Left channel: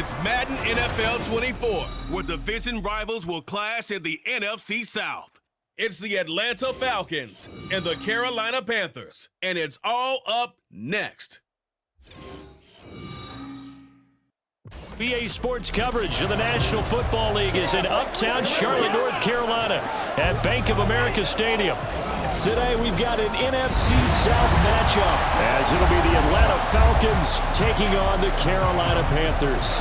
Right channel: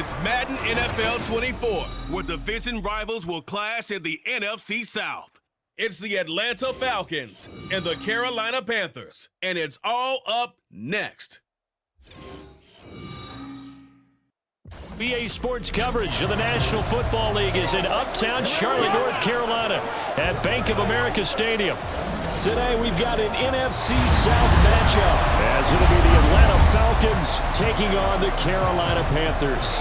It's Madden NFL 24, where division rivals will clash in the NFC South. It's the Atlanta Falcons and the Carolina Panthers, and it's all up next. BA Sports coverage of the National Football League is in uptown Charlotte, North Carolina at Bank of America Stadium. Today we've got an NFC South matchup as it'll be the Atlanta Falcons taking on the Carolina Panthers.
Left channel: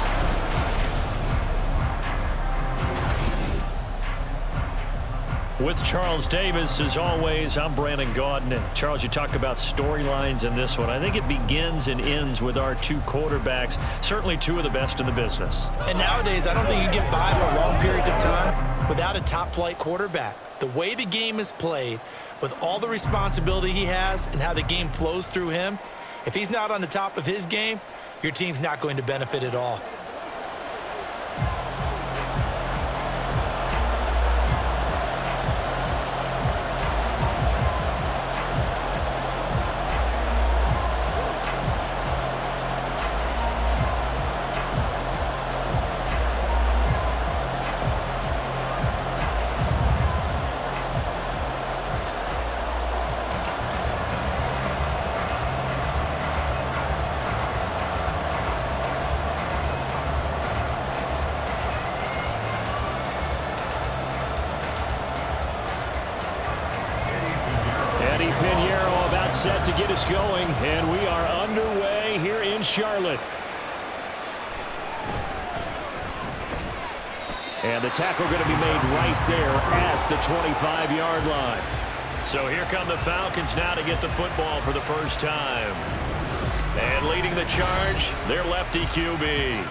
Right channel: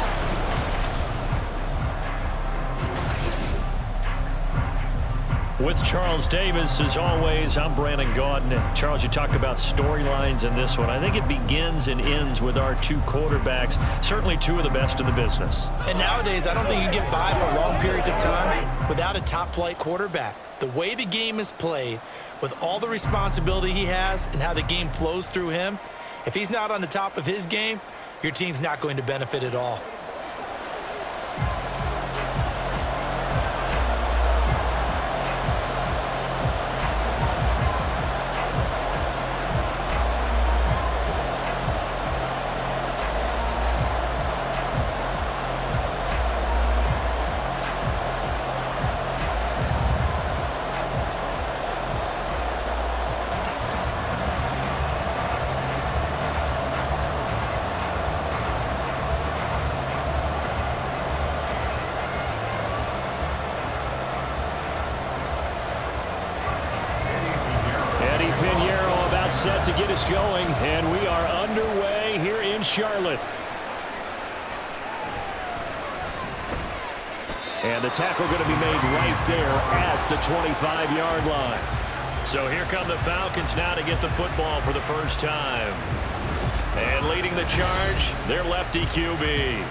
With Charles Davis, as always, I'm Brandon Gaudin. Charles, you talk about storylines in this one. I think it begins and ends with our two quarterbacks, certainly two of the best in the business. And nowadays, I don't think you get by for long periods of time without a top-flight quarterback. The way the game is played, with all the responsibility he has and how the game flows through him, if he's not on the top of his game, your team's not going to benefit at all. Set to get us going, and we are underway here in Charlotte. And the tackle going to be made right there at the 25-yard line. So here come the Falcons now to get the football for the first time. And leading the charge, their lefty QB.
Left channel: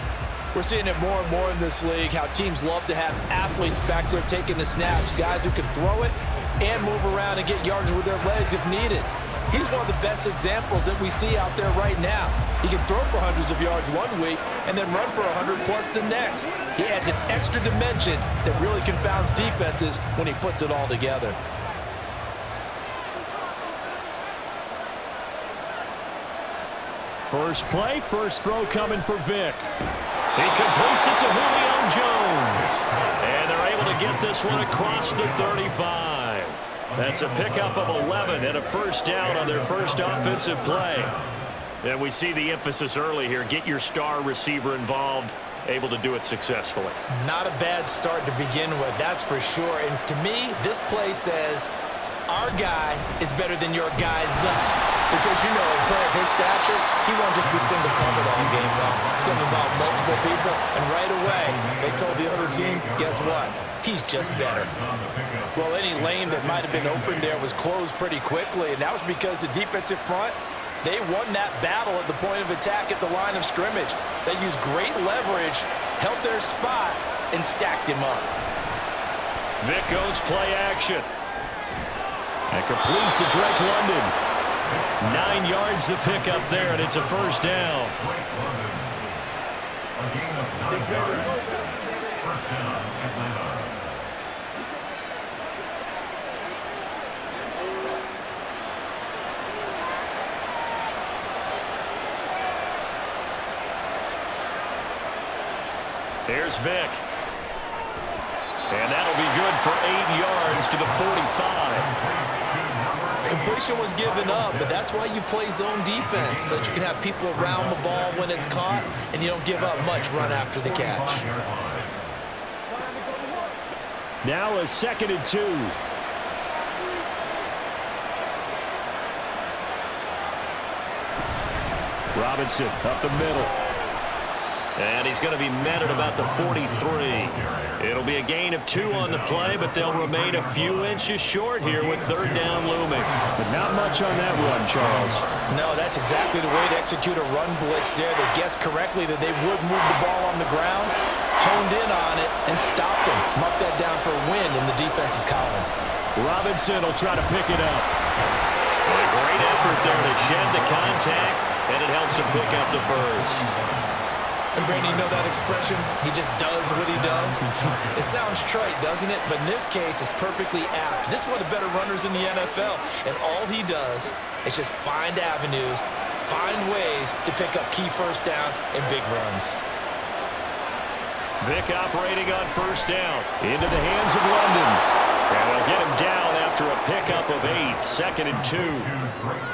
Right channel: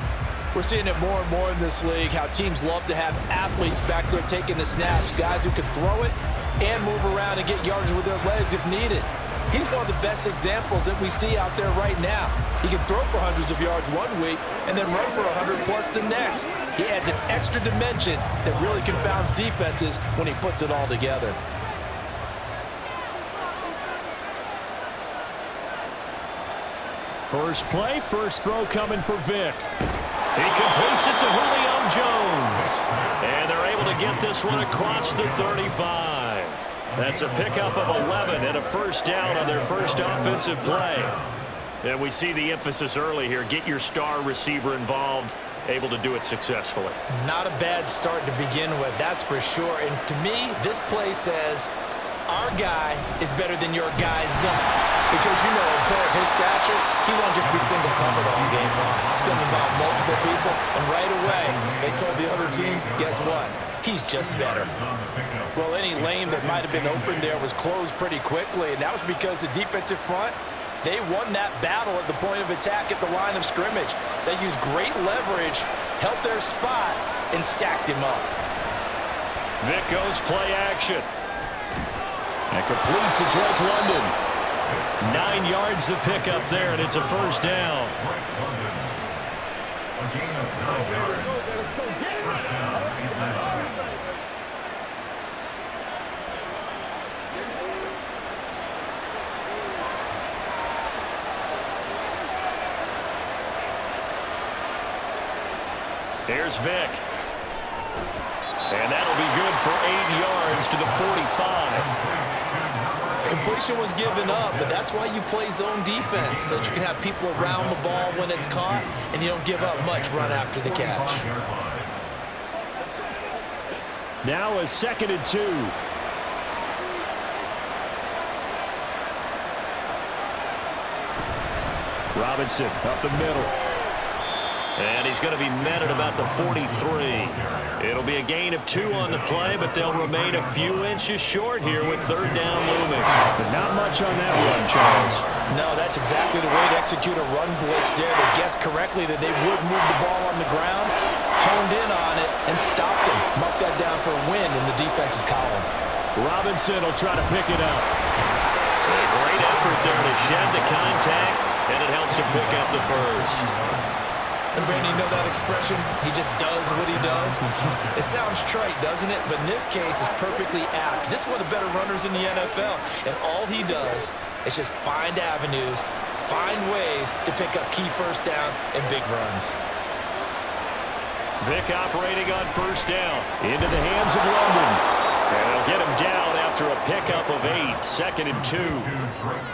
We're seeing it more and more in this league, how teams love to have athletes back there taking the snaps, guys who can throw it and move around and get yards with their legs if needed. He's one of the best examples that we see out there right now. He can throw for hundreds of yards one week and then run for 100+ the next. He adds an extra dimension that really confounds defenses when he puts it all together. First play, first throw coming for Vic. He completes it to Julio Jones. And they're able to get this one across the 35. That's a pickup of 11 and a first down on their first offensive play. And we see the emphasis early here. Get your star receiver involved, able to do it successfully. Not a bad start to begin with, that's for sure. And to me, this play says, our guy is better than your guy's. Because, you know, a player of his stature, he won't just be single covered all game long. It's going to involve multiple people. And right away, they told the other team, guess what? He's just better. Well, any lane that might have been open there was closed pretty quickly, and that was because the defensive front, they won that battle at the point of attack at the line of scrimmage. They used great leverage, held their spot, and stacked him up. Vic goes play action. And complete to Drake London. 9 yards the pickup there, and it's a first down. A gain of 9 yards. First down, Atlanta. Here's Vic. And that'll be good for 8 yards to the 45. Completion was given up, but that's why you play zone defense, so that you can have people around the ball when it's caught, and you don't give up much run after the catch. Now a 2nd and 2. Robinson up the middle. And he's going to be met at about the 43. It'll be a gain of 2 on the play, but they'll remain a few inches short here with third down looming. But not much on that run, Charles. No, that's exactly the way to execute a run blitz there. They guessed correctly that they would move the ball on the ground, honed in on it, and stopped him. Mark that down for a win in the defense's column. Robinson will try to pick it up. A great effort there to shed the contact, and it helps him pick up the first. And Brandon, you know that expression? He just does what he does. It sounds trite, doesn't it? But in this case, it's perfectly apt. This is one of the better runners in the NFL. And all he does is just find avenues, find ways to pick up key first downs and big runs. Vic operating on first down. Into the hands of London. And they'll get him down after a pickup of 8, 2nd and 2.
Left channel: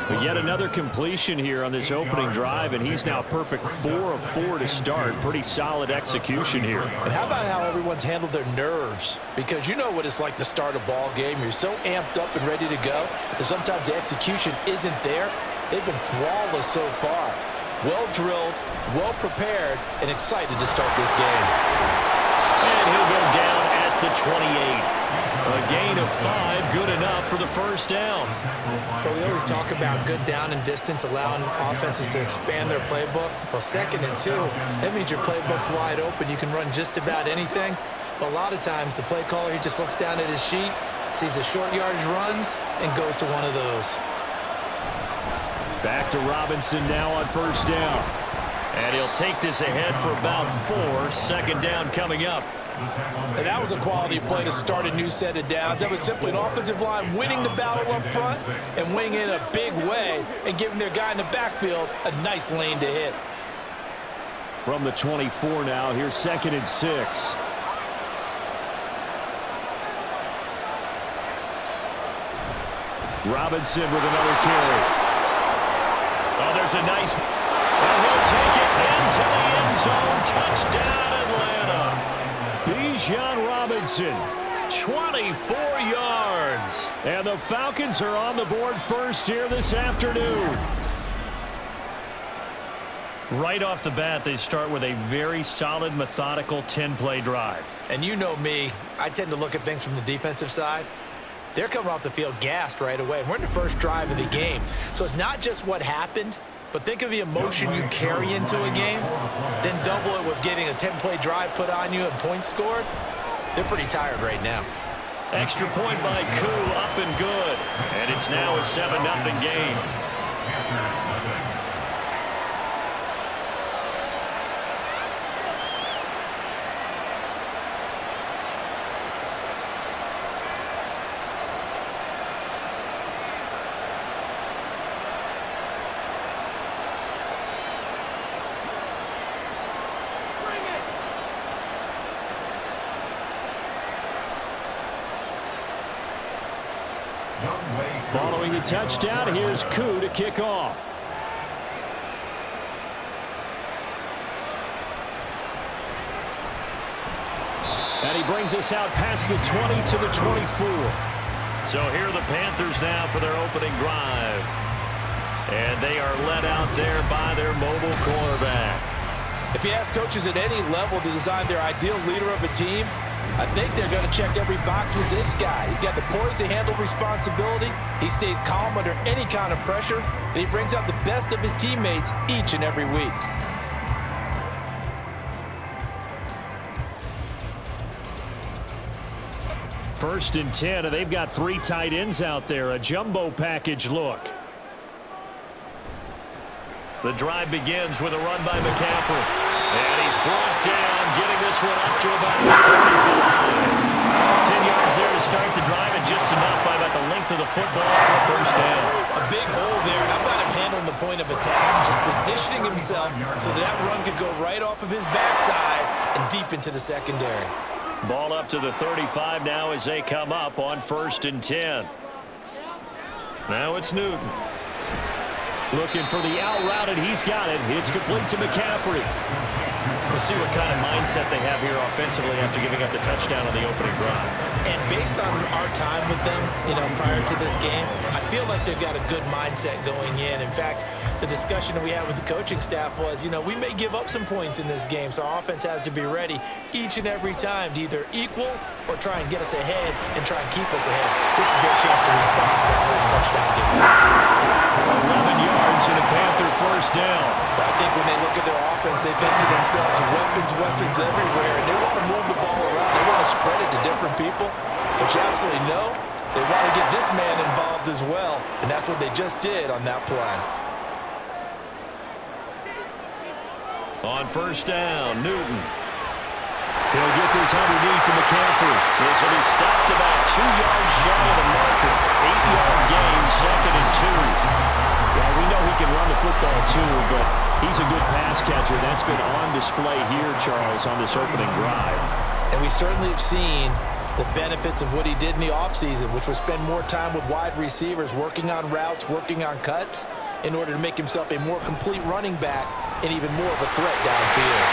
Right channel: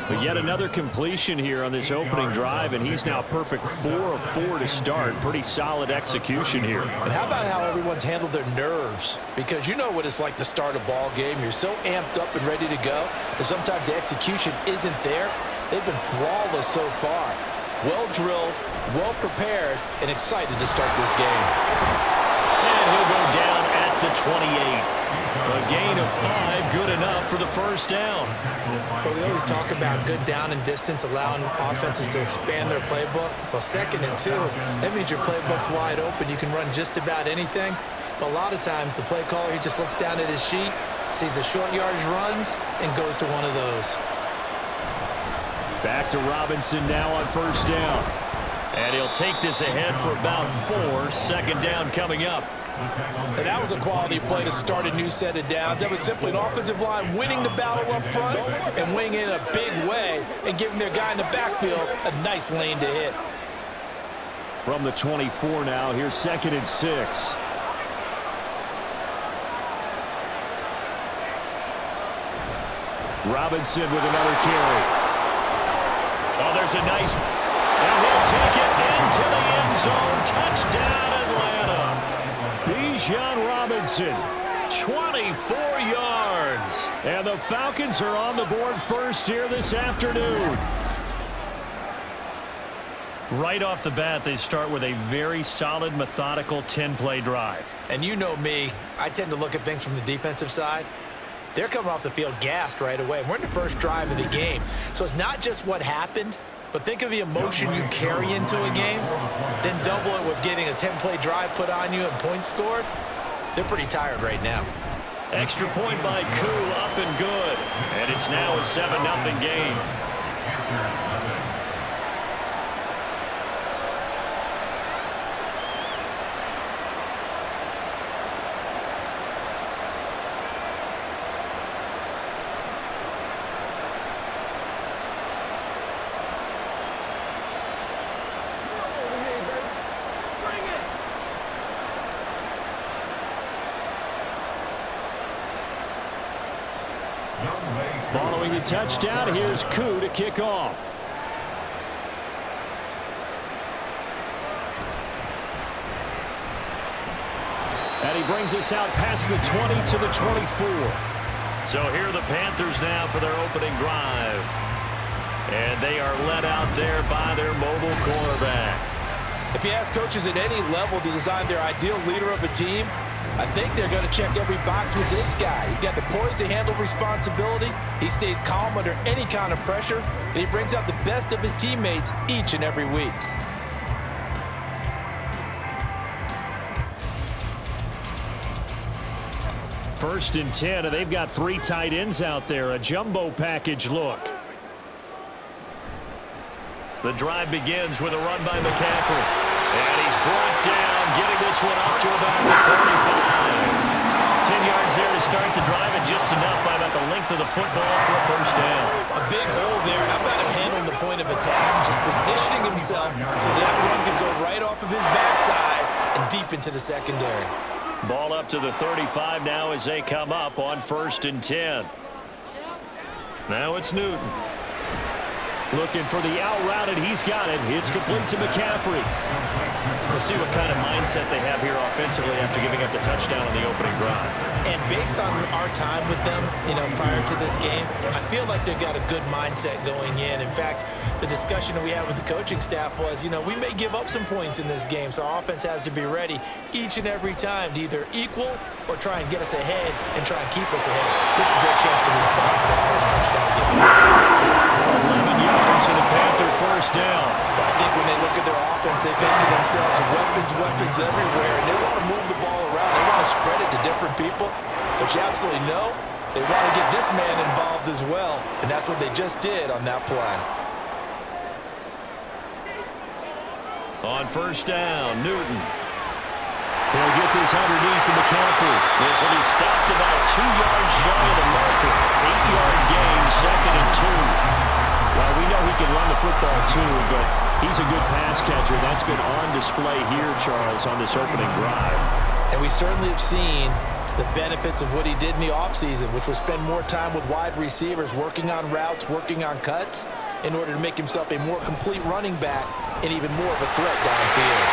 But yet another completion here on this opening drive, and he's now perfect 4 of 4 to start. Pretty solid execution here. And how about how everyone's handled their nerves? Because you know what it's like to start a ball game. You're so amped up and ready to go, and sometimes the execution isn't there. They've been flawless so far. Well drilled, well prepared, and excited to start this game. And he'll go down at the 28. A gain of 5, good enough for the first down. But we always talk about good down and distance, allowing offenses to expand their playbook. Well, 2nd and 2, that means your playbook's wide open. You can run just about anything. But a lot of times, the play caller, he just looks down at his sheet, sees the short yardage runs, and goes to one of those. Back to Robinson now on first down. And he'll take this ahead for about 4, 2nd down coming up. And that was a quality play to start a new set of downs. That was simply an offensive line winning the battle up front and winning in a big way and giving their guy in the backfield a nice lane to hit. From the 24 now, here's 2nd and 6. Robinson with another carry. Oh, there's a nice, and he'll take it into the end zone. Touchdown, Atlanta. Bijan Robinson, 24 yards. And the Falcons are on the board first here this afternoon. Right off the bat, they start with a very solid, methodical 10-play drive. And you know me, I tend to look at things from the defensive side. They're coming off the field gassed right away. We're in the first drive of the game. So it's not just what happened, but think of the emotion you carry into a game, then double it with getting a 10-play drive put on you and points scored. They're pretty tired right now. Extra point by Koo, up and good. And it's now a 7-0 game. Following the touchdown, here's Koo to kick off. And he brings us out past the 20 to the 24. So here are the Panthers now for their opening drive. And they are led out there by their mobile quarterback. If you ask coaches at any level to design their ideal leader of a team, I think they're going to check every box with this guy. He's got the poise to handle responsibility. He stays calm under any kind of pressure, and he brings out the best of his teammates each and every week. First and 10, and they've got 3 tight ends out there. A jumbo package look. The drive begins with a run by McCaffrey. And he's brought down, getting this one up to about the 35. 10 yards there to start the drive, and just enough by about the length of the football for a first down. A big hole there. How about him handling the point of attack, just positioning himself so that run could go right off of his backside and deep into the secondary. Ball up to the 35 now as they come up on 1st and 10. Now it's Newton. Looking for the out route, and he's got it. It's complete to McCaffrey. We'll see what kind of mindset they have here offensively after giving up the touchdown on the opening drive. And based on our time with them, prior to this game, I feel like they've got a good mindset going in. In fact, the discussion that we had with the coaching staff was, we may give up some points in this game, so our offense has to be ready each and every time to either equal or try and get us ahead and try and keep us ahead. This is their chance to respond to that first touchdown given up. 11 yards and a Panther first down. I think when they look at their offense, they think to themselves, weapons everywhere, and they want to move the ball around. They want to spread it to different people, but you absolutely know they want to get this man involved as well, and that's what they just did on that play. On first down, Newton. He'll get this underneath to McCaffrey. This will be stopped about 2 yards shy of the marker. 8-yard gain, 2nd and 2. Well, we know he can run the football too, but He's a good pass catcher. That's been on display here, Charles, on this opening drive. And we certainly have seen the benefits of what he did in the offseason, which was spend more time with wide receivers, working on routes, working on cuts, in order to make himself a more complete running back and even more of a threat downfield.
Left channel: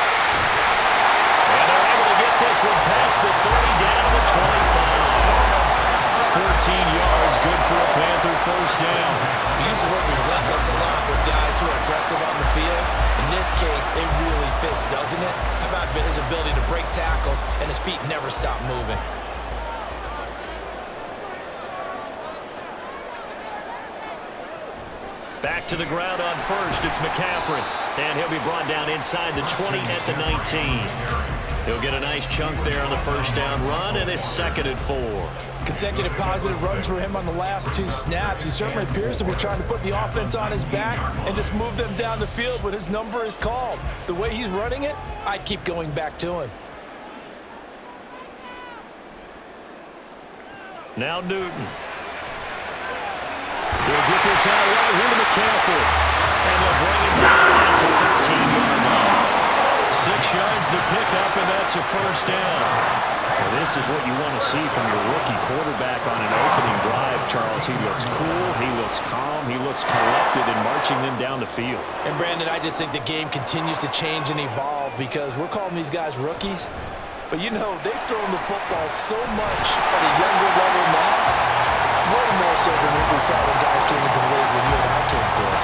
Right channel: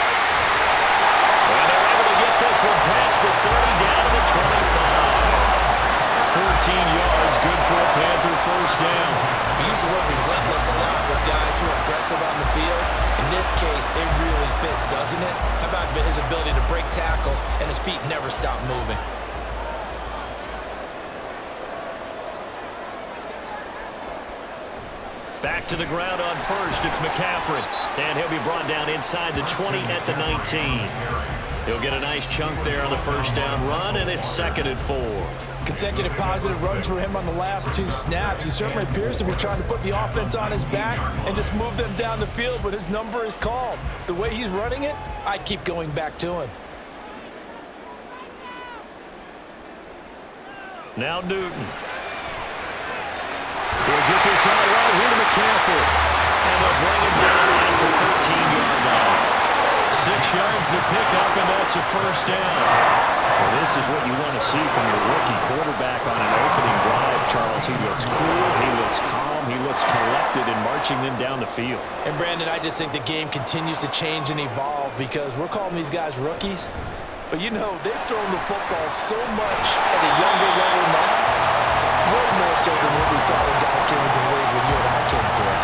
And they're able to get this one past the 30 down to the 25. 14 yards, good for a Panther first down. We use the word relentless a lot with guys who are aggressive on the field. In this case, it really fits, doesn't it? How about his ability to break tackles and his feet never stop moving? Back to the ground on first, it's McCaffrey. And he'll be brought down inside the 20 at the 19. He'll get a nice chunk there on the first down run, and it's 2nd and 4. Consecutive positive runs for him on the last 2 snaps. He certainly appears to be trying to put the offense on his back and just move them down the field when his number is called. The way he's running it, I keep going back to him. Now Newton. He'll get this out right here to McCaffrey. And they'll bring it down at the 13-yard line. 6 yards to pick up, and that's a first down. Well, this is what you want to see from your rookie quarterback on an opening drive, Charles. He looks cool, he looks calm, he looks collected in marching them down the field. And, Brandon, I just think the game continues to change and evolve because we're calling these guys rookies. But, you know, they've thrown the football so much at a younger level now, way more so than what we saw when guys came into the league when you and I came through.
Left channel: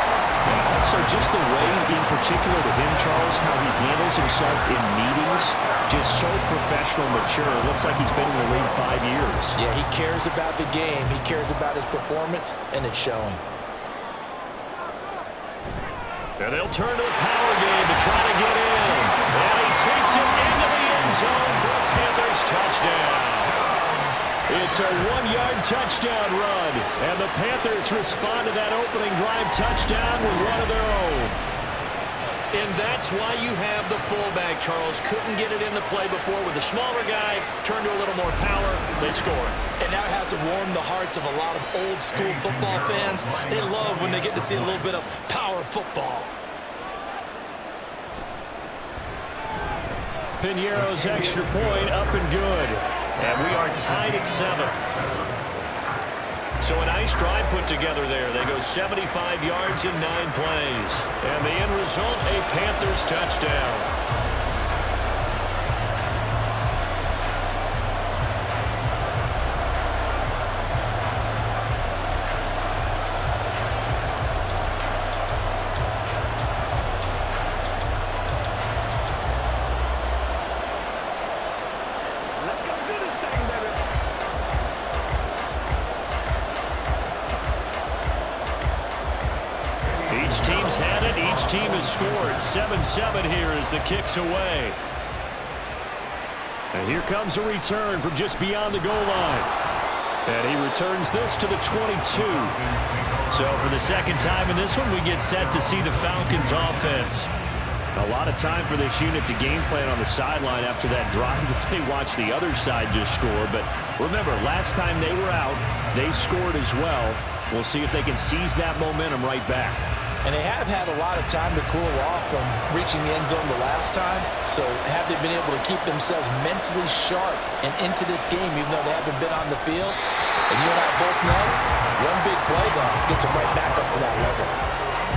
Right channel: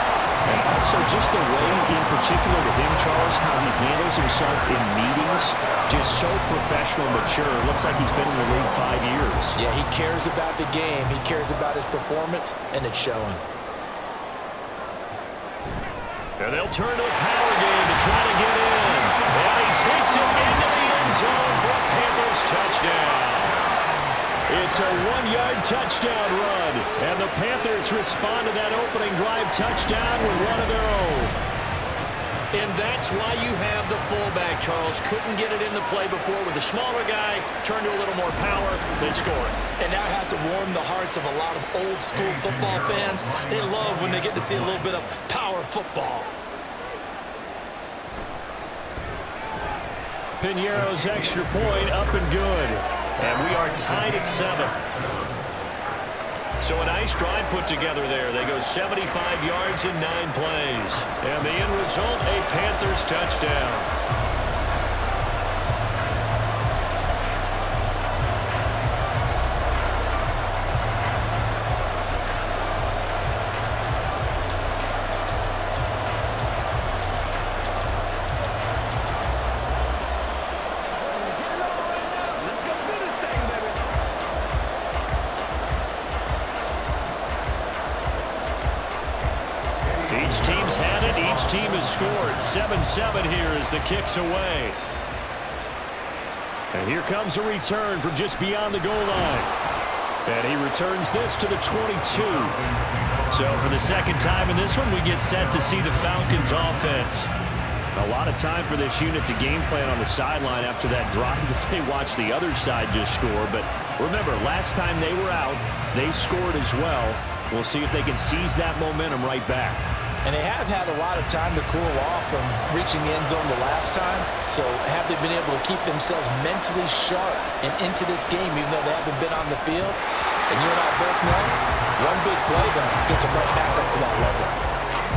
And also just the way, in particular to him, Charles, how he handles himself in meetings, just so professional, mature. Looks like he's been in the league 5 years. Yeah, he cares about the game. He cares about his performance, and it's showing. And they'll turn to the power game to try to get in. And he takes it into the end zone for a Panthers touchdown. It's a 1-yard touchdown run, and the Panthers respond to that opening drive touchdown with one of their own. And that's why you have the fullback, Charles. Couldn't get it in the play before with the smaller guy. Turned to a little more power. They score it. And now it has to warm the hearts of a lot of old-school football fans. They love when they get to see a little bit of power football. Piñeiro's extra point up and good. And we are tied at 7. So a nice drive put together there. They go 75 yards in 9 plays. And the end result, a Panthers touchdown. Each team's had it. Each team has scored. 7-7 here as the kick's away. And here comes a return from just beyond the goal line. And he returns this to the 22. So for the second time in this one, we get set to see the Falcons offense. A lot of time for this unit to game plan on the sideline after that drive that they watched the other side just score. But remember, last time they were out, they scored as well. We'll see if they can seize that momentum right back. And they have had a lot of time to cool off from reaching the end zone the last time. So have they been able to keep themselves mentally sharp and into this game even though they haven't been on the field? And you and I both know, one big play, though, gets them right back up to that level.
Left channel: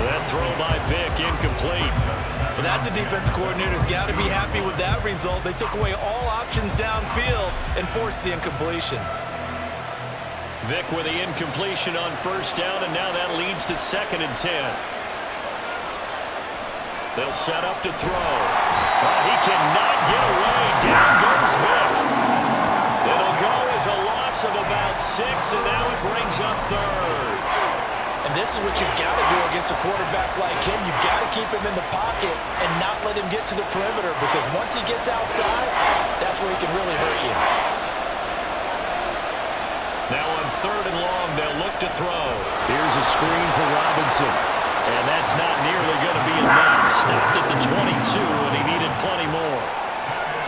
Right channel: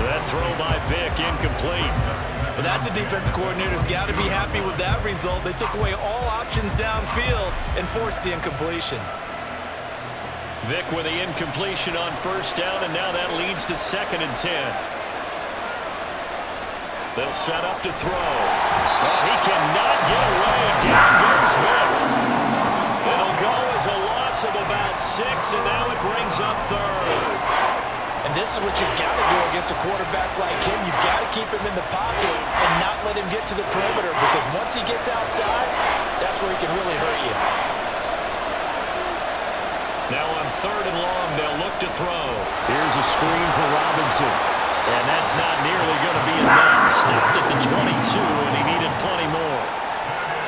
That throw by Vic, incomplete. Well, that's a defensive coordinator's got to be happy with that result. They took away all options downfield and forced the incompletion. Vic with the incompletion on first down, and now that leads to 2nd and 10. They'll set up to throw. But he cannot get away. Down goes Vic. It'll go as a loss of about 6, and now it brings up 3rd. And this is what you've got to do against a quarterback like him. You've got to keep him in the pocket and not let him get to the perimeter, because once he gets outside, that's where he can really hurt you. Now on 3rd and long, they'll look to throw. Here's a screen for Robinson. And that's not nearly going to be enough. Stopped at the 22, and he needed plenty more.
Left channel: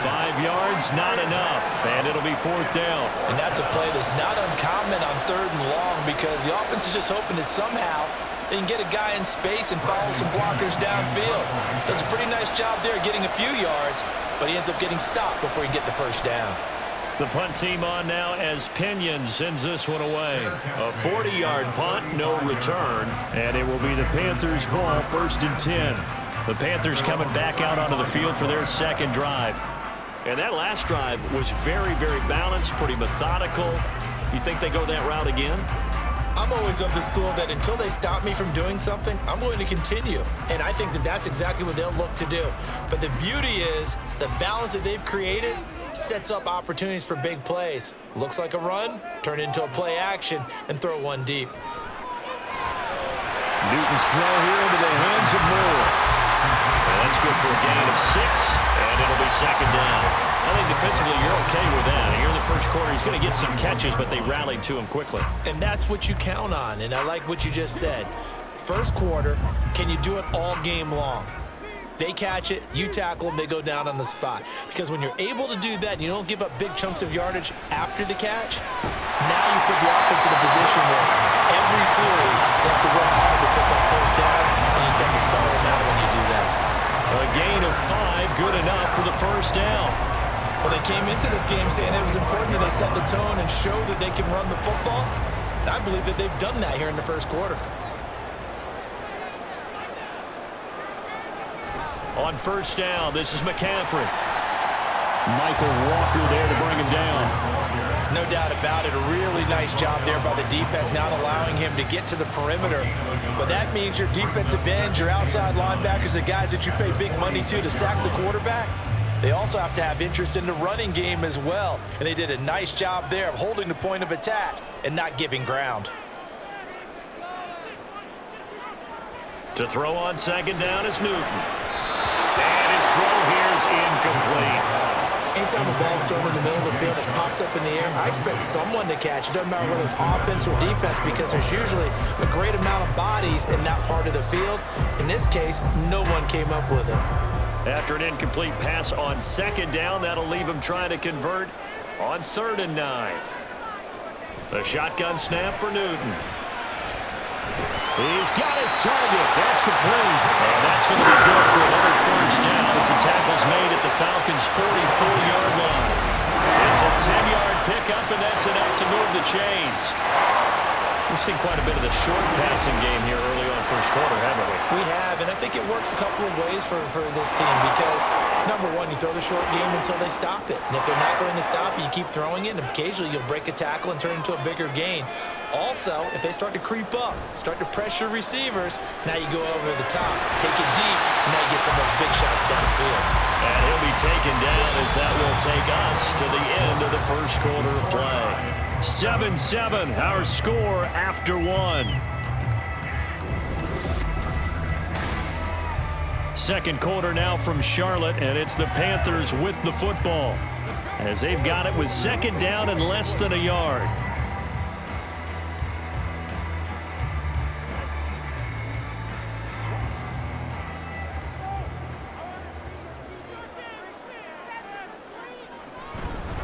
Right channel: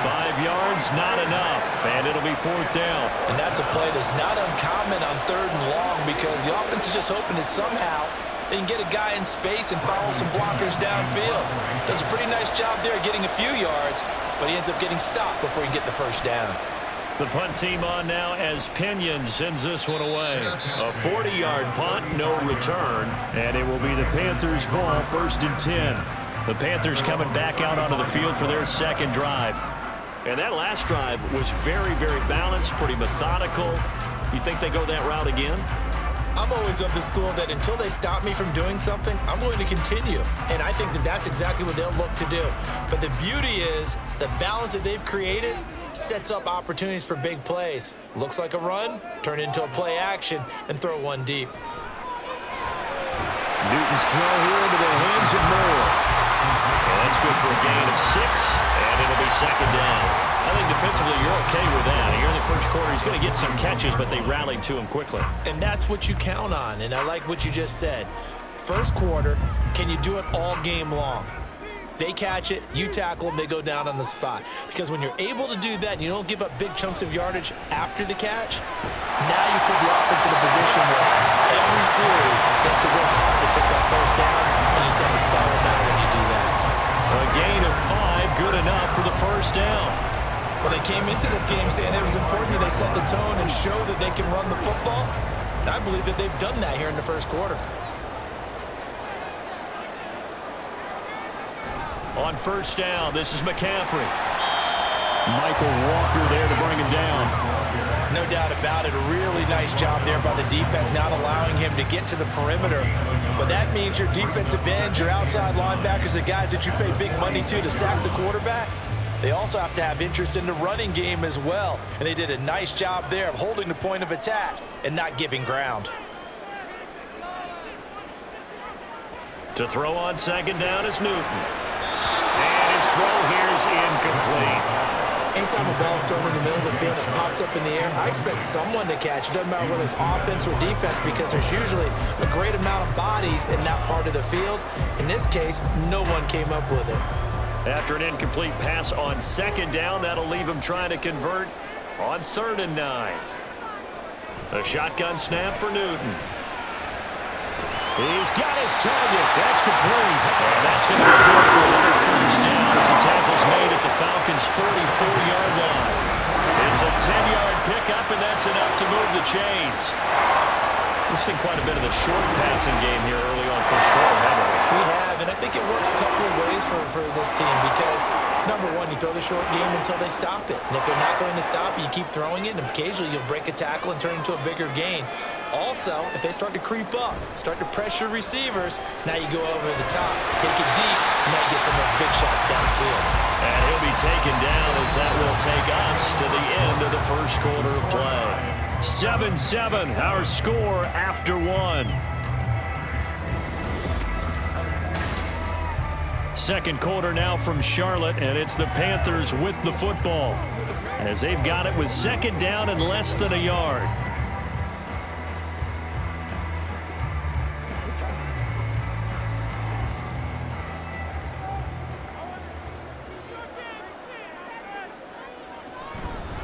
5 yards, not enough, and it'll be 4th down. And that's a play that's not uncommon on 3rd and long, because the offense is just hoping to somehow They can get a guy in space and follow some blockers downfield. Does a pretty nice job there getting a few yards, but he ends up getting stopped before he can get the first down. The punt team on now as Pinion sends this one away. A 40-yard punt, no return, and it will be the Panthers' ball, 1st and 10. The Panthers coming back out onto the field for their second drive. And that last drive was very, very balanced, pretty methodical. You think they go that route again? I'm always of the school that until they stop me from doing something, I'm going to continue. And I think that that's exactly what they'll look to do. But the beauty is the balance that they've created sets up opportunities for big plays. Looks like a run, turn it into a play action, and throw one deep. Newton's throw here into the hands of Moore. And that's good for a gain of 6, and it'll be 2nd down. I think defensively you're okay with that. Here in the first quarter, he's going to get some catches, but they rallied to him quickly. And that's what you count on, and I like what you just said. First quarter, can you do it all game long? They catch it, you tackle them, they go down on the spot. Because when you're able to do that and you don't give up big chunks of yardage after the catch, now you put the offense in a position where every series they have to work hard to pick up first downs, and you tend to stall them out when you do that. A gain of 5, good enough for the first down. Well, they came into this game saying it was important that they set the tone and show that they can run the football. And I believe that they've done that here in the first quarter. On first down, this is McCaffrey. Michael Walker there to bring him down. No doubt about it. A really nice job there by the defense, not allowing him to get to the perimeter. But that means your defensive ends, your outside linebackers, the guys that you pay big money to sack the quarterback, they also have to have interest in the running game as well. And they did a nice job there of holding the point of attack and not giving ground. To throw on 2nd down is Newton. And his throw here is incomplete. Anytime a ball is thrown in the middle of the field, it's popped up in the air, I expect someone to catch. It doesn't matter whether it's offense or defense, because there's usually a great amount of bodies in that part of the field. In this case, no one came up with it. After an incomplete pass on 2nd down, that'll leave him trying to convert on 3rd and 9. A shotgun snap for Newton. He's got his target. That's complete. And that's going to be good for another first down as the tackle's made at the Falcons' 44-yard line. It's a 10-yard pickup, and that's enough to move the chains. We've seen quite a bit of the short passing game here early on first quarter, haven't we? We have, and I think it works a couple of ways for this team because, number one, you throw the short game until they stop it. And if they're not going to stop it, you keep throwing it, and occasionally you'll break a tackle and turn it into a bigger gain. Also, if they start to creep up, start to pressure receivers, now you go over the top, take it deep, and now you get some of those big shots downfield. And he'll be taken down as that will take us to the end of the first quarter of play. 7-7, our score after 1. Second quarter now from Charlotte, and it's the Panthers with the football as they've got it with 2nd down and less than a yard.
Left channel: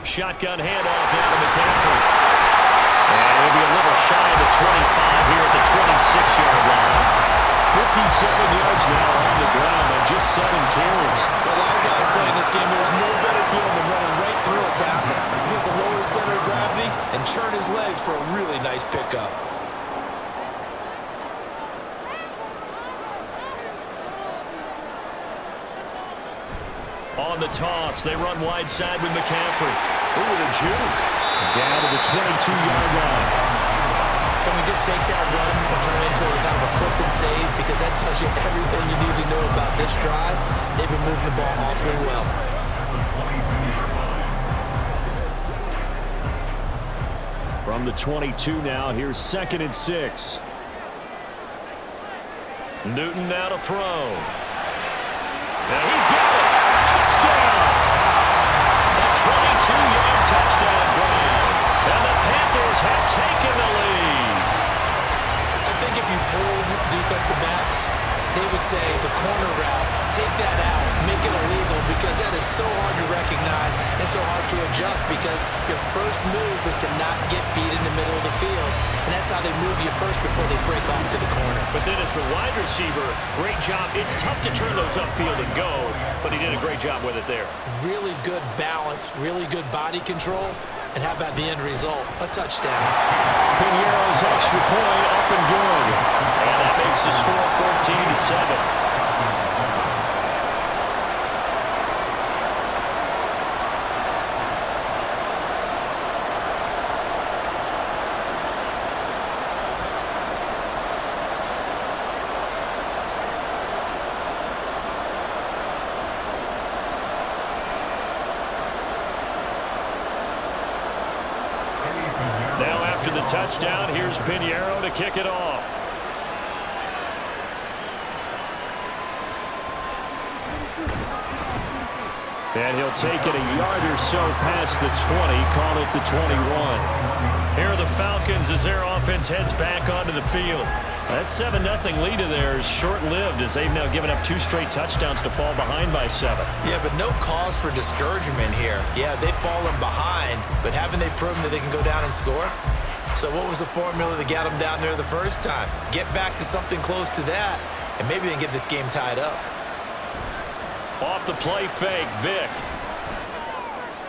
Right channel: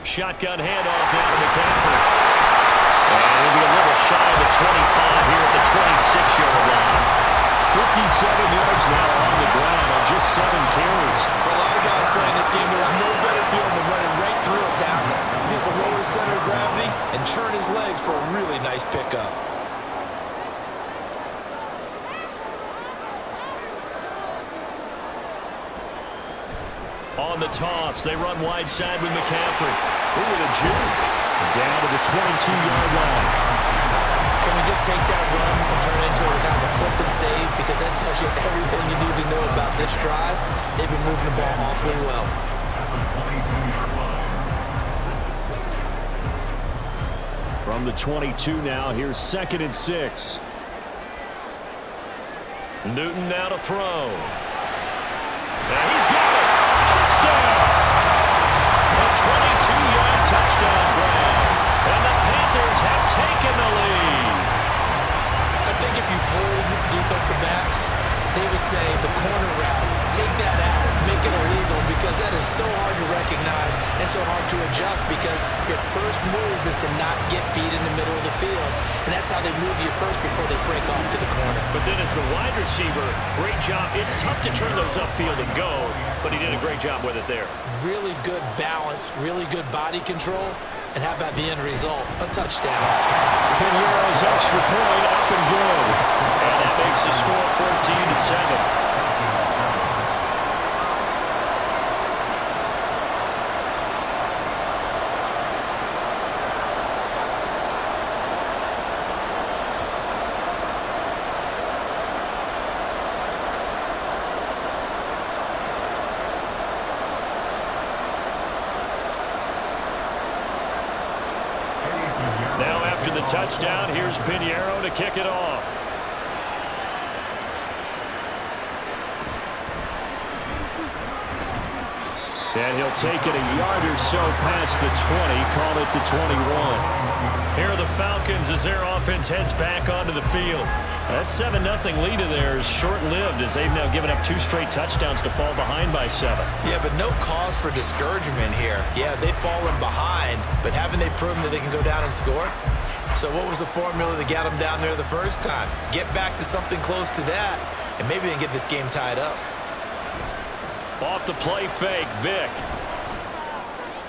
Shotgun handoff now to McCaffrey. And he'll be a little shy of the 25 here at the 26-yard line. 57 yards now on the ground on just 7 carries. For a lot of guys playing this game, there's no better feeling than running right through a tackle. He's able to lower his center of gravity and churn his legs for a really nice pickup. On the toss, they run wide side with McCaffrey. Ooh, with a juke. Down to the 22-yard line. Can we just take that run and turn it into a kind of a clip and save? Because that tells you everything you need to know about this drive. They've been moving the ball awfully well. From the 22 now, here's 2nd and 6. Newton now to throw. And he's got it. Touchdown. A 22-yard touchdown grab. And the Panthers have taken the lead. I think if you pulled defensive backs, they would say the corner route, take that out, make it illegal, because that is so hard to recognize and so hard to adjust, because your first move is to not get beat in the middle of the field, and that's how they move you first before they break off to the corner. But then as the wide receiver, great job. It's tough to turn those upfield and go, but he did a great job with it there. Really good balance, really good body control, and how about the end result? A touchdown. Piñeiro's extra point up and good. And that makes the score 14-7. Now after the touchdown, here's Piñeiro to kick it off. And he'll take it a yard or so past the 20, call it the 21. Here are the Falcons as their offense heads back onto the field. That 7-0 lead of theirs short-lived as they've now given up 2 straight touchdowns to fall behind by 7. Yeah, but no cause for discouragement here. Yeah, they've fallen behind, but haven't they proven that they can go down and score? So what was the formula that got them down there the first time? Get back to something close to that, and maybe they can get this game tied up. Off the play fake, Vick.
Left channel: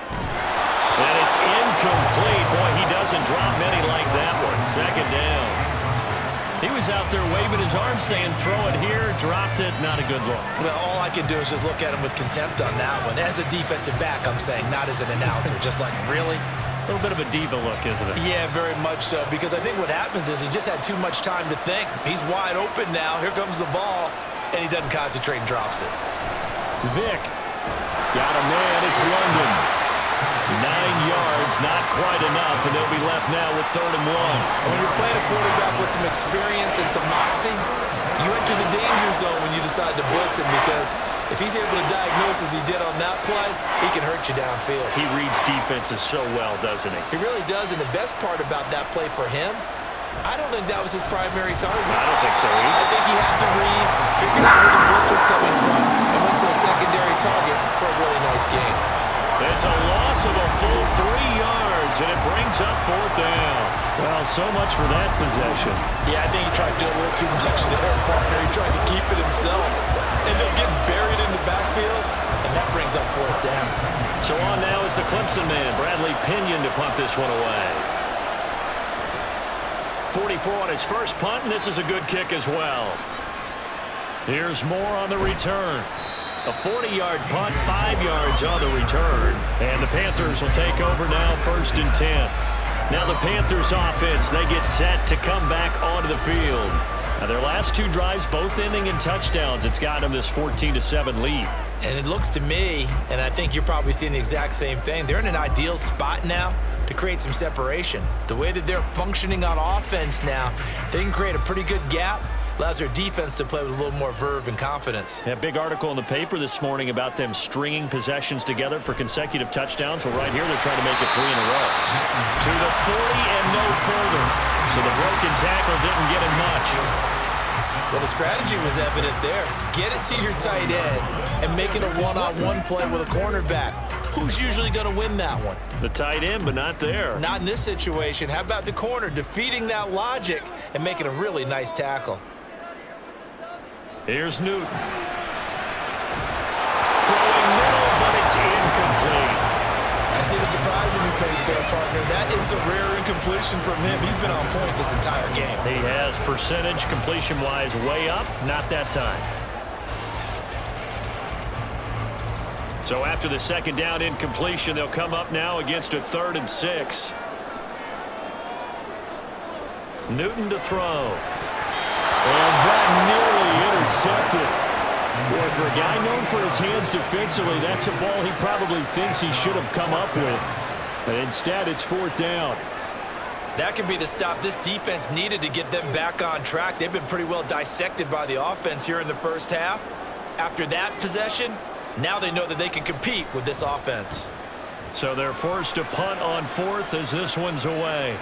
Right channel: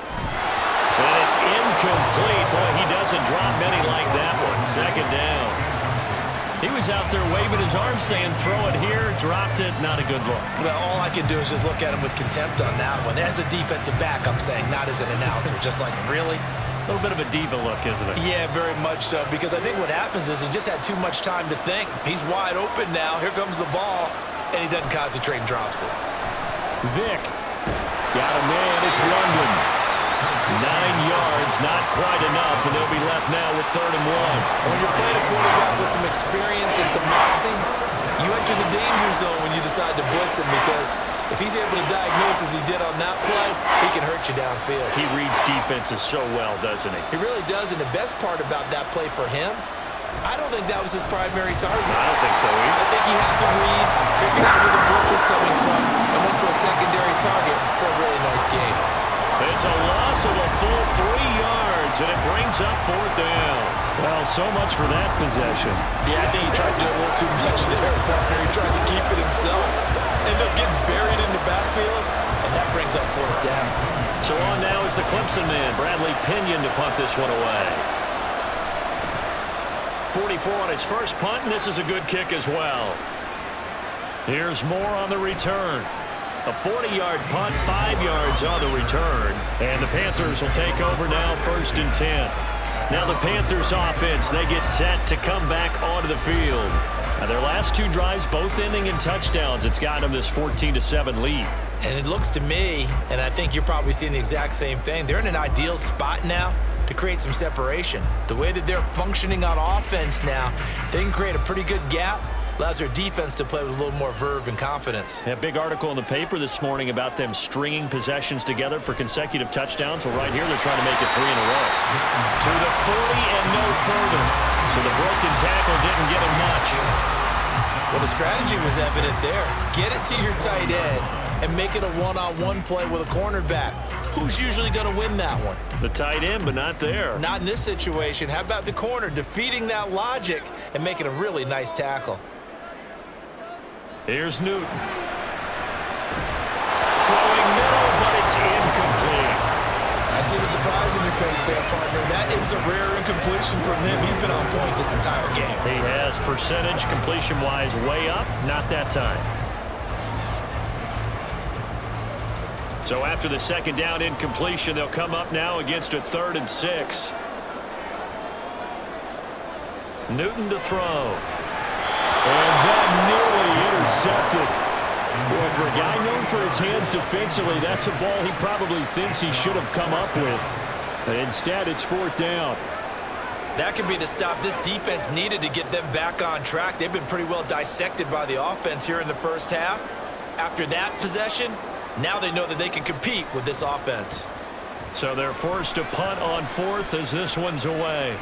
And it's incomplete. Boy, he doesn't drop many like that one. Second down. He was out there waving his arms saying, throw it here, dropped it, not a good look. Well, all I can do is just look at him with contempt on that one. As a defensive back, I'm saying, not as an announcer. Just like, really? A little bit of a diva look, isn't it? Yeah, very much so, because I think what happens is he just had too much time to think. He's wide open now. Here comes the ball, and he doesn't concentrate and drops it. Vick got a man. It's London. 9 yards, not quite enough, and they'll be left now with 3rd and 1. And when you're playing a quarterback with some experience and some moxie, you enter the danger zone when you decide to blitz him, because if he's able to diagnose as he did on that play, he can hurt you downfield. He reads defenses so well, doesn't he? He really does, and the best part about that play for him, I don't think that was his primary target. I don't think so either. I think he had to read, figured out where the blitz was coming from, and went to a secondary target for a really nice gain. It's a loss of a full 3 yards, and it brings up 4th down. Well, so much for that possession. Yeah, I think he tried to do a little too much there, partner. He tried to keep it himself. Ended up getting buried in the backfield, and that brings up 4th down. So on now is the Clemson man, Bradley Pinion, to punt this one away. 44 on his first punt, and this is a good kick as well. Here's Moore on the return. A 40-yard punt, 5 yards on the return. And the Panthers will take over now, 1st and 10. Now the Panthers offense, they get set to come back onto the field. Now their last 2 drives, both ending in touchdowns. It's got them this 14-7 lead. And it looks to me, and I think you're probably seeing the exact same thing, they're in an ideal spot now to create some separation. The way that they're functioning on offense now, they can create a pretty good gap. Allows their defense to play with a little more verve and confidence. A big article in the paper this morning about them stringing possessions together for consecutive touchdowns. Well, right here, they're trying to make it 3 in a row. To the 40 and no further. So the broken tackle didn't get him much. Well, the strategy was evident there. Get it to your tight end and make it a one-on-one play with a cornerback. Who's usually going to win that one? The tight end, but not there. Not in this situation. How about the corner defeating that logic and making a really nice tackle? Here's Newton. Throwing middle, but it's incomplete. I see the surprise in your face there, partner. That is a rare incompletion from him. He's been on point this entire game. He has percentage completion-wise way up. Not that time. So after the 2nd down incompletion, they'll come up now against a 3rd and 6. Newton to throw. And that nearly intercepted. Boy, for a guy known for his hands defensively, that's a ball he probably thinks he should have come up with. But instead, it's 4th down. That could be the stop this defense needed to get them back on track. They've been pretty well dissected by the offense here in the first half. After that possession, now they know that they can compete with this offense. So they're forced to punt on 4th as this one's away.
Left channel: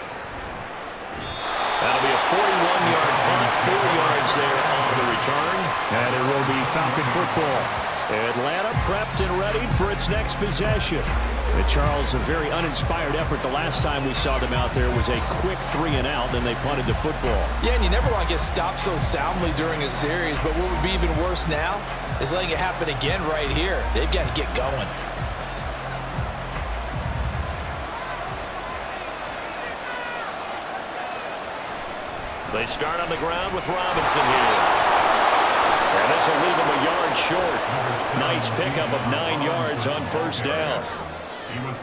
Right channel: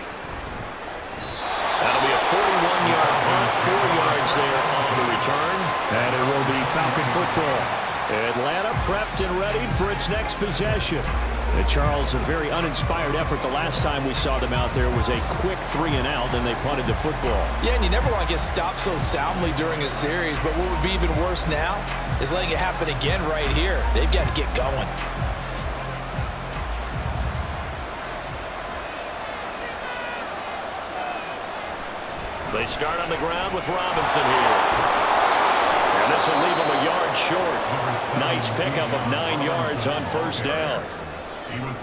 That'll be a 41-yard punt, 4 yards there on the return. And it will be Falcon football. Atlanta prepped and ready for its next possession. Charles, a very uninspired effort. The last time we saw them out there was a quick 3-and-out, then they punted the football. Yeah, and you never want to get stopped so soundly during a series, but what would be even worse now is letting it happen again right here. They've got to get going. They start on the ground with Robinson here. And this will leave him a yard short. Nice pickup of 9 yards on first down.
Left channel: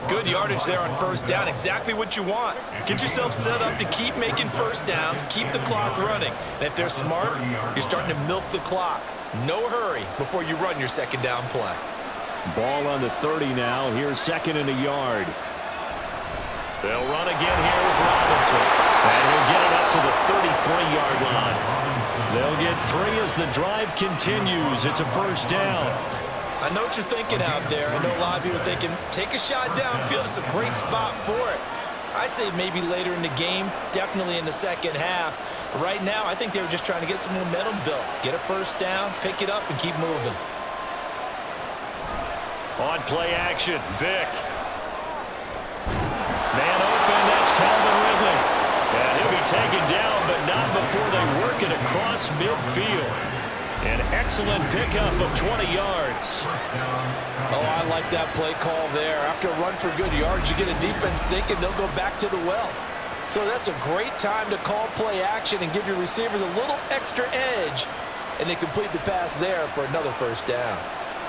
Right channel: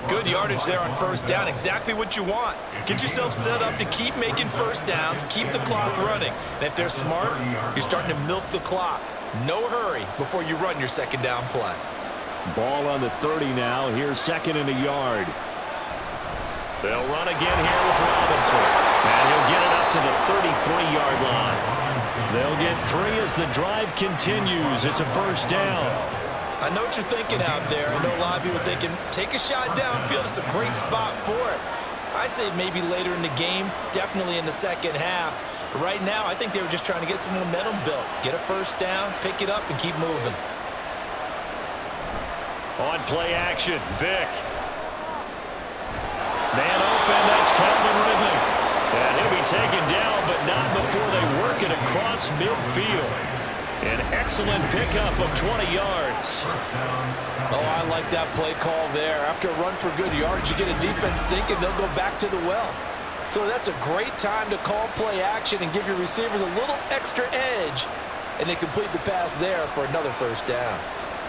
Good yardage there on first down. Exactly what you want. Get yourself set up to keep making first downs, keep the clock running. And if they're smart, you're starting to milk the clock. No hurry before you run your second down play. Ball on the 30 now. Here's 2nd and a yard. They'll run again here with Robinson. And he'll get it up to the 33-yard line. They'll get 3 as the drive continues. It's a first down. I know what you're thinking out there. I know a lot of you are thinking, take a shot downfield. It's a great spot for it. I'd say maybe later in the game, definitely in the second half. But right now, I think they were just trying to get some momentum built. Get a first down, pick it up, and keep moving. On play action, Vick. Man open, that's Calvin Ridley. And he'll be taken down, but not before they work it across midfield. An excellent pickup of 20 yards. Oh, I like that play call there. After a run for good yards, you get a defense thinking they'll go back to the well. So that's a great time to call play action and give your receivers a little extra edge. And they complete the pass there for another first down.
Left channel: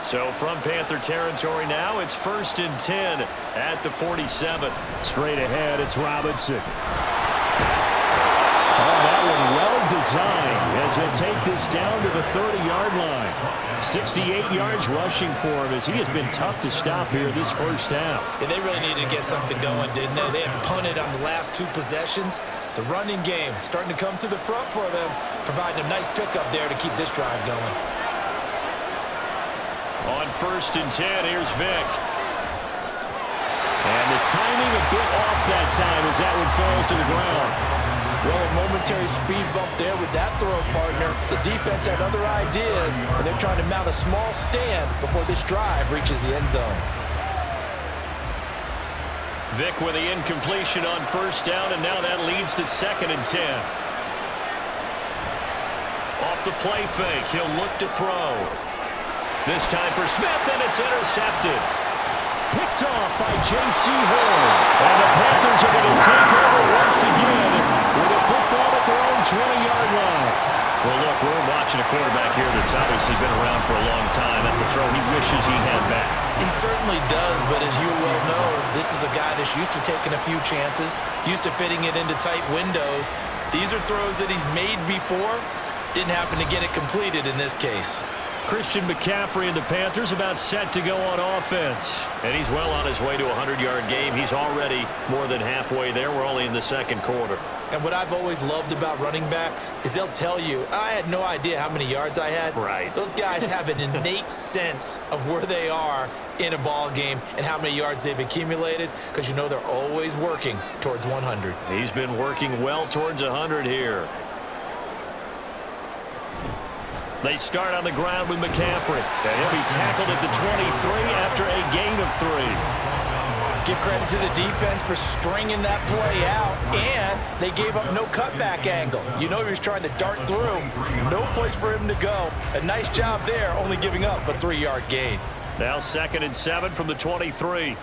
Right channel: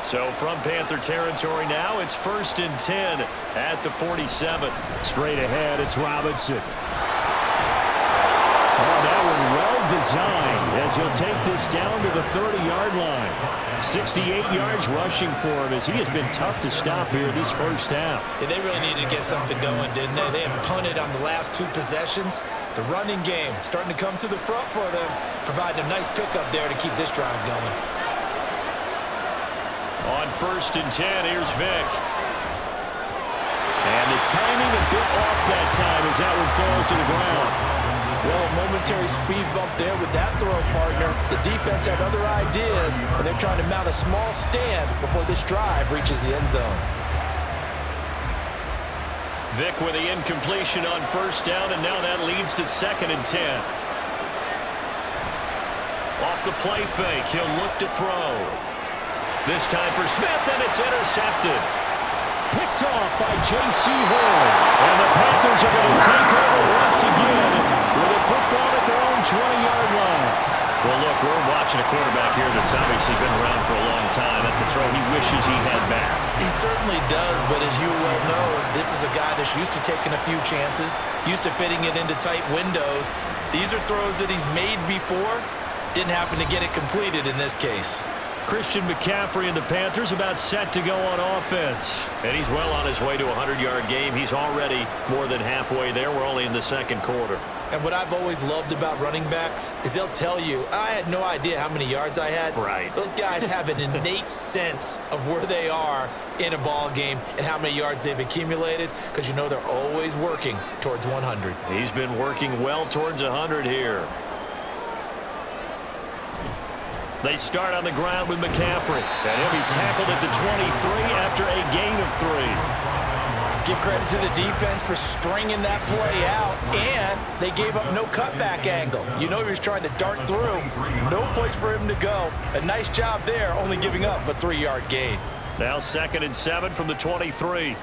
So from Panther territory now, it's 1st and 10 at the 47. Straight ahead, it's Robinson. Oh, that one well designed as he'll take this down to the 30-yard line. 68 yards rushing for him as he has been tough to stop here this first half. Yeah, they really needed to get something going, didn't they? They had punted on the last 2 possessions. The running game starting to come to the front for them, providing a nice pickup there to keep this drive going. On 1st and 10, here's Vick. And the timing a bit off that time as that one falls to the ground. Well, a momentary speed bump there with that throw, partner. The defense had other ideas, and they're trying to mount a small stand before this drive reaches the end zone. Vick with the incompletion on first down, and now that leads to 2nd and 10. Off the play fake, he'll look to throw. This time for Smith, and it's intercepted. Picked off by J.C. Horn. And the Panthers are going to take over once again with a football at their own 20-yard line. Well, look, we're watching a quarterback here that's obviously been around for a long time. That's a throw he wishes he had back. He certainly does, but as you well know, this is a guy that's used to taking a few chances, used to fitting it into tight windows. These are throws that he's made before. Didn't happen to get it completed in this case. Christian McCaffrey and the Panthers about set to go on offense. And he's well on his way to a 100-yard game. He's already more than halfway there. We're only in the second quarter. And what I've always loved about running backs is they'll tell you, I had no idea how many yards I had. Right. Those guys have an innate sense of where they are in a ball game and how many yards they've accumulated because you know they're always working towards 100. He's been working well towards 100 here. They start on the ground with McCaffrey, and he'll be tackled at the 23 after a gain of 3. Give credit to the defense for stringing that play out, and they gave up no cutback angle. You know he was trying to dart through. No place for him to go. A nice job there, only giving up a 3-yard gain. Now 2nd and 7 from the 23.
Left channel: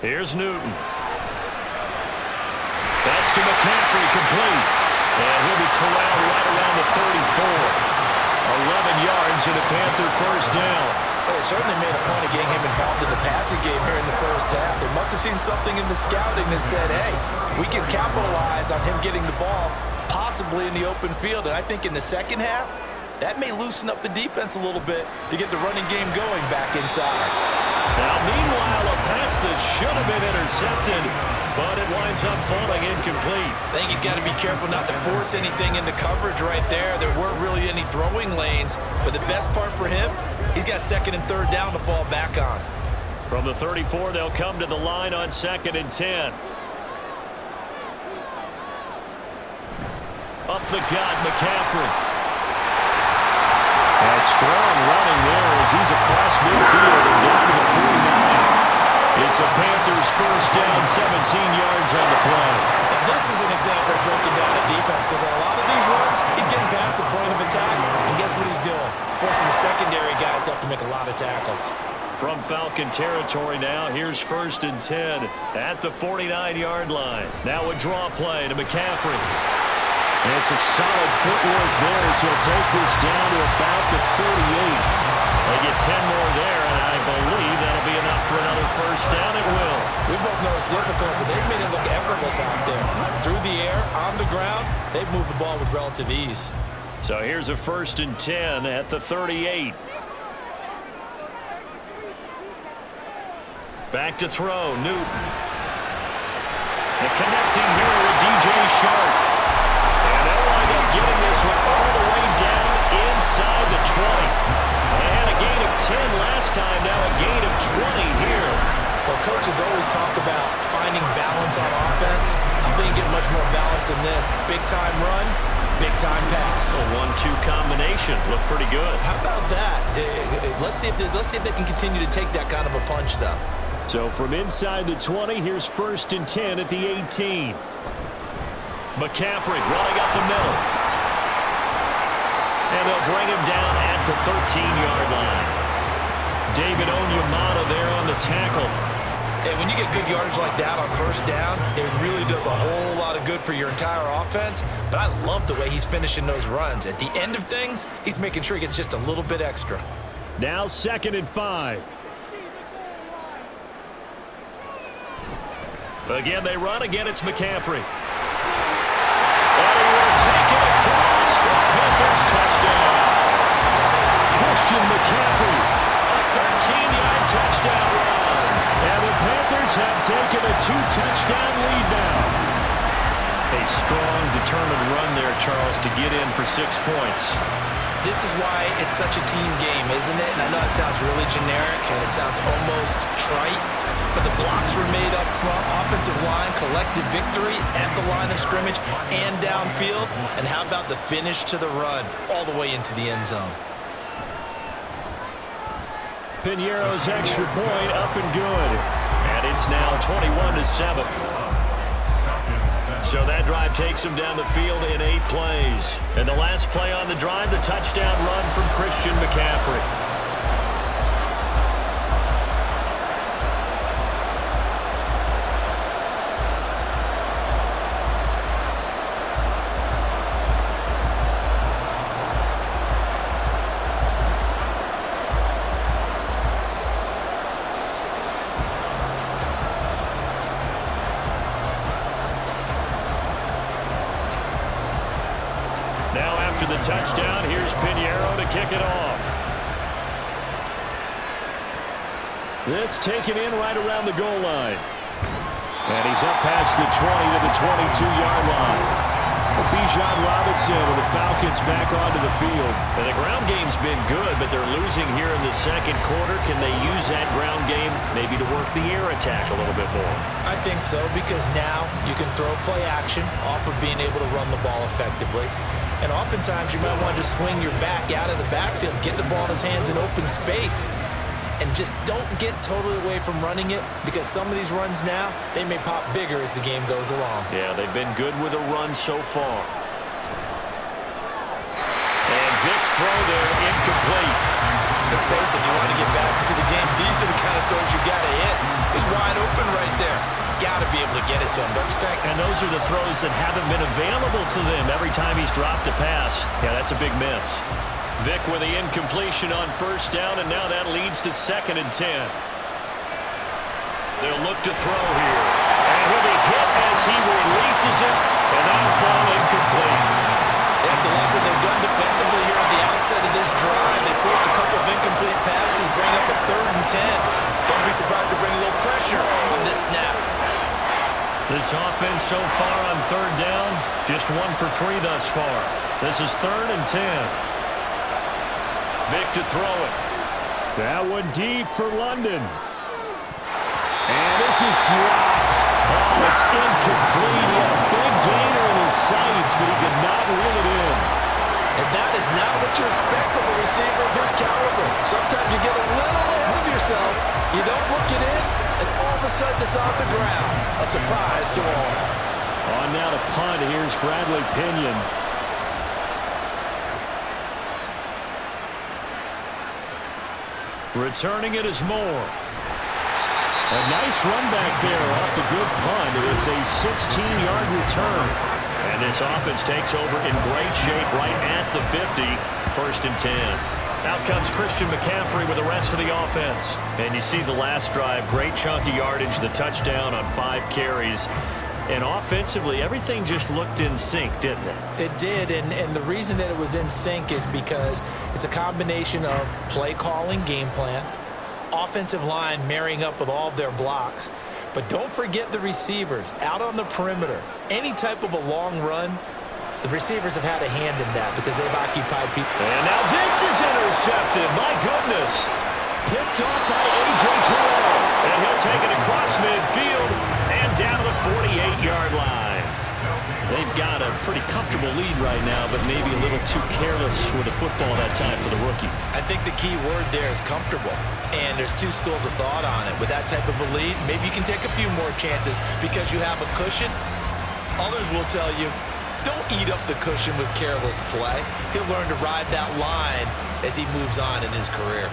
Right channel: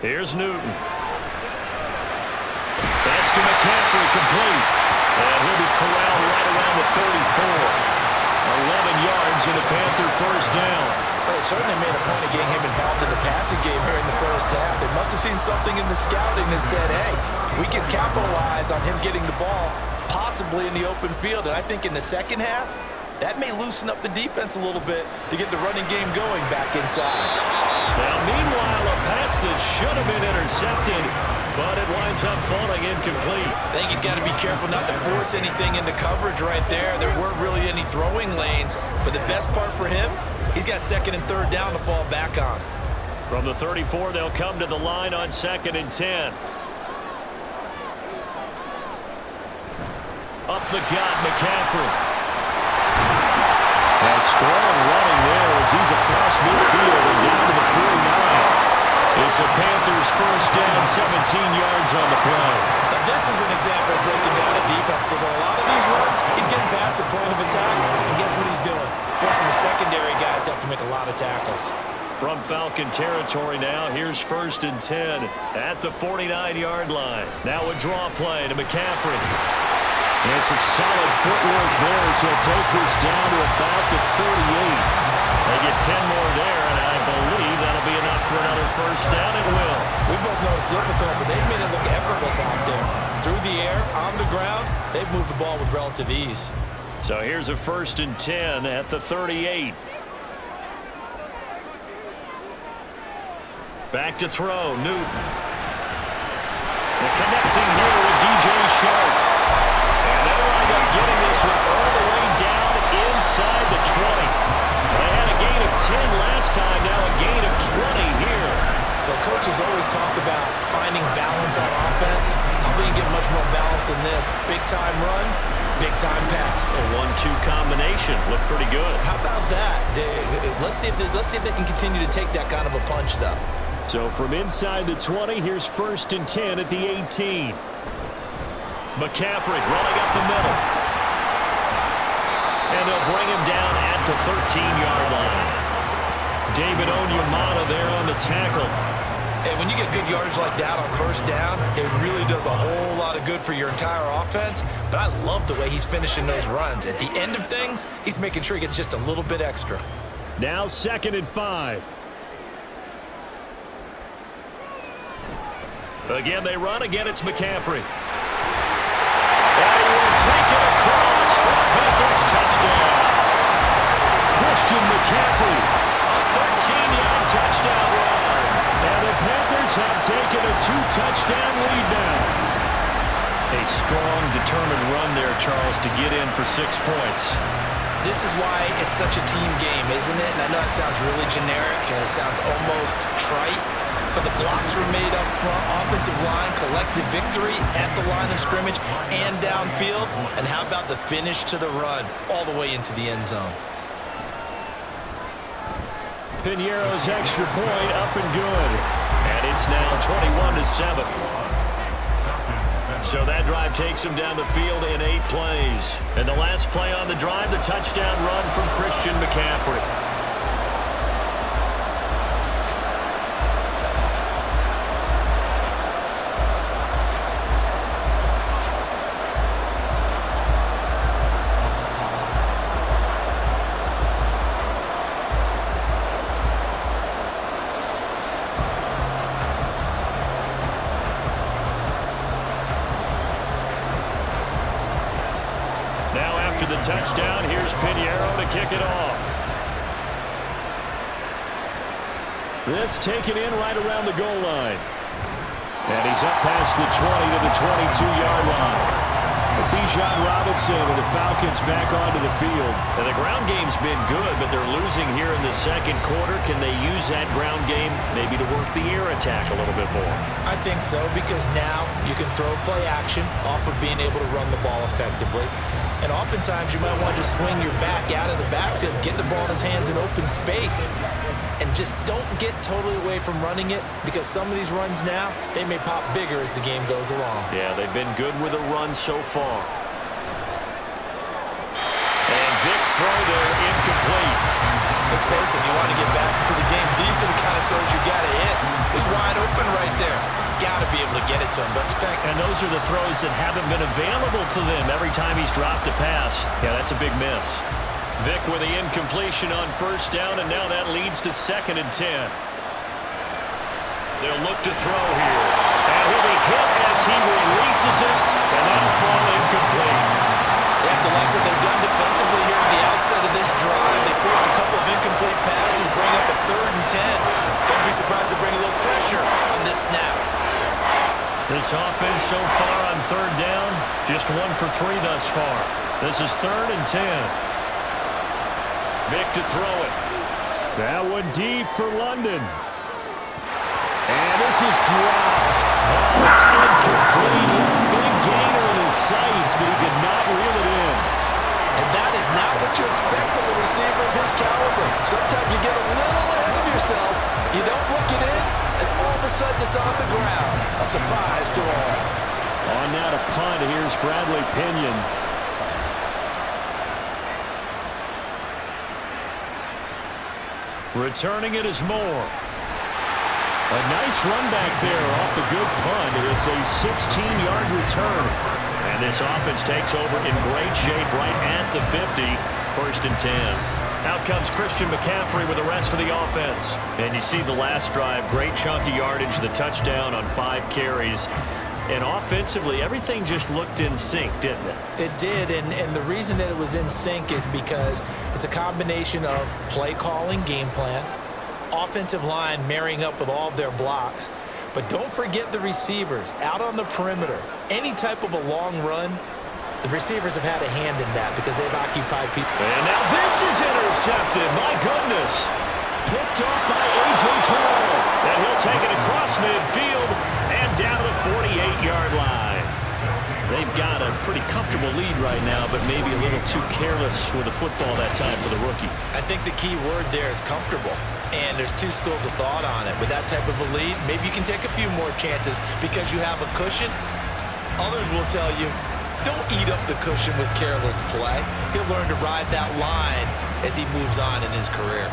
Here's Newton. That's to McCaffrey, complete. And he'll be corralled right around the 34. 11 yards in a Panther first down. Well, they certainly made a point of getting him involved in the passing game here in the first half. They must have seen something in the scouting that said, hey, we can capitalize on him getting the ball possibly in the open field. And I think in the second half, that may loosen up the defense a little bit to get the running game going back inside. Now, meanwhile, a pass that should have been intercepted, but it winds up falling incomplete. I think he's got to be careful not to force anything into coverage right there. There weren't really any throwing lanes, but the best part for him, he's got 2nd and 3rd down to fall back on. From the 34, they'll come to the line on 2nd and 10. Up the gut, McCaffrey. And strong running there as he's across midfield and down to the 49. It's a Panthers first down, 17 yards on the play. And this is an example of breaking down a defense because on a lot of these runs, he's getting past the point of attack, and guess what he's doing? Forcing the secondary guys to have to make a lot of tackles. From Falcon territory now, here's first and 10 at the 49-yard line. Now a draw play to McCaffrey. And some solid footwork there as he'll take this down to about the 38. They get 10 more there, and I believe that'll be enough for another first down. It will. We both know it's difficult, but they've made it look effortless out there. Through the air, on the ground, they've moved the ball with relative ease. So here's a first and 10 at the 38. Back to throw, Newton. And connecting here with DJ Shark. And they'll wind up getting this one all the way down inside the 20. They had a gain of 10 last time, now a gain of 20 here. Well, coaches always talk about finding balance on offense. I don't think you get much more balance than this. Big-time run, big-time pass. A 1-2 combination. Looked pretty good. How about that? Let's see if they can continue to take that kind of a punch, though. So from inside the 20, here's first and 10 at the 18. McCaffrey running up the middle. And they'll bring him down at the 13-yard line. David Onyemata there on the tackle. And when you get good yardage like that on first down, it really does a whole lot of good for your entire offense. But I love the way he's finishing those runs. At the end of things, he's making sure he gets just a little bit extra. Now 2nd and 5. Again, they run. Again, it's McCaffrey. And he will take it across for a Panthers touchdown. Christian McCaffrey, a 13-yard touchdown run. And the Panthers have taken a 2-touchdown lead now. A strong, determined run there, Charles, to get in for 6 points. This is why it's such a team game, isn't it? And I know it sounds really generic and it sounds almost trite, but the blocks were made up front, offensive line, collective victory at the line of scrimmage and downfield. And how about the finish to the run all the way into the end zone? Piñeiro's extra point up and good. And it's now 21-7. So that drive takes him down the field in 8 plays. And the last play on the drive, the touchdown run from Christian McCaffrey. Now after the touchdown, here's Piñeiro to kick it off. This taken in right around the goal line. And he's up past the 20 to the 22-yard line. Bijan Robinson and the Falcons back onto the field. And the ground game's been good, but they're losing here in the second quarter. Can they use that ground game maybe to work the air attack a little bit more? I think so, because now you can throw play action off of being able to run the ball effectively. And oftentimes you might want to just swing your back out of the backfield, get the ball in his hands in open space, and just don't get totally away from running it, because some of these runs now, they may pop bigger as the game goes along. Yeah, they've been good with a run so far. And Vic's throw there, incomplete. Let's face it, if you want to get back into the game, these are the kind of throws you got to hit. It's wide open right there. Got to be able to get it to him, don't you think? And those are the throws that haven't been available to them every time he's dropped a pass. Yeah, that's a big miss. Vic with the incompletion on first down, and now that leads to 2nd and 10. They'll look to throw here. And he'll be hit as he releases it, and that'll fall incomplete. They have to like what they've done defensively here at the outset of this drive. They forced a couple of incomplete passes, bring up a 3rd and 10. Don't be surprised to bring a little pressure on this snap. This offense so far on 3rd down, just 1 for 3 thus far. This is 3rd and 10. Vic to throw it. That one deep for London. And this is dropped. Oh, it's incomplete. He had a big gainer in his sights, but he could not reel it in. And that is not what you expect from a receiver of his caliber. Sometimes you get a little ahead of yourself, you don't look it in, and all of a sudden it's on the ground. A surprise to all. On now to punt, here's Bradley Pinion. Returning it is Moore. A nice run back there off the good punt. It's a 16-yard return. And this offense takes over in great shape right at the 50. 1st and 10. Out comes Christian McCaffrey with the rest of the offense. And you see the last drive, great chunky yardage, the touchdown on 5 carries. And offensively, everything just looked in sync, didn't it? It did, and the reason that it was in sync is because it's a combination of play calling, game plan, offensive line marrying up with all of their blocks. But don't forget the receivers out on the perimeter. Any type of a long run, the receivers have had a hand in that because they've occupied people. And now this is intercepted. My goodness. Picked off by A.J. Terrell. And he'll take it across midfield and down to the 48-yard line. They've got a pretty comfortable lead right now, but maybe a little too careless with the football that time for the rookie. I think the key word there is comfortable. And there's 2 schools of thought on it. With that type of a lead, maybe you can take a few more chances because you have a cushion. Others will tell you, don't eat up the cushion with careless play. He'll learn to ride that line as he moves on in his career.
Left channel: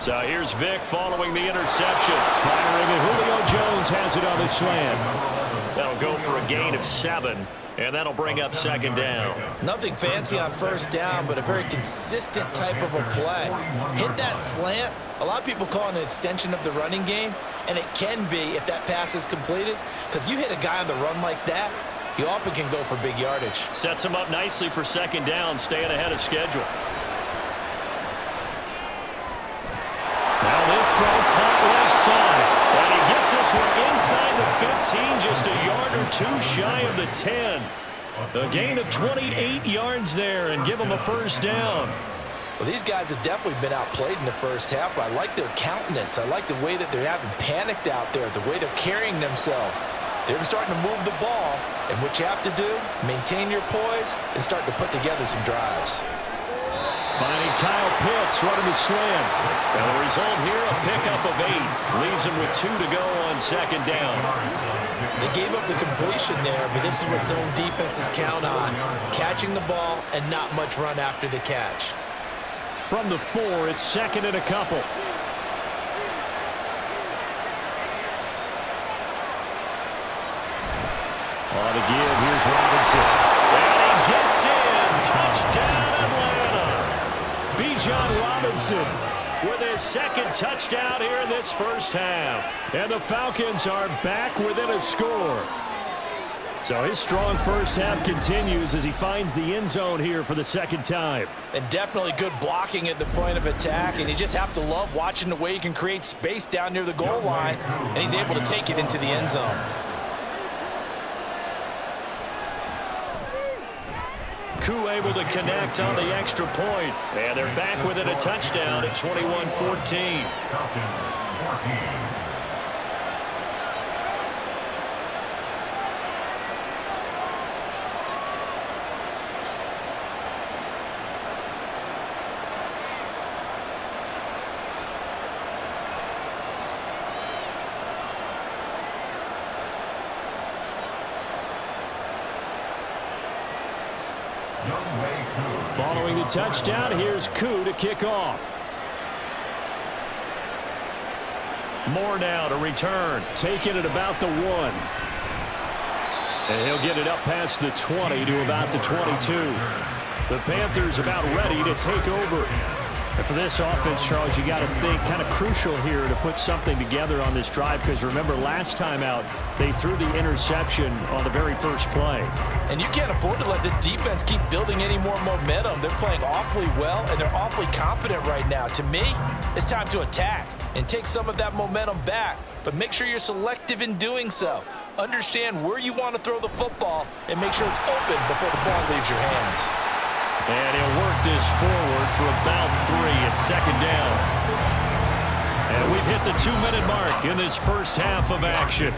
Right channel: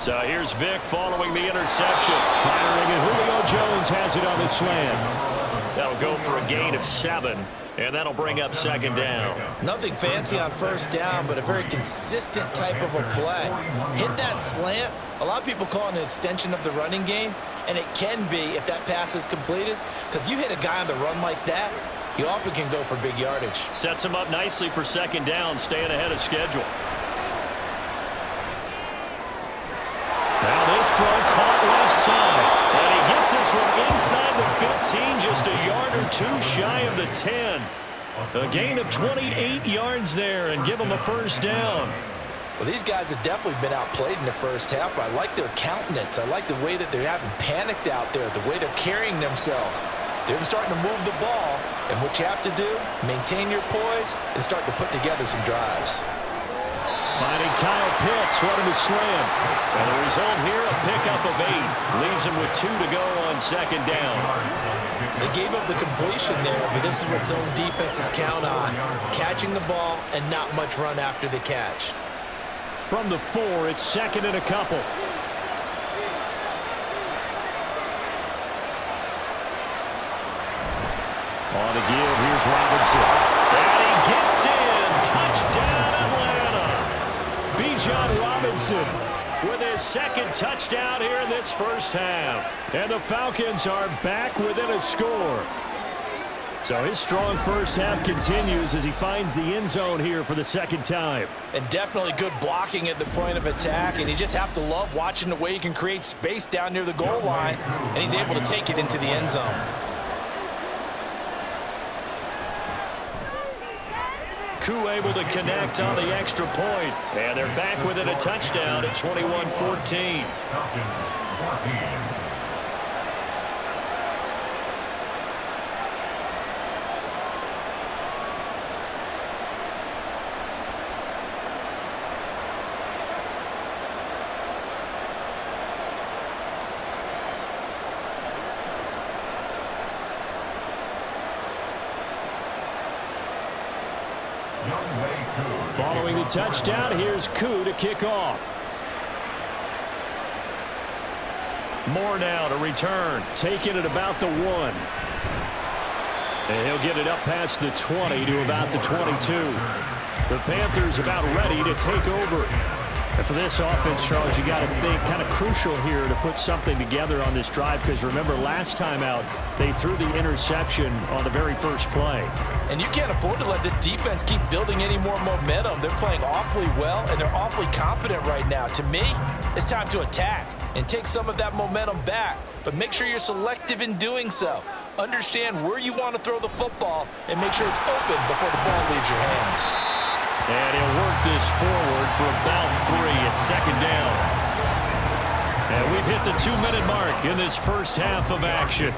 So here's Vic following the interception. Firing, and Julio Jones has it on the slant. That'll go for a gain of 7, and that'll bring up 2nd down. Nothing fancy on 1st down, but a very consistent type of a play. Hit that slant. A lot of people call it an extension of the running game, and it can be if that pass is completed, because you hit a guy on the run like that, he often can go for big yardage. Sets him up nicely for 2nd down, staying ahead of schedule. Now this throw caught left side. And he gets this one inside the 15, just a yard or 2 shy of the 10. A gain of 28 yards there and give him a 1st down. Well, these guys have definitely been outplayed in the 1st half. I like their countenance. I like the way that they're having panicked out there, the way they're carrying themselves. They're starting to move the ball, and what you have to do, maintain your poise and start to put together some drives. Finding Kyle Pitts running the slant. And the result here, a pickup of 8. Leaves him with 2 to go on 2nd down. They gave up the completion there, but this is what zone defenses count on. Catching the ball and not much run after the catch. From the 4, it's 2nd and a couple. On the give, here's Robinson. And he gets in. Touchdown, Atlanta. Bijan Robinson with his 2nd touchdown here in this 1st half. And the Falcons are back within a score. So his strong 1st half continues as he finds the end zone here for the 2nd time. And definitely good blocking at the point of attack. And you just have to love watching the way he can create space down near the goal line. And he's able to take it into the end zone. Koo able to connect on the extra point. And they're back within a touchdown at 21-14. Following the touchdown, here's Koo to kick off. Moore now to return, taking it about the 1. And he'll get it up past the 20 to about the 22. The Panthers about ready to take over. And for this offense, Charles, you got to think kind of crucial here to put something together on this drive, because remember last time out they threw the interception on the very first play. And you can't afford to let this defense keep building any more momentum. They're playing awfully well, and they're awfully confident right now. To me, it's time to attack and take some of that momentum back, but make sure you're selective in doing so. Understand where you want to throw the football and make sure it's open before the ball leaves your hands. And he'll work this forward for about 3 at second down. And we've hit the 2-minute mark in this first half of action.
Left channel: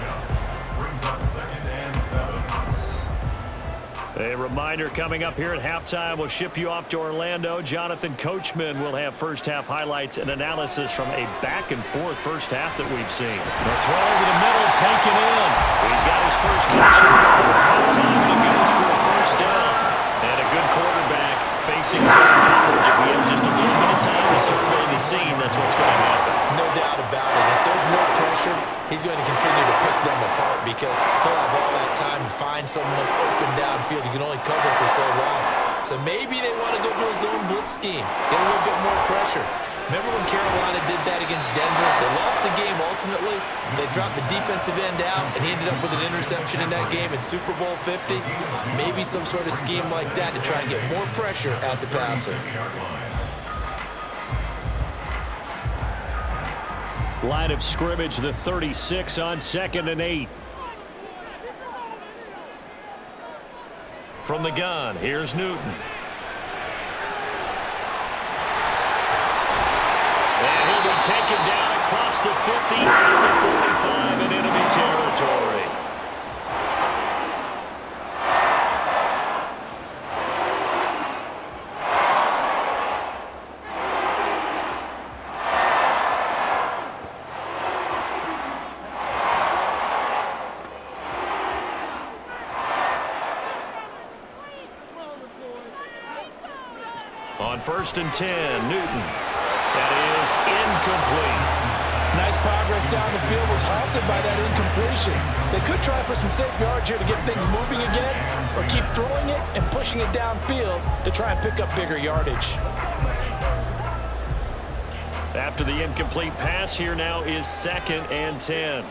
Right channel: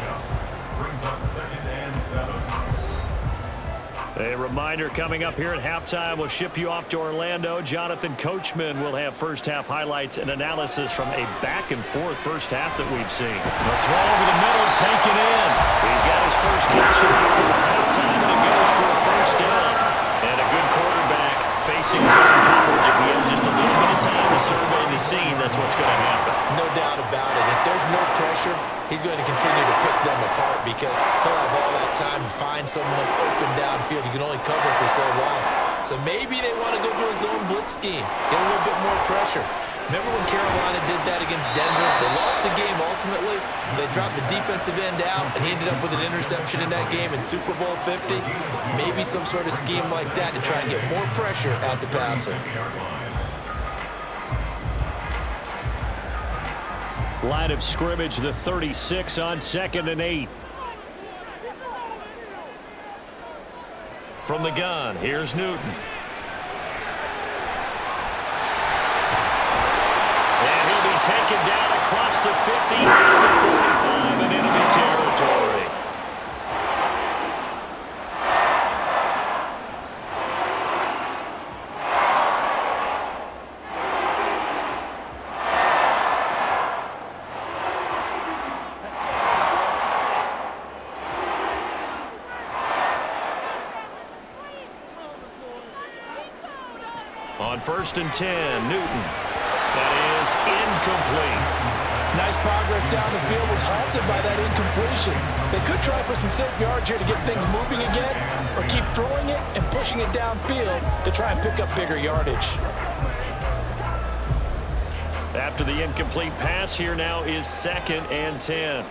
Brings up 2nd and 7. A reminder coming up here at halftime, we'll ship you off to Orlando. Jonathan Coachman will have first half highlights and analysis from a back-and-forth first half that we've seen. The throw over the middle, taken in. He's got his first catch before halftime, and it goes for a first down. And a good quarterback facing zone coverage. If he has just a little bit of time to survey the scene, that's what's going to happen. No doubt about it. If there's no pressure, he's going to continue to pick them apart because he'll have all that time to find someone open downfield. You can only cover for so long. So maybe they want to go to a zone blitz scheme, get a little bit more pressure. Remember when Carolina did that against Denver? They lost the game ultimately. They dropped the defensive end out, and he ended up with an interception in that game in Super Bowl 50. Maybe some sort of scheme like that to try and get more pressure at the passer. Line of scrimmage, the 36 on 2nd and 8. From the gun, here's Newton. And he'll be taken down across the 50 at the 45 in enemy territory. On 1st and 10, Newton. That is incomplete. Nice progress down the field, was halted by that incompletion. They could try for some safe yards here to get things moving again, or keep throwing it and pushing it downfield to try and pick up bigger yardage. After the incomplete pass, here now is 2nd and 10.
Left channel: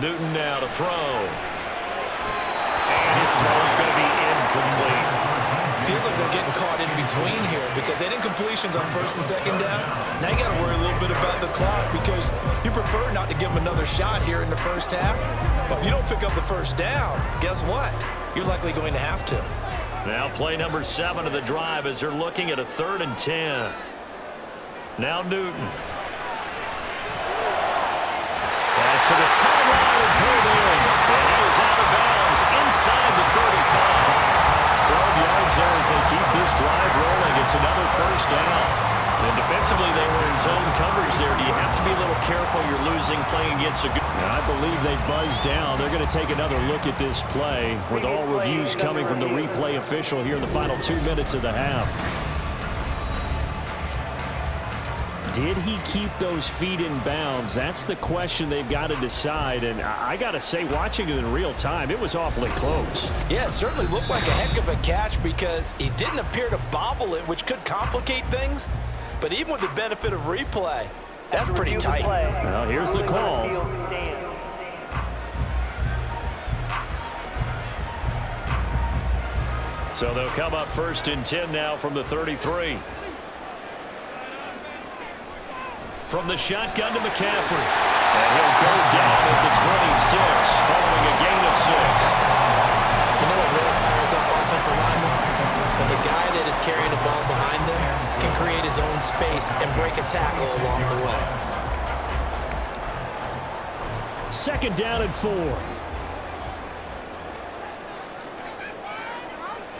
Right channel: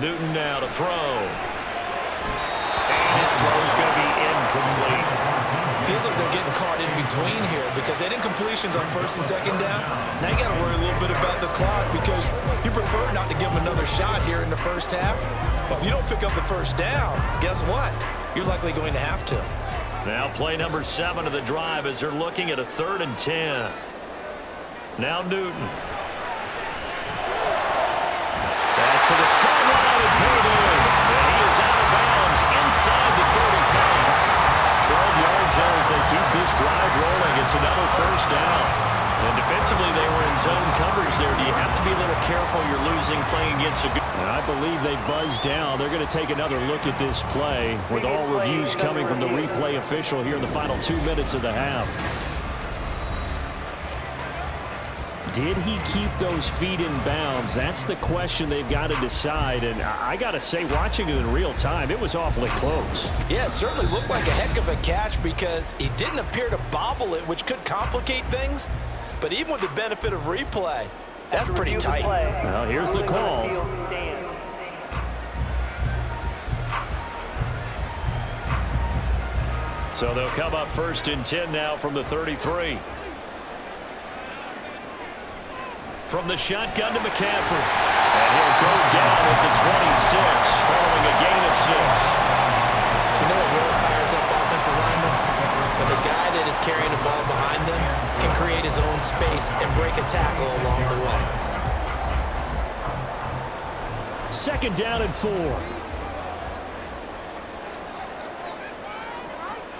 Newton now to throw. And his throw is going to be incomplete. Feels like they're getting caught in between here because they had incompletions on 1st and 2nd down. Now you got to worry a little bit about the clock because you prefer not to give them another shot here in the first half. But if you don't pick up the first down, guess what? You're likely going to have to. Now play number 7 of the drive as they're looking at a 3rd and 10. Now Newton. Pass to the sideline and pulled in. And he is out of bounds inside the 35. 12 yards there as they keep this drive rolling. It's another first down. And defensively, they were in zone coverage there. Do you have to be a little careful? You're losing playing against a good... And I believe they buzzed down. They're going to take another look at this play with all reviews coming from the replay official here in the final 2 minutes of the half. Did he keep those feet in bounds? That's the question they've got to decide. And I got to say, watching it in real time, it was awfully close. Yeah, it certainly looked like a heck of a catch because he didn't appear to bobble it, which could complicate things. But even with the benefit of replay, that's pretty tight. Well, here's the call. So they'll come up 1st and 10 now from the 33. From the shotgun to McCaffrey. And he'll go down at the 26 following a gain of 6. You know what really fires up offensive linemen? When the guy that is carrying the ball behind them can create his own space and break a tackle along the way. 2nd down and 4.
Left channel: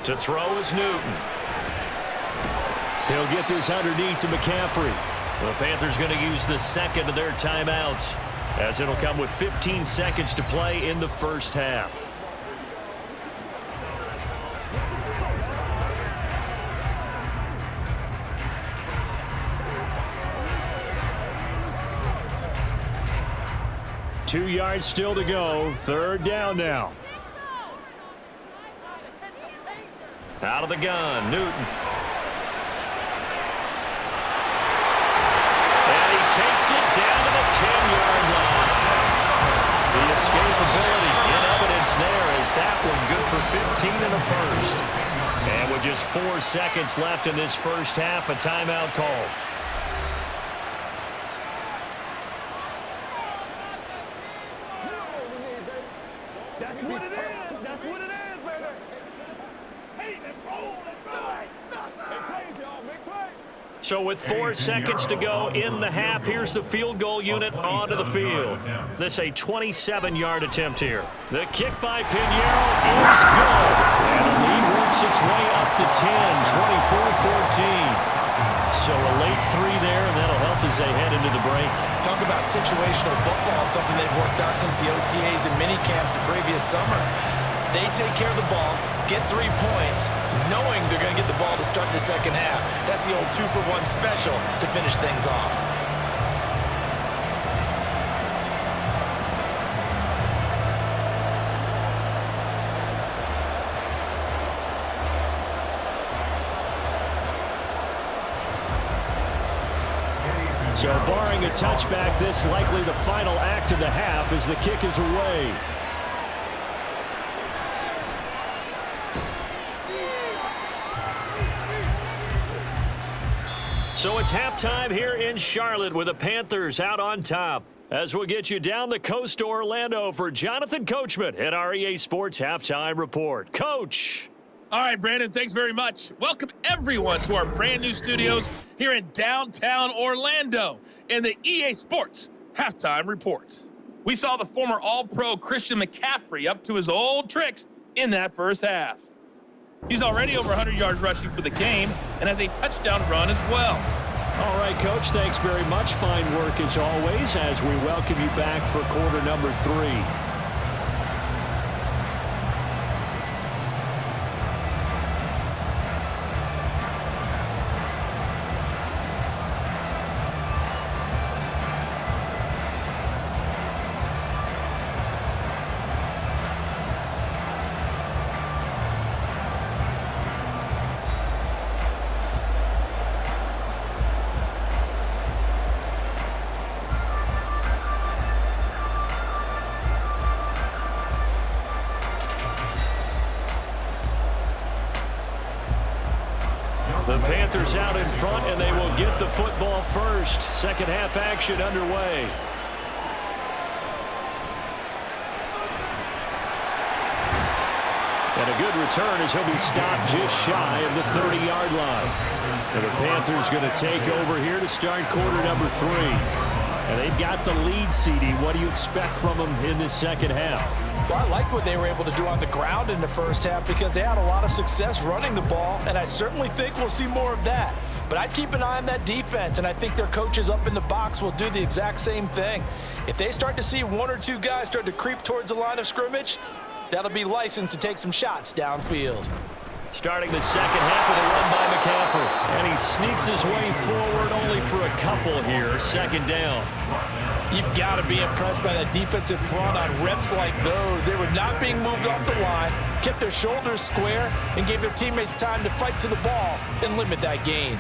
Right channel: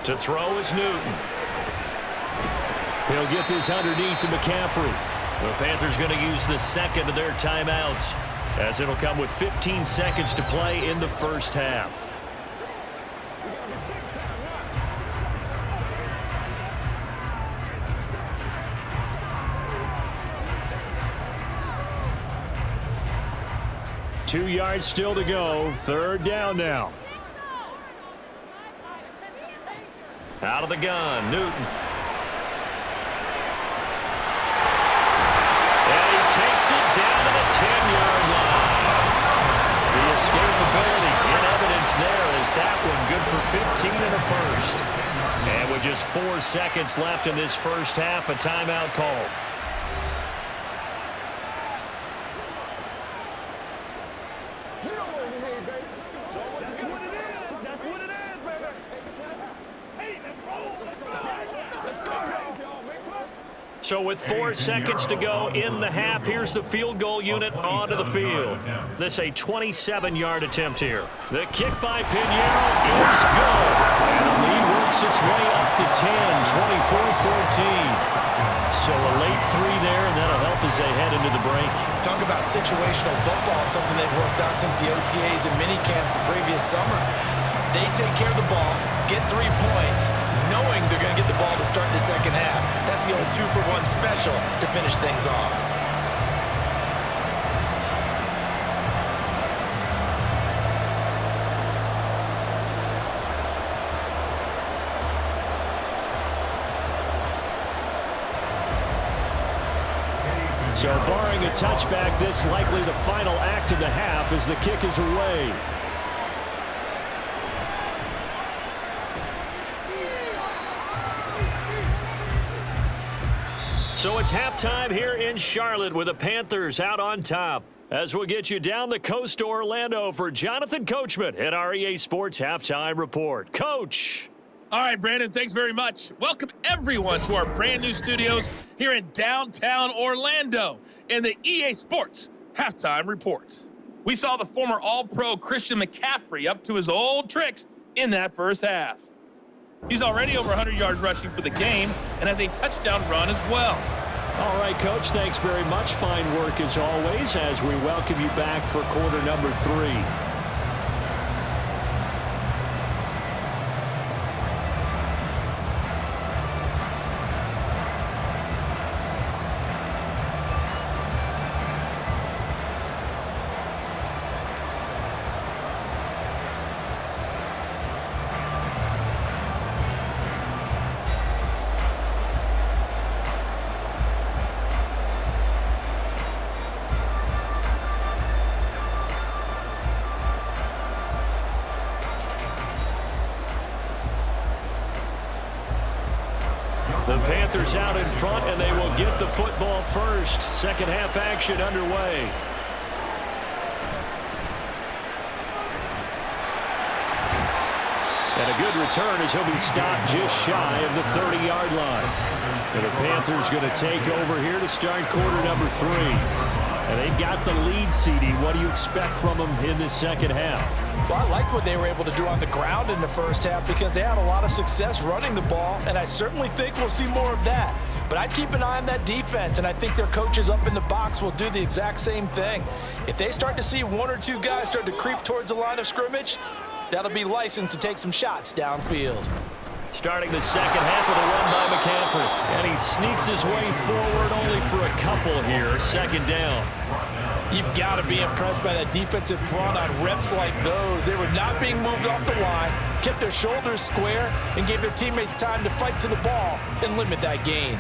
To throw is Newton. He'll get this underneath to McCaffrey. The Panthers going to use the 2nd of their timeouts as it'll come with 15 seconds to play in the first half. Two yards still to go. 3rd down now. Out of the gun, Newton. 10-yard line. The escapability in evidence there as that one good for 15 and a first. And with just 4 seconds left in this first half, a timeout call. So with 4 seconds to go in the half, here's the field goal unit onto the field. This a 27-yard attempt here. The kick by Pinheiro is good. And the lead works its way up to 10, 24-14. So a late 3 there, and that'll help as they head into the break. Talk about situational football and something they've worked on since the OTAs and mini camps the previous summer. They take care of the ball, get 3 points, knowing they're going to get the ball to start the second half. That's the old 2-for-1 special to finish things off. So barring a touchback, this likely the final act of the half as the kick is away. So it's halftime here in Charlotte with the Panthers out on top. As we'll get you down the coast to Orlando for Jonathan Coachman at our EA Sports Halftime Report. Coach. All right, Brandon, thanks very much. Welcome, everyone, to our brand new studios here in downtown Orlando in the EA Sports Halftime Report. We saw the former All-Pro Christian McCaffrey up to his old tricks in that first half. He's already over 100 yards rushing for the game and has a touchdown run as well. All right, Coach, thanks very much. Fine work as always as we welcome you back for quarter number 3. The Panthers out in front, and they will get the football first. Second half action underway. And a good return as he'll be stopped just shy of the 30-yard line. And the Panthers going to take over here to start quarter number 3. And they've got the lead, CD. What do you expect from them in this second half? Well, I like what they were able to do on the ground in the first half because they had a lot of success running the ball, and I certainly think we'll see more of that. But I'd keep an eye on that defense, and I think their coaches up in the box will do the exact same thing. If they start to see 1 or 2 guys start to creep towards the line of scrimmage, that'll be licensed to take some shots downfield. Starting the second half with a run by McCaffrey. And he sneaks his way forward only for a couple here. Second down. You've got to be impressed by that defensive front on reps like those. They were not being moved off the line, kept their shoulders square, and gave their teammates time to fight to the ball and limit that gain.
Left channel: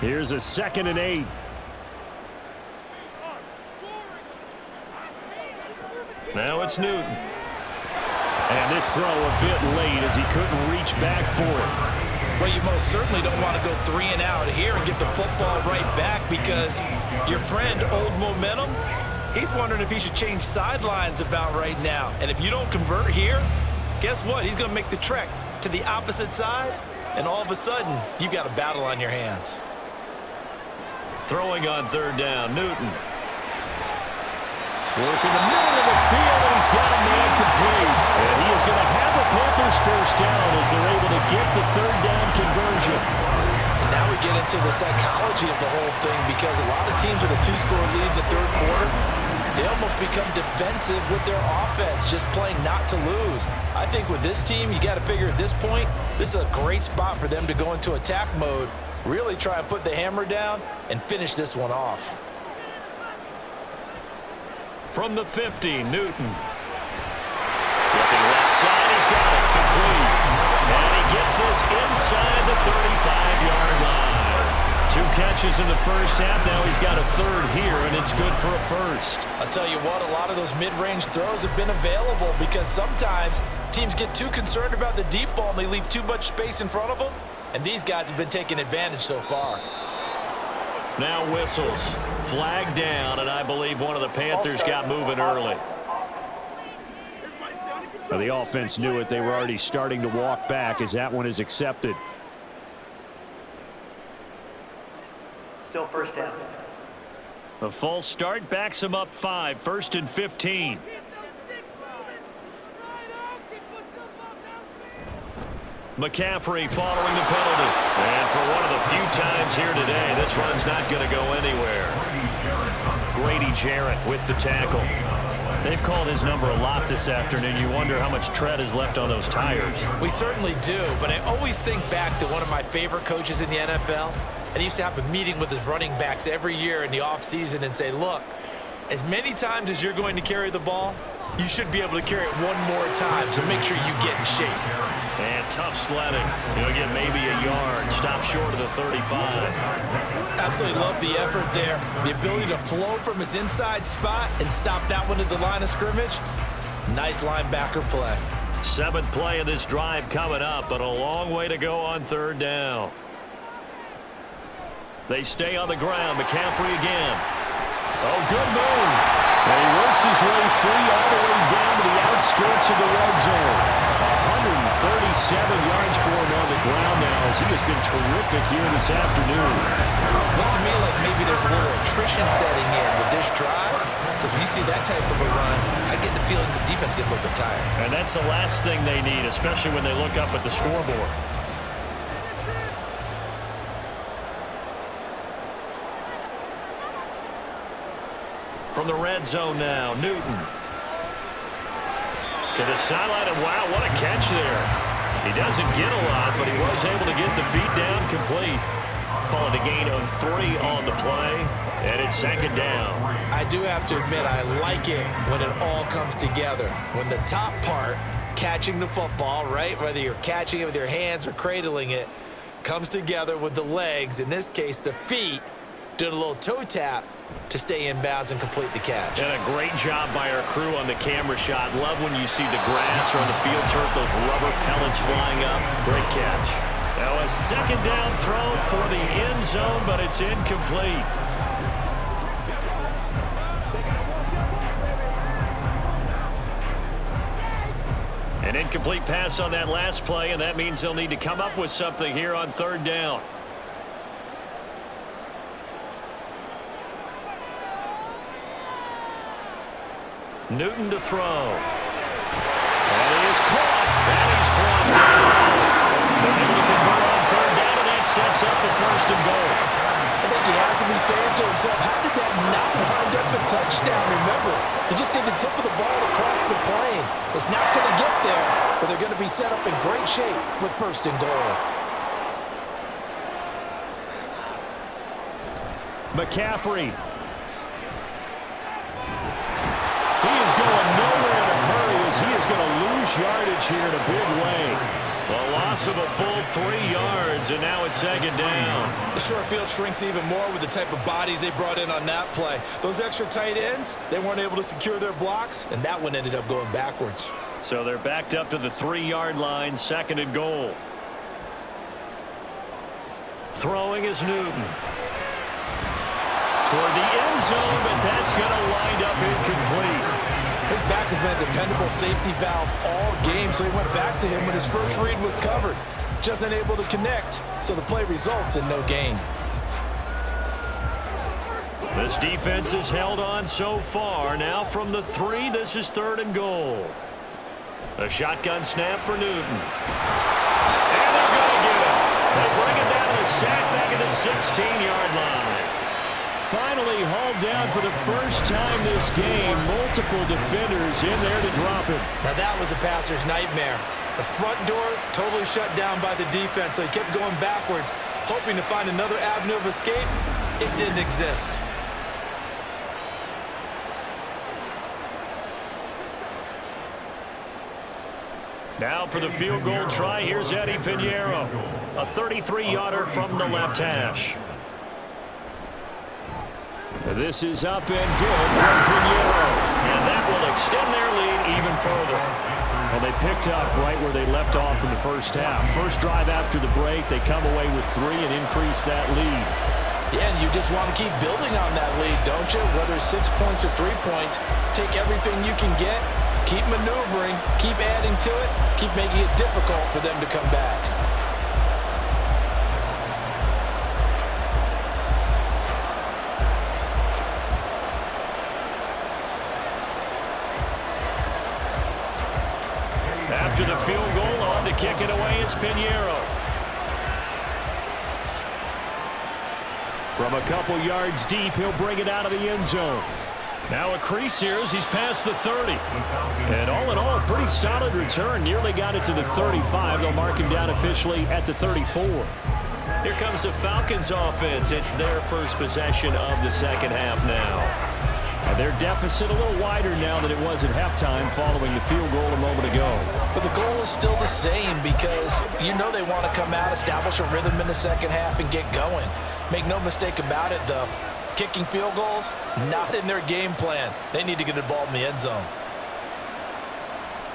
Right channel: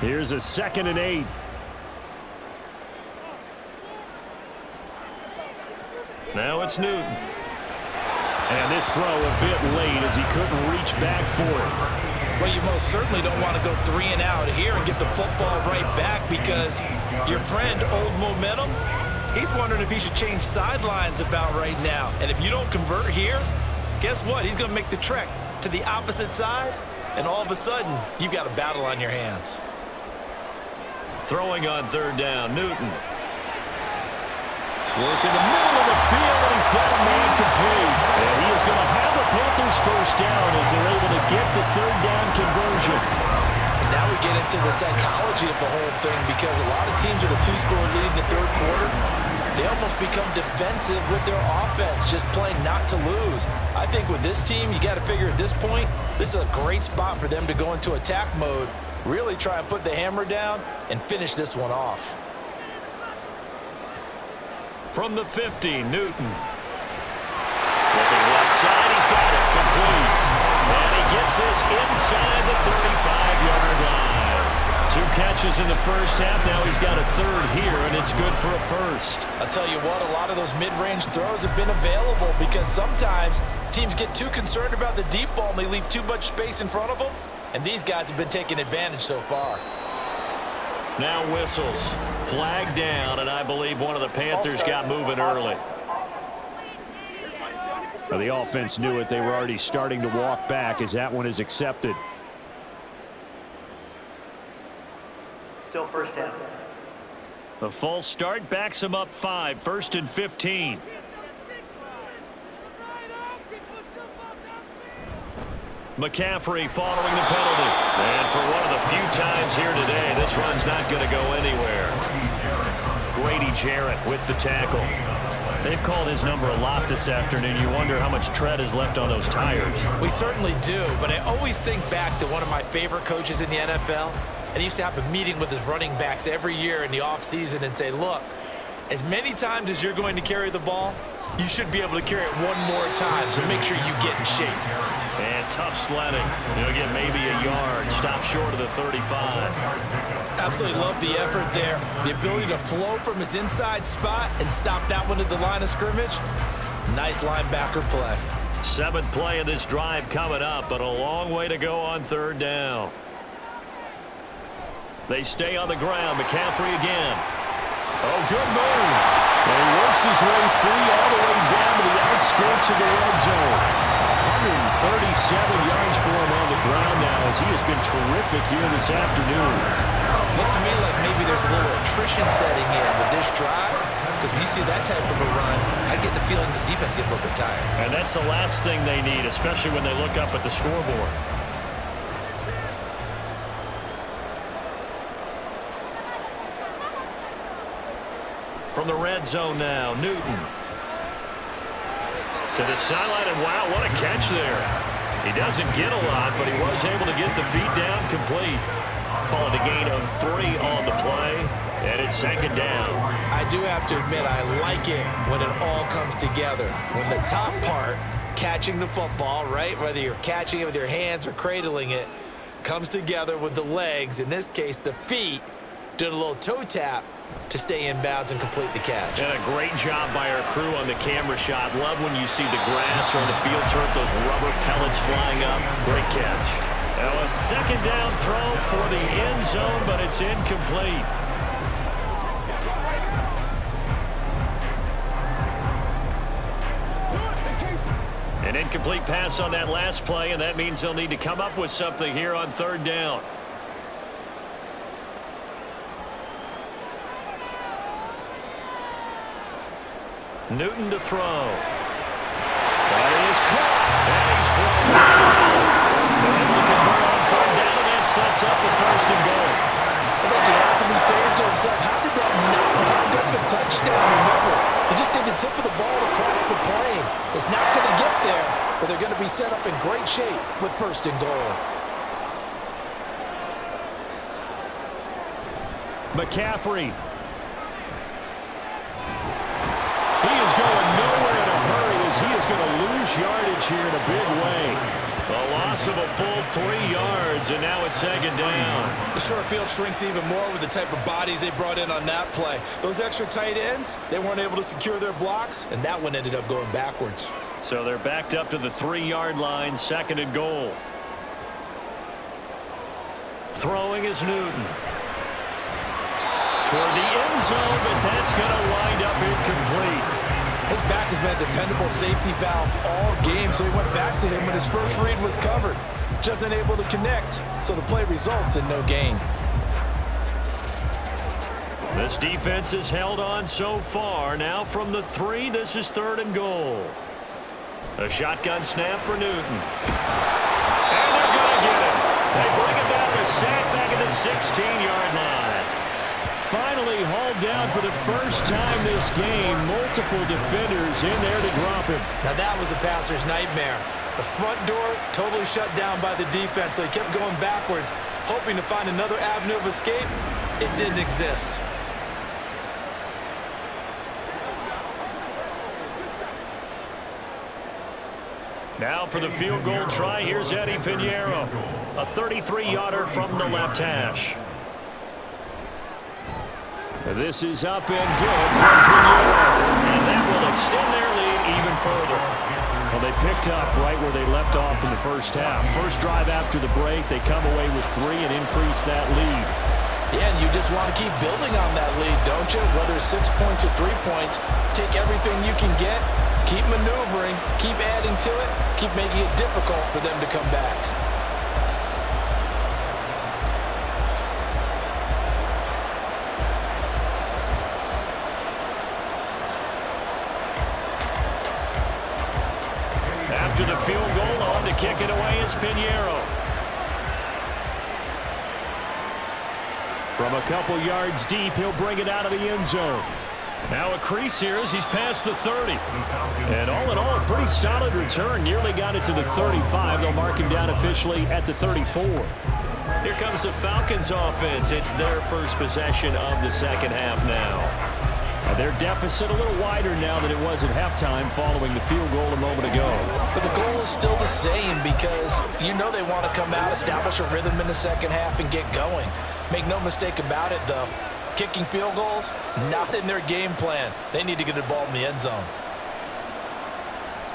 Here's a 2nd and 8. Now it's Newton. And this throw a bit late as he couldn't reach back for it. Well, you most certainly don't want to go 3 and out here and get the football right back because your friend, Old Momentum, he's wondering if he should change sidelines about right now. And if you don't convert here, guess what? He's going to make the trek to the opposite side, and all of a sudden, you've got a battle on your hands. Throwing on 3rd down, Newton. Work in the middle of the field, and he's got a man complete. And he is going to have a Panthers first down as they're able to get the 3rd down conversion. And now we get into the psychology of the whole thing because a lot of teams with a 2-score lead in the 3rd quarter, they almost become defensive with their offense, just playing not to lose. I think with this team, you got to figure at this point, this is a great spot for them to go into attack mode, really try and put the hammer down and finish this one off. From the 50, Newton. Looking left side, he's got it complete. And he gets this inside the 35-yard line. 2 catches in the first half. Now he's got a third here, and it's good for a first. I'll tell you what, a lot of those mid-range throws have been available because sometimes teams get too concerned about the deep ball and they leave too much space in front of them, and these guys have been taking advantage so far. Now whistles. Flag down, and I believe one of the Panthers got moving early. So the offense knew it. They were already starting to walk back as that one is accepted. Still first down. The false start backs him up 5, 1st and 15. McCaffrey following the penalty. And for one of the few times here today, this run's not going to go anywhere. Grady Jarrett with the tackle. They've called his number a lot this afternoon. You wonder how much tread is left on those tires. We certainly do, but I always think back to one of my favorite coaches in the NFL. And he used to have a meeting with his running backs every year in the offseason and say, look, as many times as you're going to carry the ball, you should be able to carry it one more time, so make sure you get in shape. And tough sledding. He'll get maybe a yard. Stop short of the 35. Absolutely love the effort there. The ability to flow from his inside spot and stop that one at the line of scrimmage. Nice linebacker play. 7th play of this drive coming up, but a long way to go on 3rd down. They stay on the ground. McCaffrey again. Oh, good move. And he works his way free all the way down to the outskirts of the red zone. 137 yards for him on the ground now as he has been terrific here this afternoon. Looks to me like maybe there's a little attrition setting in with this drive, because when you see that type of a run, I get the feeling the defense gets a little bit tired. And that's the last thing they need, especially when they look up at the scoreboard. From the red zone now, Newton. To the sideline, and wow, what a catch there. He doesn't get a lot, but he was able to get the feet down complete. Call it a gain of 3 on the play, and it's 2nd down. I do have to admit, I like it when it all comes together. When the top part, catching the football, right, whether you're catching it with your hands or cradling it, comes together with the legs, in this case the feet, doing a little toe tap to stay in bounds and complete the catch. And a great job by our crew on the camera shot. Love when you see the grass or on the field turf, those rubber pellets flying up. Great catch. Now a 2nd down throw for the end zone, but it's incomplete. An incomplete pass on that last play, and that means they'll need to come up with something here on 3rd down. Newton to throw. And he is caught. And he's brought down. They're able to convert on 3rd down, and that sets up a 1st and goal. I think he has to be saying to himself, how did that not wind up a touchdown? Remember, he just did the tip of the ball across the plane. It's not going to get there, but they're going to be set up in great shape with 1st and goal. McCaffrey. He is going nowhere in a hurry as he is going to lose yardage here in a big way. A loss of a full 3 yards, and now it's 2nd down. The short field shrinks even more with the type of bodies they brought in on that play. Those extra tight ends, they weren't able to secure their blocks, and that one ended up going backwards. So they're backed up to the 3-yard line, 2nd and goal. Throwing is Newton. Toward the end zone, but that's going to wind up incomplete. His back has been a dependable safety valve all game, so he went back to him when his first read was covered. Just unable to connect, so the play results in no gain. This defense has held on so far. Now from the 3, this is 3rd and goal. A shotgun snap for Newton. And they're going to get him. They bring him down to the sack back at the 16-yard line. Finally hauled down for the first time this game. Multiple defenders in there to drop him. Now that was a passer's nightmare. The front door totally shut down by the defense, so he kept going backwards, hoping to find another avenue of escape. It didn't exist. Now for the field goal try, here's Eddie Pinheiro. A 33-yarder from the left hash. This is up and good from Pinheiro. And that will extend their lead even further. Well, they picked up right where they left off in the first half. First drive after the break, they come away with 3 and increase that lead. Yeah, and you just want to keep building on that lead, don't you? Whether it's 6 points or 3 points, take everything you can get, keep maneuvering, keep adding to it, keep making it difficult for them to come back. After the field goal, on to kick it away is Pinheiro. From a couple yards deep, he'll bring it out of the end zone. Now a crease here as he's past the 30. And all in all, a pretty solid return. Nearly got it to the 35. They'll mark him down officially at the 34. Here comes the Falcons offense. It's their first possession of the second half now. Their deficit a little wider now than it was at halftime following the field goal a moment ago. But the goal is still the same because you know they want to come out, establish a rhythm in the second half, and get going. Make no mistake about it, though. Kicking field goals, not in their game plan. They need to get the ball in the end zone.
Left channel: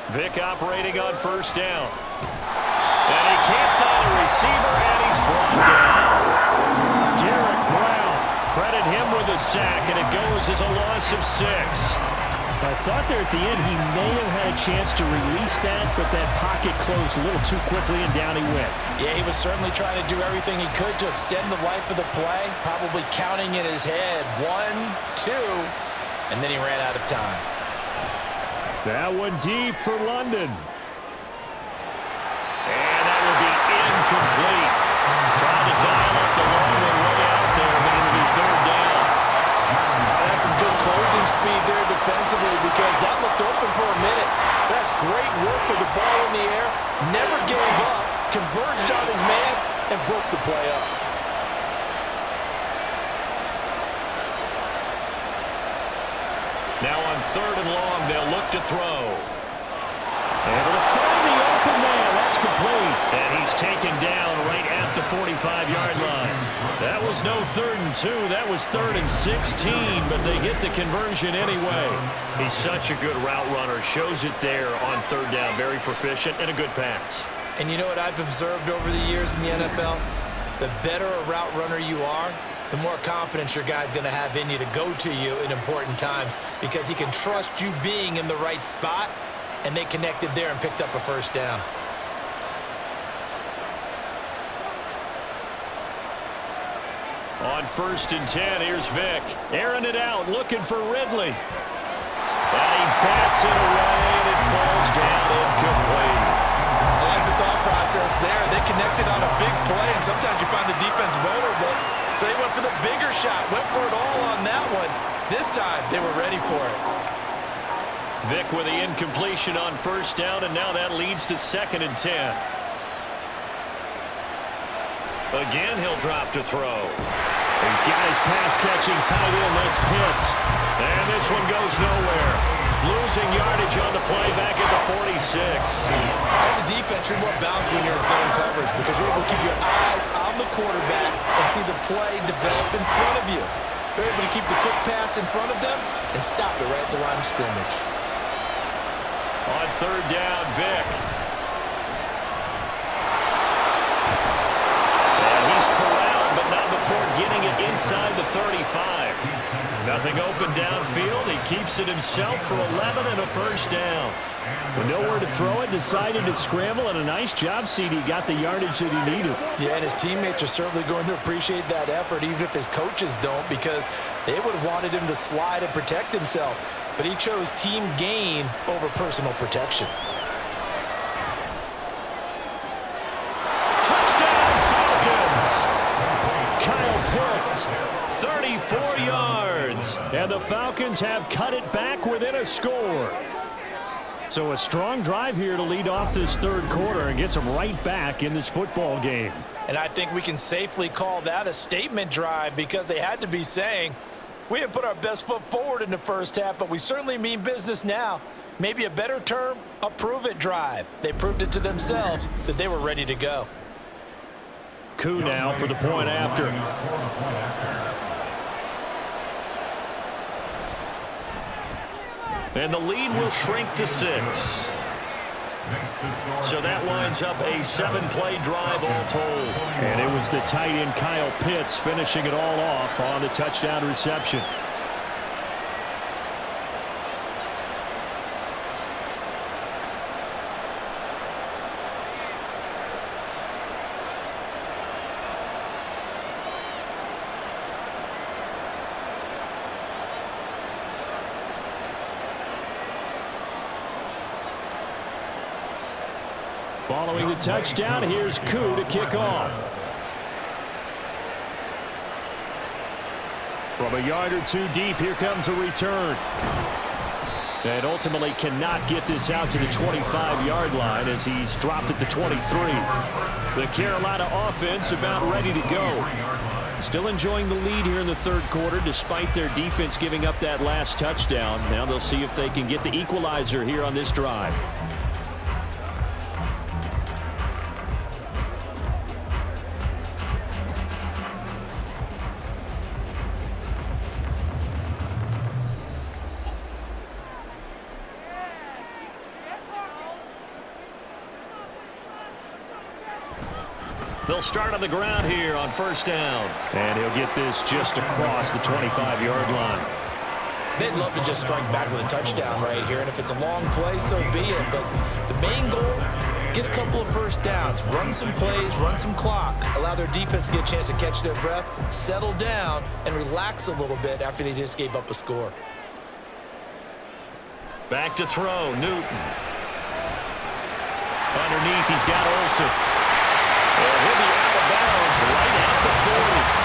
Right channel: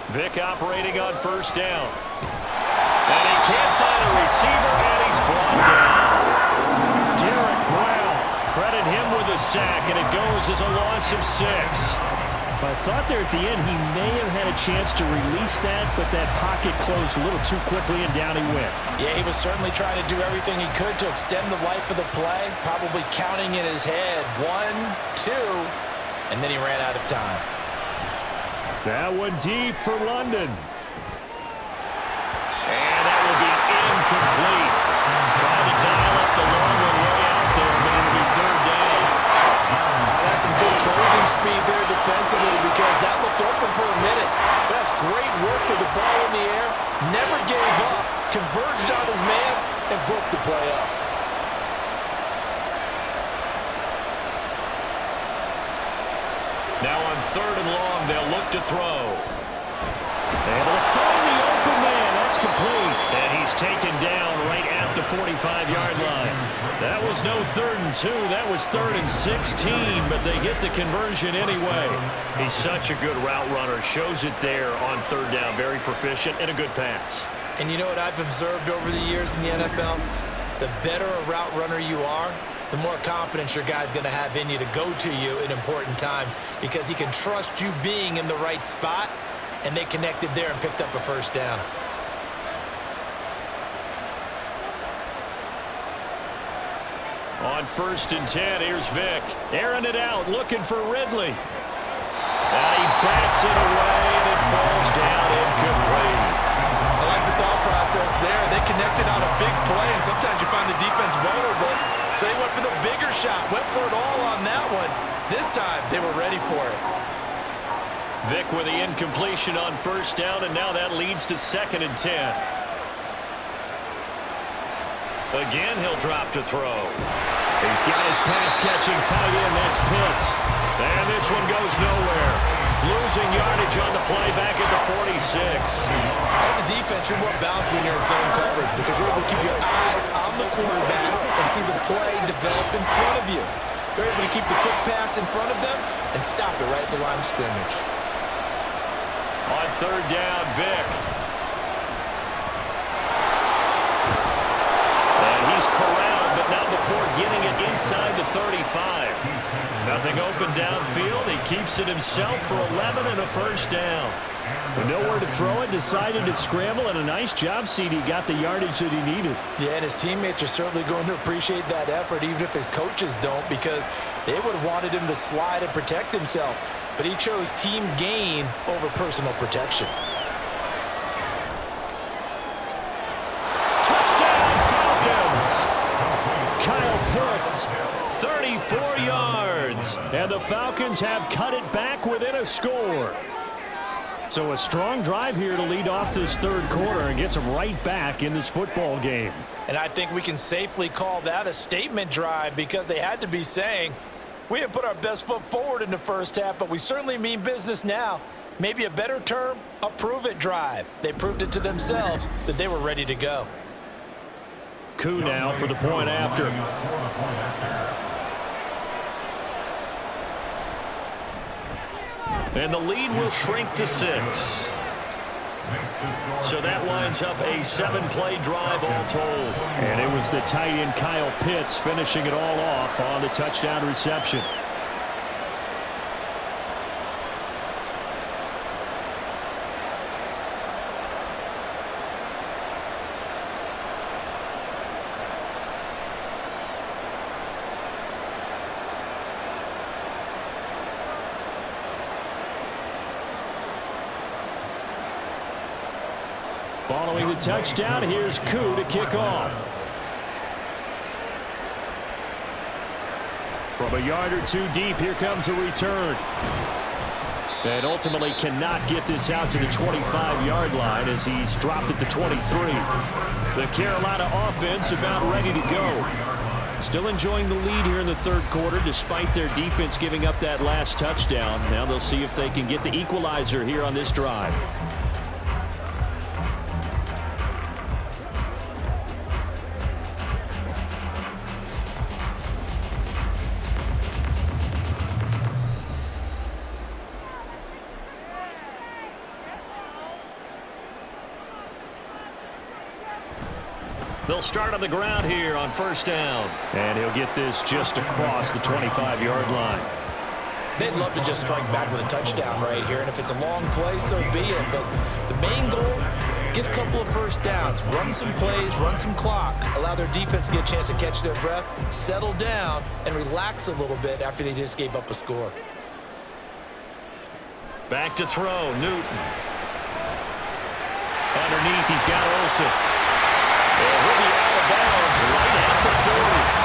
Vic operating on first down. And he can't find a receiver, and he's brought down. Derek Brown. Credit him with a sack, and it goes as a loss of 6. I thought there at the end he may have had a chance to release that, but that pocket closed a little too quickly, and down he went. Yeah, he was certainly trying to do everything he could to extend the life of the play, probably counting in his head 1, 2, and then he ran out of time. That one deep for London. And that will be incomplete. Trying to dial up the long one way out there, but it'll be third down. That's some good closing speed there defensively because that looked open for a minute. That's great work with the ball in the air. Never gave up, converged on his man, and broke the play up. Now on third and long, they'll look to throw. Able to find the open man. That's complete. And he's taken down right at the 45-yard line. That was no 3rd and 2. That was 3rd and 16, but they get the conversion anyway. He's such a good route runner. Shows it there on third down. Very proficient and a good pass. And you know what I've observed over the years in the NFL? The better a route runner you are, the more confidence your guy's going to have in you to go to you in important times because he can trust you being in the right spot. And they connected there and picked up a first down. On 1st and 10, here's Vic. Airing it out, looking for Ridley. And he bats it away, and it falls down incomplete. I like the thought process there. They connected on a big play, and sometimes you find the defense vulnerable. So they went for the bigger shot, went for it all on that one. This time, they were ready for it. Vic with the incompletion on first down, and now that leads to 2nd and 10. Again, he'll drop to throw. He's got his pass-catching tight end. That's Pitts. And this one goes nowhere. Losing yardage on the play back at the 46. As a defense, you're more balanced when you're in zone coverage because you're able to keep your eyes on the quarterback and see the play develop in front of you. You're able to keep the quick pass in front of them and stop it right at the line of scrimmage. On third down, Vic. And he's corralled, but not before getting it inside the 35. Nothing open downfield. He keeps it himself for 11 and a first down. With nowhere to throw it, decided to scramble, and a nice job, CD. Got the yardage that he needed. Yeah, and his teammates are certainly going to appreciate that effort, even if his coaches don't, because they would have wanted him to slide and protect himself. But he chose team gain over personal protection. Touchdown, Falcons! Kyle Pitts, 34 yards. And the Falcons have cut it back within a score. So a strong drive here to lead off this third quarter and gets them right back in this football game. And I think we can safely call that a statement drive because they had to be saying, we didn't put our best foot forward in the first half, but we certainly mean business now. Maybe a better term, a prove-it drive. They proved it to themselves that they were ready to go. Coup now for the point after. And the lead will shrink to 6. So that winds up a 7-play drive all told. And it was the tight end Kyle Pitts finishing it all off on the touchdown reception. Following the touchdown, here's Koo to kick off. From a yard or two deep, here comes a return. And ultimately cannot get this out to the 25-yard line as he's dropped at the 23. The Carolina offense about ready to go. Still enjoying the lead here in the third quarter despite their defense giving up that last touchdown. Now they'll see if they can get the equalizer here on this drive. They'll start on the ground here on first down. And he'll get this just across the 25-yard line. They'd love to just strike back with a touchdown right here, and if it's a long play, so be it. But the main goal, get a couple of first downs, run some plays, run some clock, allow their defense to get a chance to catch their breath, settle down, and relax a little bit after they just gave up a score. Back to throw, Newton. Underneath, he's got Olsen. And he'll be out of bounds right at the 40.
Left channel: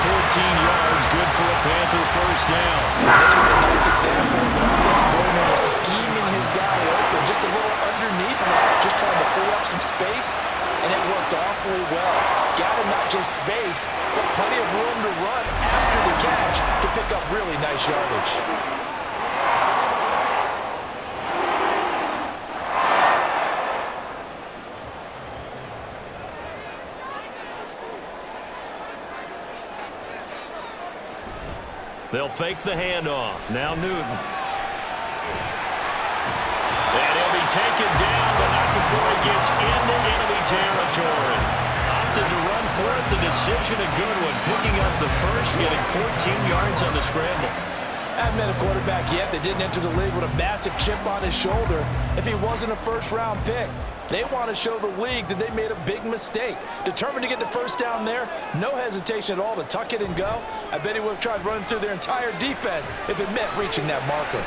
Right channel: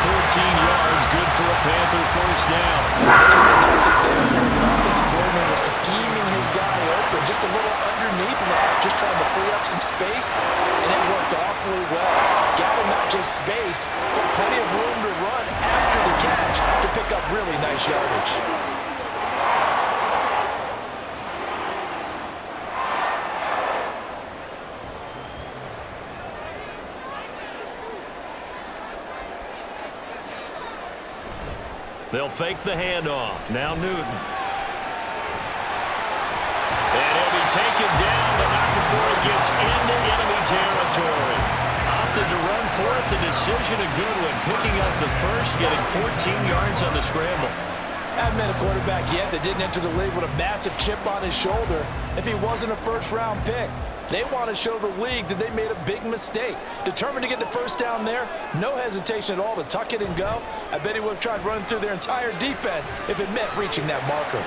14 yards, good for a Panther first down. This was a nice example of the offensive coordinator scheming his guy open, just a little underneath route, just trying to free up some space, and it worked awfully well. Got him not just space, but plenty of room to run after the catch to pick up really nice yardage. They'll fake the handoff. Now Newton. And he'll be taken down, but not before he gets into enemy territory. Opted to run for it. The decision a good one. Picking up the first, getting 14 yards on the scramble. Haven't been a quarterback yet that didn't enter the league with a massive chip on his shoulder if he wasn't a first-round pick. They want to show the league that they made a big mistake. Determined to get the first down there, no hesitation at all to tuck it and go. I bet he would have tried running through their entire defense if it meant reaching that marker.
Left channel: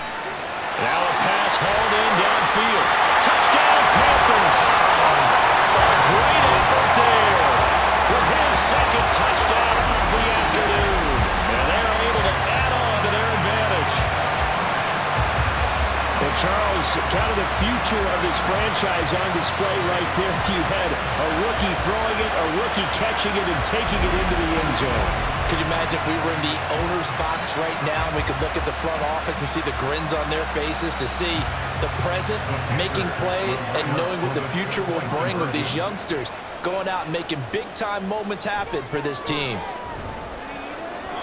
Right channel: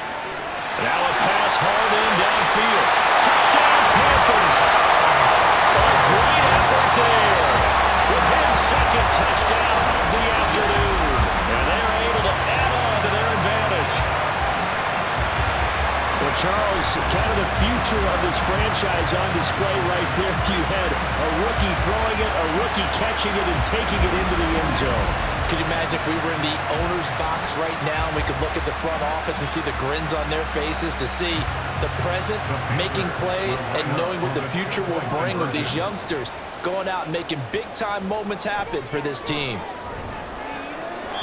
Now a pass hauled in downfield. Touchdown, Panthers. A great effort there with his second touchdown of the afternoon. And they're able to add on to their advantage. Well, Charles, kind of the future of this franchise on display right there. You had a rookie throwing it, a rookie catching it, and taking it into the end zone. Could you imagine if we were in the owner's box right now and we could look at the front office and see the grins on their faces, to see the present making plays and knowing what the future will bring with these youngsters going out and making big-time moments happen for this team.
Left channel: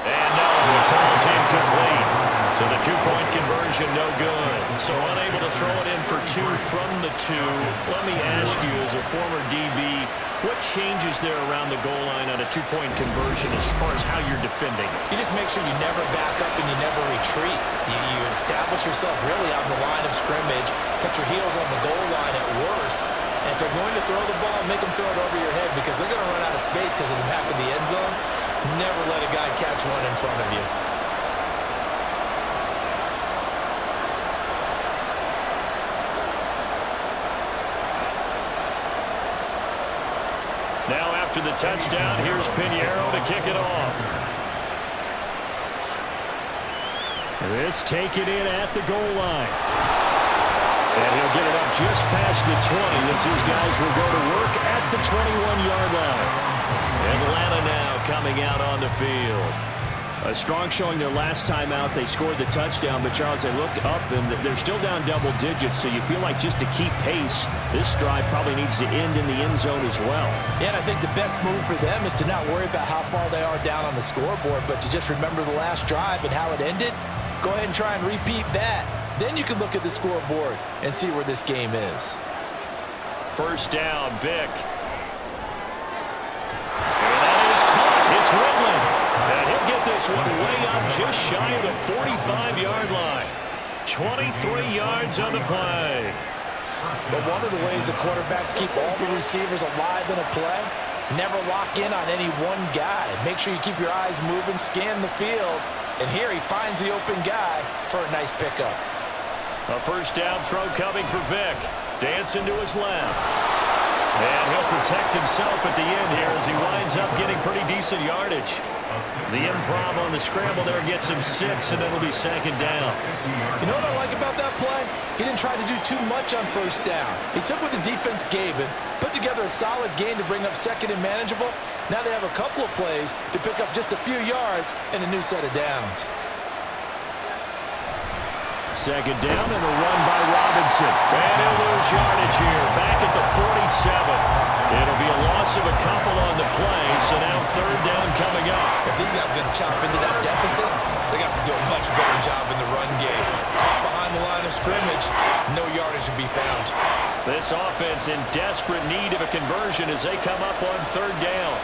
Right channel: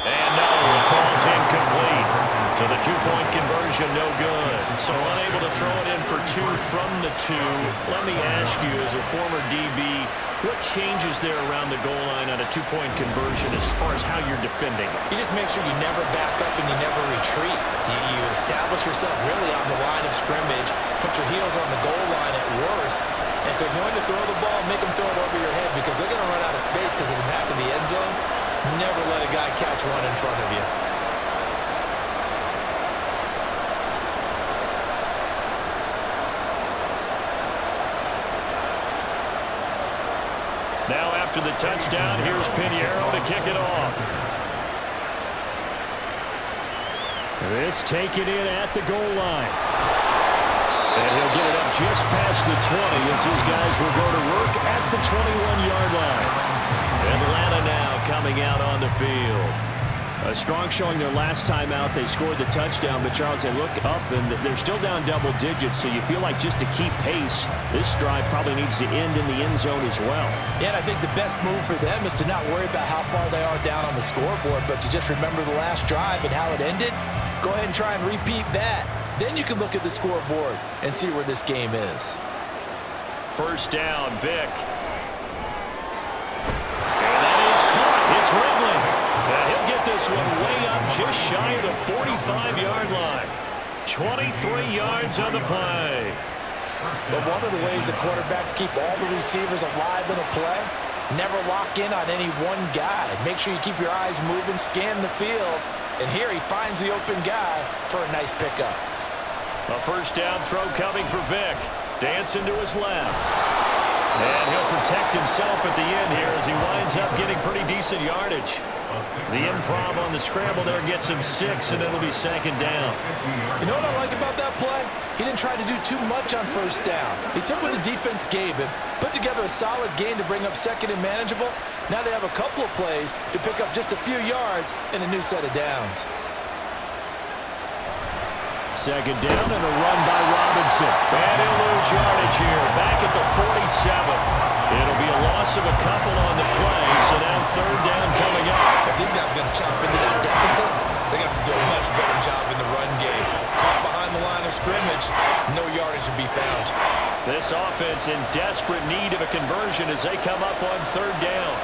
And no, it falls incomplete. So the two-point conversion, no good. So unable to throw it in for 2 from the 2. Let me ask you, as a former DB, what changes there around the goal line on a two-point conversion as far as how you're defending it? You just make sure you never back up and you never retreat. You establish yourself really on the line of scrimmage, put your heels on the goal line at worst, and if they're going to throw the ball, make them throw it over your head because they're going to run out of space because of the back of the end zone. Never let a guy catch one in front of you. Now after the touchdown, here's Pinheiro to kick it off. This taken in at the goal line. And he'll get it up just past the 20 as his guys will go to work at the 21-yard line. Atlanta now coming out on the field. A strong showing their last time out. They scored the touchdown, but Charles, they look up and they're still down double digits, so you feel like just to keep pace, this drive probably needs to end in the end zone as well. Yeah, and I think the best move for them is to not worry about how far they are down on the scoreboard, but to just remember the last drive and how it ended. Go ahead and try and repeat that. Then you can look at the scoreboard and see where this game is. First down, Vic. And that is caught. It's Ridley. And he'll get this one way up just shy of the 45-yard line. 23 yards on the play. But one of the ways that quarterbacks keep all the receivers alive in a play, never lock in on any one guy. Make sure you keep your eyes moving, scan the field. And here he finds the open guy for a nice pickup. A first down throw coming for Vic. Dancing to his left. And he'll protect himself at the end here as he winds up getting pretty decent yardage. The improv on the scramble there gets him 6, and it'll be second down. You know what I like about that play? He didn't try to do too much on first down. He took what the defense gave him, put together a solid gain to bring up second and manageable. Now they have a couple of plays to pick up just a few yards and a new set of downs. Second down and a run by Robinson. And he'll lose yardage here, back at the 47. It'll be a loss of a couple on the play, so now third down coming up. If these guys are going to chop into that deficit, they got to do a much better job in the run game. Caught behind the line of scrimmage, no yardage to be found. This offense in desperate need of a conversion as they come up on third down.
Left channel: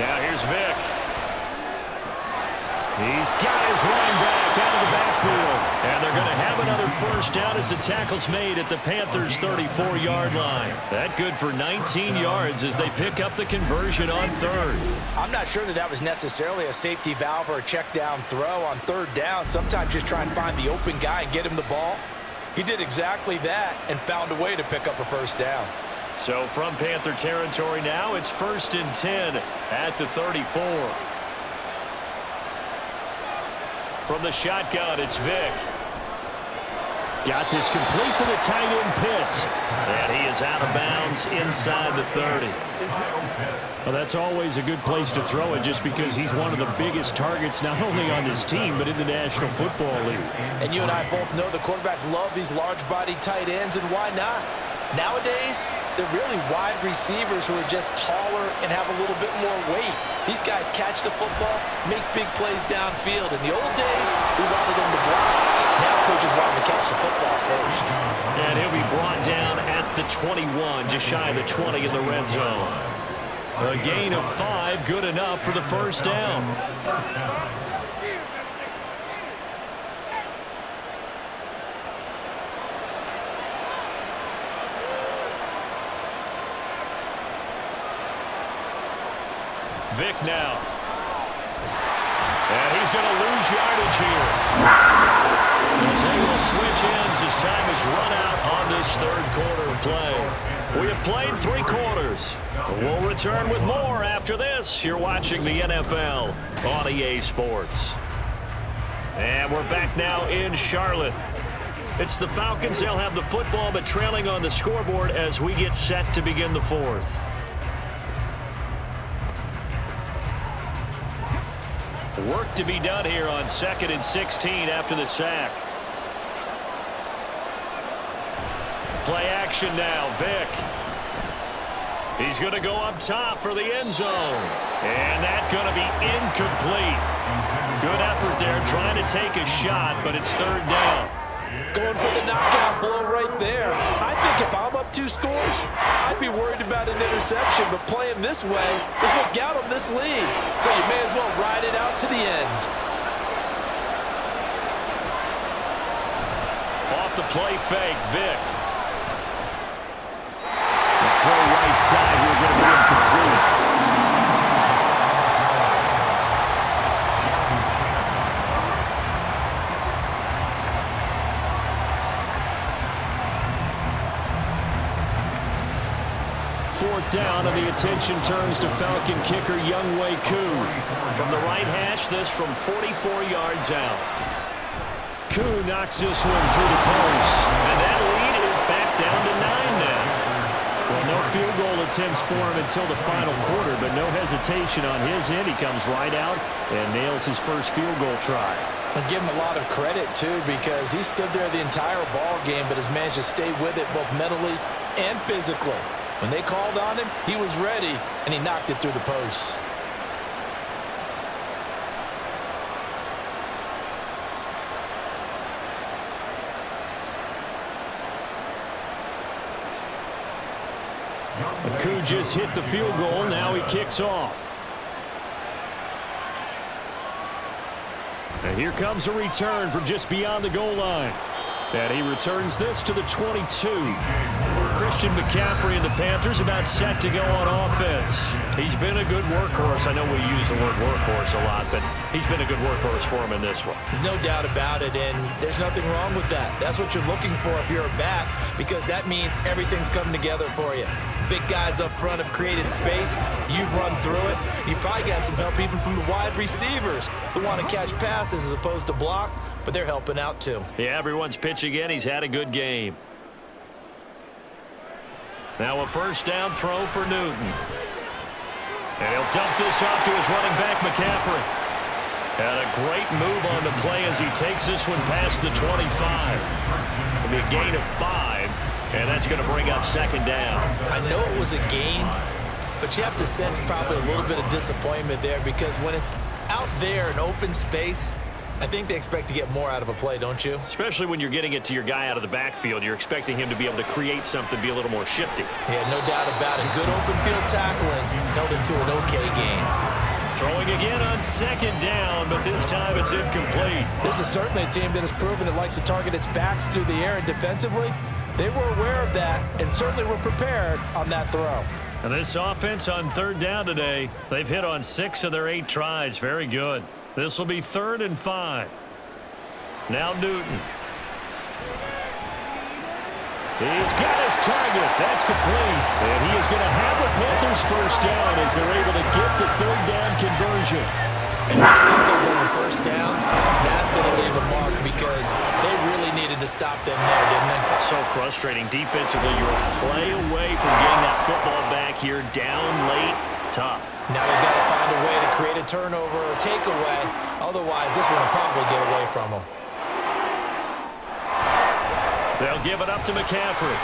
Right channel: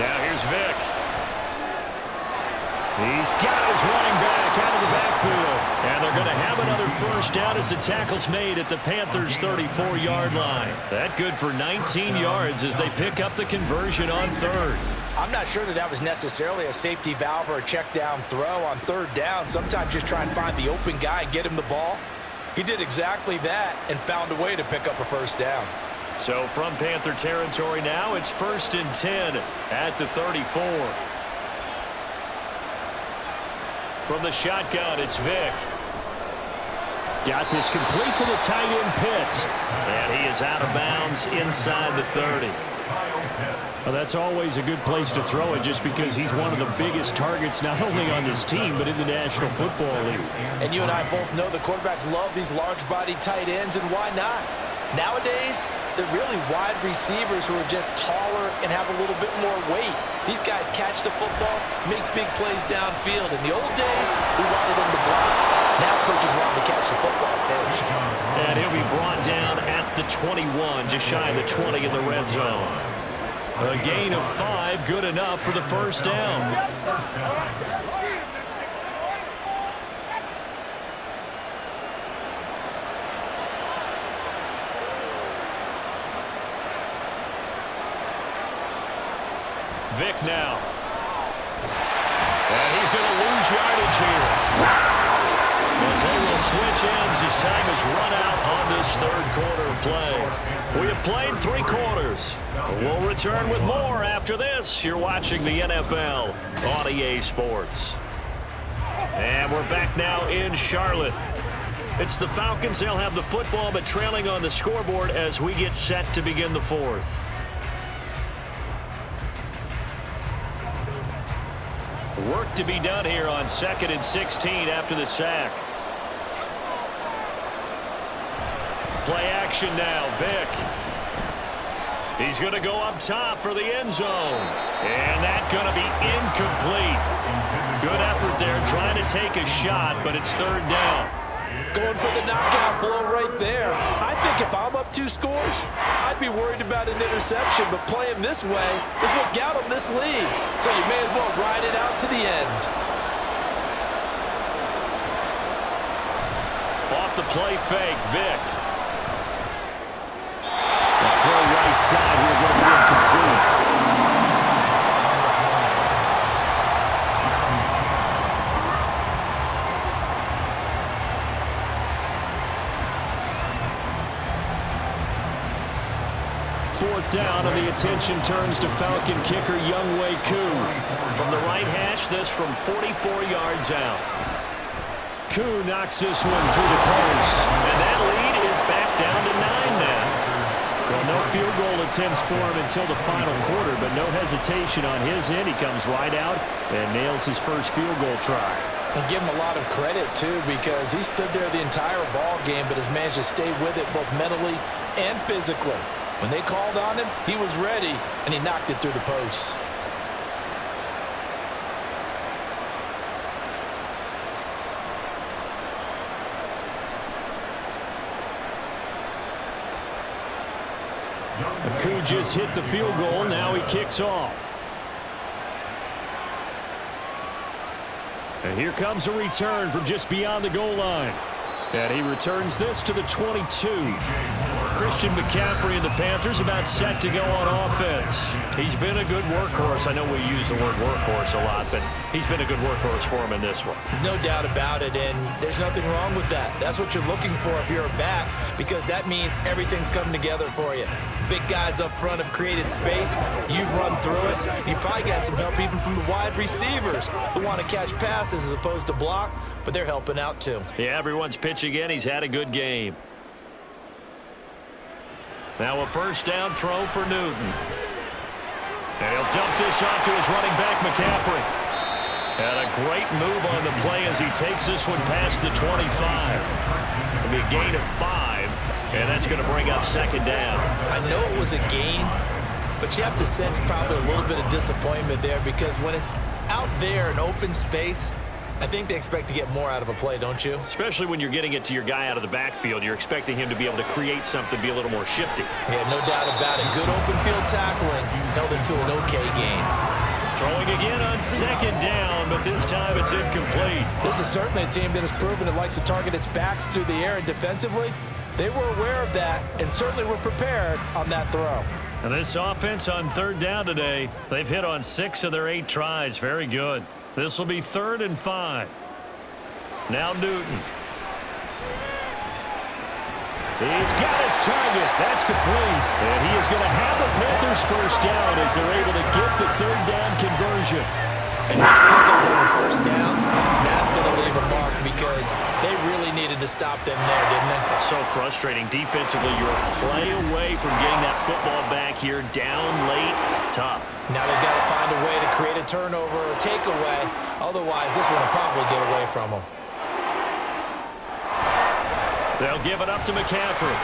Now here's Vic. He's got his running back out of the backfield. And they're going to have another first down as the tackle's made at the Panthers' 34-yard line. That good for 19 yards as they pick up the conversion on third. I'm not sure that was necessarily a safety valve or a check down throw on third down. Sometimes just try and find the open guy and get him the ball. He did exactly that and found a way to pick up a first down. So from Panther territory now, it's 1st and 10 at the 34. From the shotgun, it's Vic. Got this complete to the tight end Pitts. And he is out of bounds inside the 30. Well, that's always a good place to throw it just because he's one of the biggest targets not only on this team but in the National Football League. And you and I both know the quarterbacks love these large-bodied tight ends, and why not? Nowadays, they're really wide receivers who are just taller and have a little bit more weight. These guys catch the football, make big plays downfield. In the old days, we wanted them to block. Now coaches want them to catch the football first. And he'll be brought down at the 21, just shy of the 20 in the red zone. A gain of 5, good enough for the first down. Vic now. And he's going to lose yardage here. As they will switch ends as time is run out on this third quarter of play. We have played 3 quarters. We'll return with more after this. You're watching the NFL on EA Sports. And we're back now in Charlotte. It's the Falcons. They'll have the football, but trailing on the scoreboard as we get set to begin the fourth. Work to be done here on 2nd and 16 after the sack. Play action now, Vic. He's going to go up top for the end zone. And that's going to be incomplete. Good effort there trying to take a shot, but it's third down. Going for the knockout blow right there. I think if I'm up 2 scores, I'd be worried about an interception, but playing this way is what got them this lead. So you may as well ride it out to the end. Off the play fake, Vic. The throw right side here going to be incomplete. Fourth down, and the attention turns to Falcon kicker Younghoe Koo. From the right hash, this from 44 yards out. Koo knocks this one through the post. And that lead is back down to 9 now. Well, no field goal attempts for him until the final quarter, but no hesitation on his end. He comes right out and nails his first field goal try. And give him a lot of credit, too, because he stood there the entire ball game, but has managed to stay with it both mentally and physically. When they called on him, he was ready, and he knocked it through the posts. Aku just hit the field goal. Now he kicks off. And here comes a return from just beyond the goal line. And he returns this to the 22. Christian McCaffrey and the Panthers about set to go on offense. He's been a good workhorse. I know we use the word workhorse a lot, but he's been a good workhorse for him in this one. No doubt about it, and there's nothing wrong with that. That's what you're looking for if you're a back, because that means everything's coming together for you. Big guys up front have created space. You've run through it. You've probably gotten some help even from the wide receivers who want to catch passes as opposed to block, but they're helping out too. Yeah, everyone's pitching in. He's had a good game. Now a first down throw for Newton. And he'll dump this off to his running back, McCaffrey. And a great move on the play as he takes this one past the 25. It'll be a gain of 5, and that's going to bring up second down. I know it was a gain, but you have to sense probably a little bit of disappointment there, because when it's out there in open space, I think they expect to get more out of a play, don't you? Especially when you're getting it to your guy out of the backfield. You're expecting him to be able to create something, be a little more shifty. Yeah, no doubt about it. Good open field tackling held it to an okay gain. Throwing again on second down, but this time it's incomplete. This is certainly a team that has proven it likes to target its backs through the air, and defensively, they were aware of that and certainly were prepared on that throw. And this offense on third down today, they've hit on 6 of their 8 tries. Very good. This will be 3rd and 5. Now Newton. He's got his target. That's complete. And he is going to have a Panthers first down as they're able to get the 3rd down conversion. And that pick up over first down, that's going to leave a mark, because they really needed to stop them there, didn't they? So frustrating. Defensively, you're a play away from getting that football back here down late. Tough. Now they've got to find a way to create a turnover or a takeaway. Otherwise, this one will probably get away from them. They'll give it up to McCaffrey.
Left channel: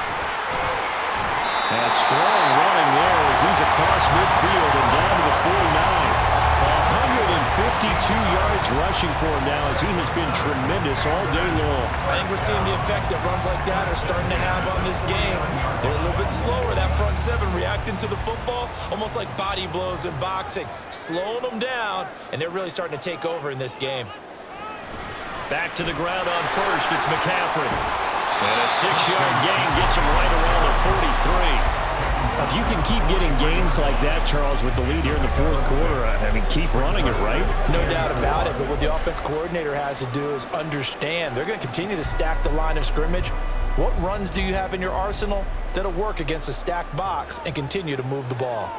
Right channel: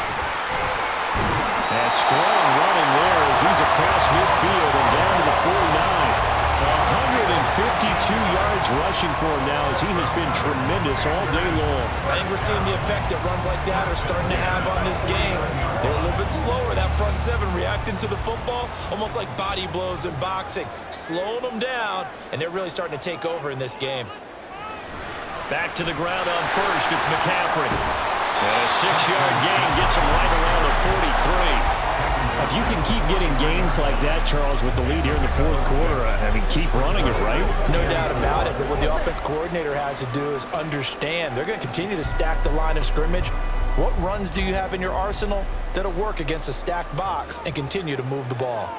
And strong running there as he's across midfield and down to the 49. 152 yards rushing for him now as he has been tremendous all day long. I think we're seeing the effect that runs like that are starting to have on this game. They're a little bit slower, that front 7 reacting to the football, almost like body blows in boxing, slowing them down, and they're really starting to take over in this game. Back to the ground on first, it's McCaffrey. And a 6-yard gain gets him right around the 43. If you can keep getting gains like that, Charles, with the lead here in the 4th quarter, I mean, keep running it, right? No doubt about it, but what the offense coordinator has to do is understand they're going to continue to stack the line of scrimmage. What runs do you have in your arsenal that'll work against a stacked box and continue to move the ball?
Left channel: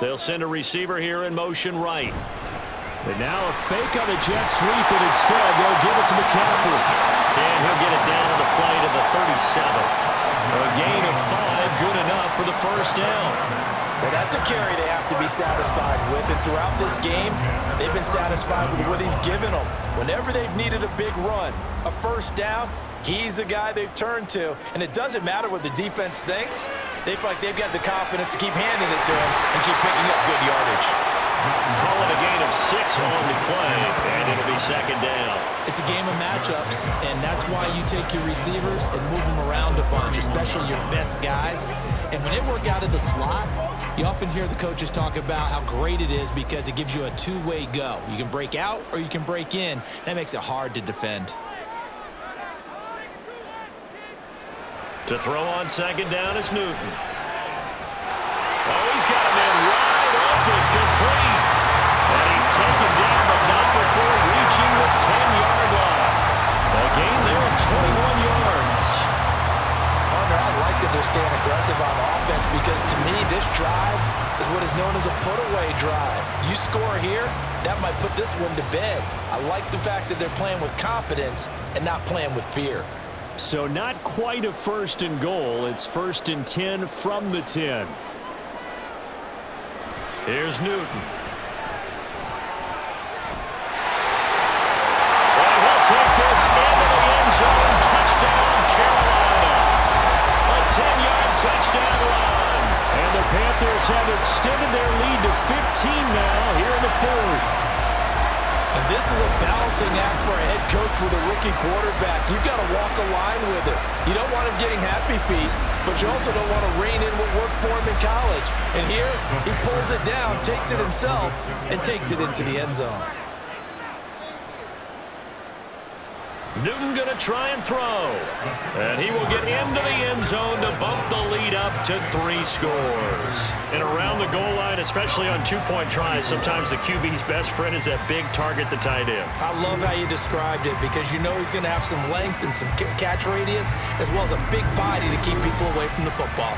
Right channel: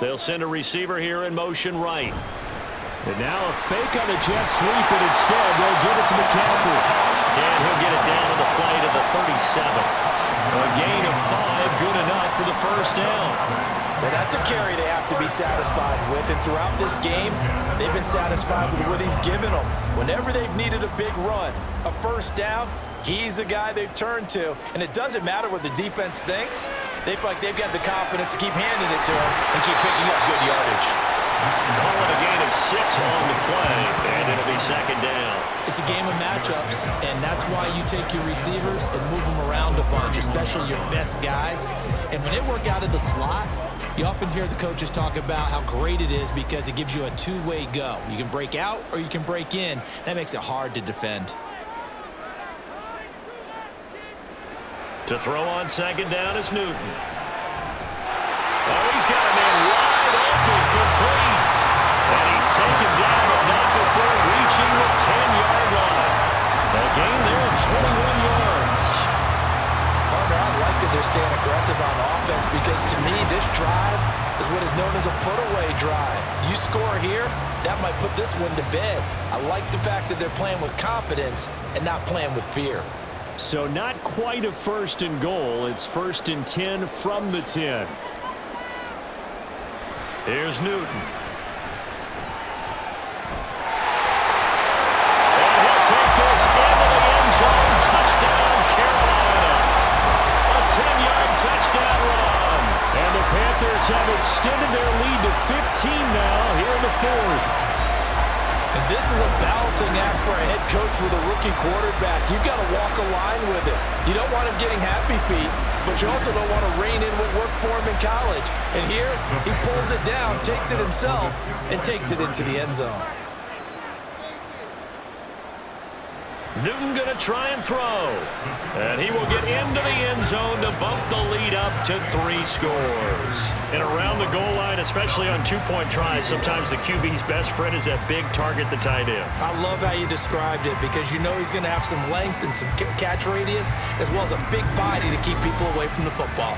They'll send a receiver here in motion right. And now a fake on the jet sweep, and instead they'll give it to McCaffrey. And he'll get it down to the play to the 37. A gain of 5, good enough for the first down. Well, that's a carry they have to be satisfied with, and throughout this game, they've been satisfied with what he's given them. Whenever they've needed a big run, a first down, he's the guy they've turned to, and it doesn't matter what the defense thinks. They feel like they've got the confidence to keep handing it to him and keep picking up good yardage. Call it a gain of 6 on the play, and it'll be second down. It's a game of matchups, and that's why you take your receivers and move them around a bunch, especially your best guys. And when they work out of the slot, you often hear the coaches talk about how great it is because it gives you a two-way go. You can break out or you can break in. That makes it hard to defend. To throw on second down is Newton. Oh, he's got a man wide open, complete. And he's taken down, but not before reaching the 10-yard line. A gain there of 21 yards. Partner, I like that they're staying aggressive on offense because, to me, this drive is what is known as a put-away drive. You score here, that might put this one to bed. I like the fact that they're playing with confidence and not playing with fear. So not quite a 1st and goal. It's 1st and 10 from the 10. Here's Newton. And he'll take this into the end zone. Touchdown, Carolina. A 10-yard touchdown run. And the Panthers have extended their lead to 15 now here in the 4th. And this is a balancing act for a head coach with a rookie quarterback. You've got to walk a line with it. You don't want him getting happy feet. but you also don't want to rein in what worked for him in college. And here, he pulls it down, takes it himself, and takes it into the end zone. Newton going to try and throw. And he will get into the end zone to bump the lead up to 3 scores. And around the goal line, especially on two-point tries, sometimes the QB's best friend is that big target, the tight end. I love how you described it because you know he's going to have some length and some catch radius as well as a big body to keep people away from the football.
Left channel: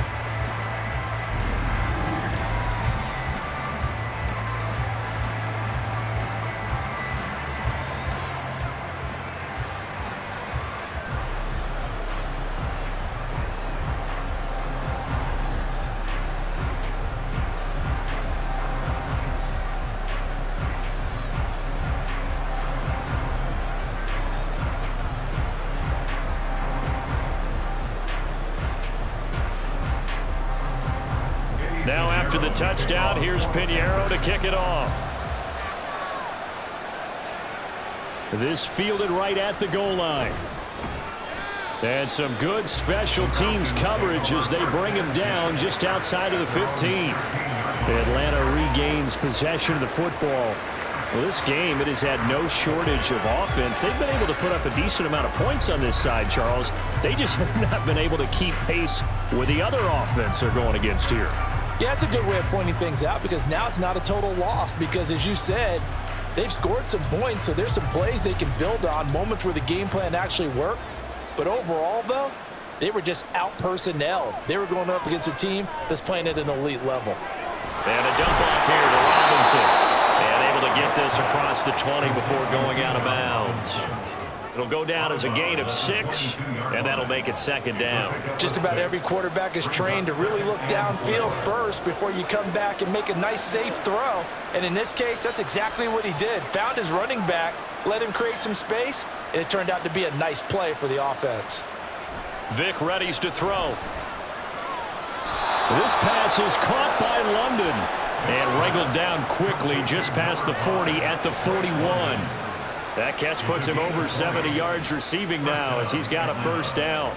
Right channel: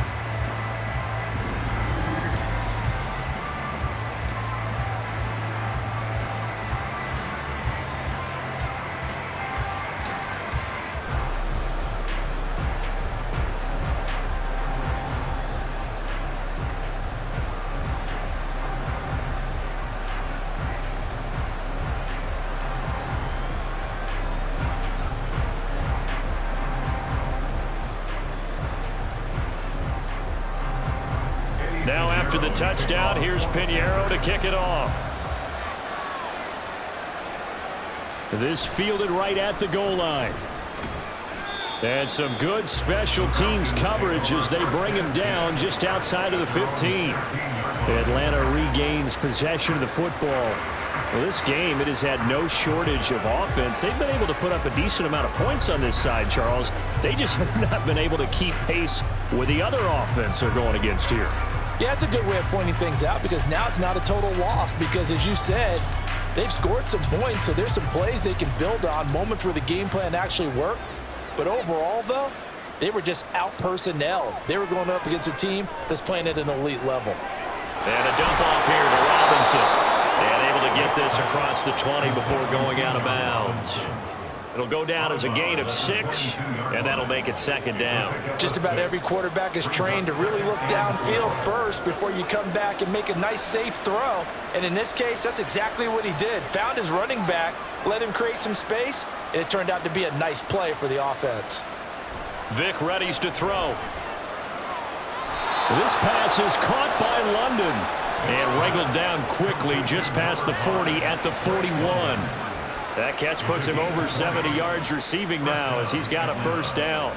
Now after the touchdown, here's Pinheiro to kick it off. This fielded right at the goal line. And some good special teams coverage as they bring him down just outside of the 15. Atlanta regains possession of the football. Well, this game, it has had no shortage of offense. They've been able to put up a decent amount of points on this side, Charles. They just have not been able to keep pace with the other offense they're going against here. Yeah, it's a good way of pointing things out because now it's not a total loss because, as you said, they've scored some points, so there's some plays they can build on, moments where the game plan actually worked. But overall, though, they were just out-personnel. They were going up against a team that's playing at an elite level. And a dump off here to Robinson. And able to get this across the 20 before going out of bounds. It'll go down as a gain of 6, and that'll make it 2nd down. Just about every quarterback is trained to really look downfield first before you come back and make a nice, safe throw. And in this case, that's exactly what he did. Found his running back, let him create some space, and it turned out to be a nice play for the offense. Vic readies to throw. This pass is caught by London. And wrangled down quickly just past the 40 at the 41. That catch puts him over 70 yards receiving now as he's got a 1st down.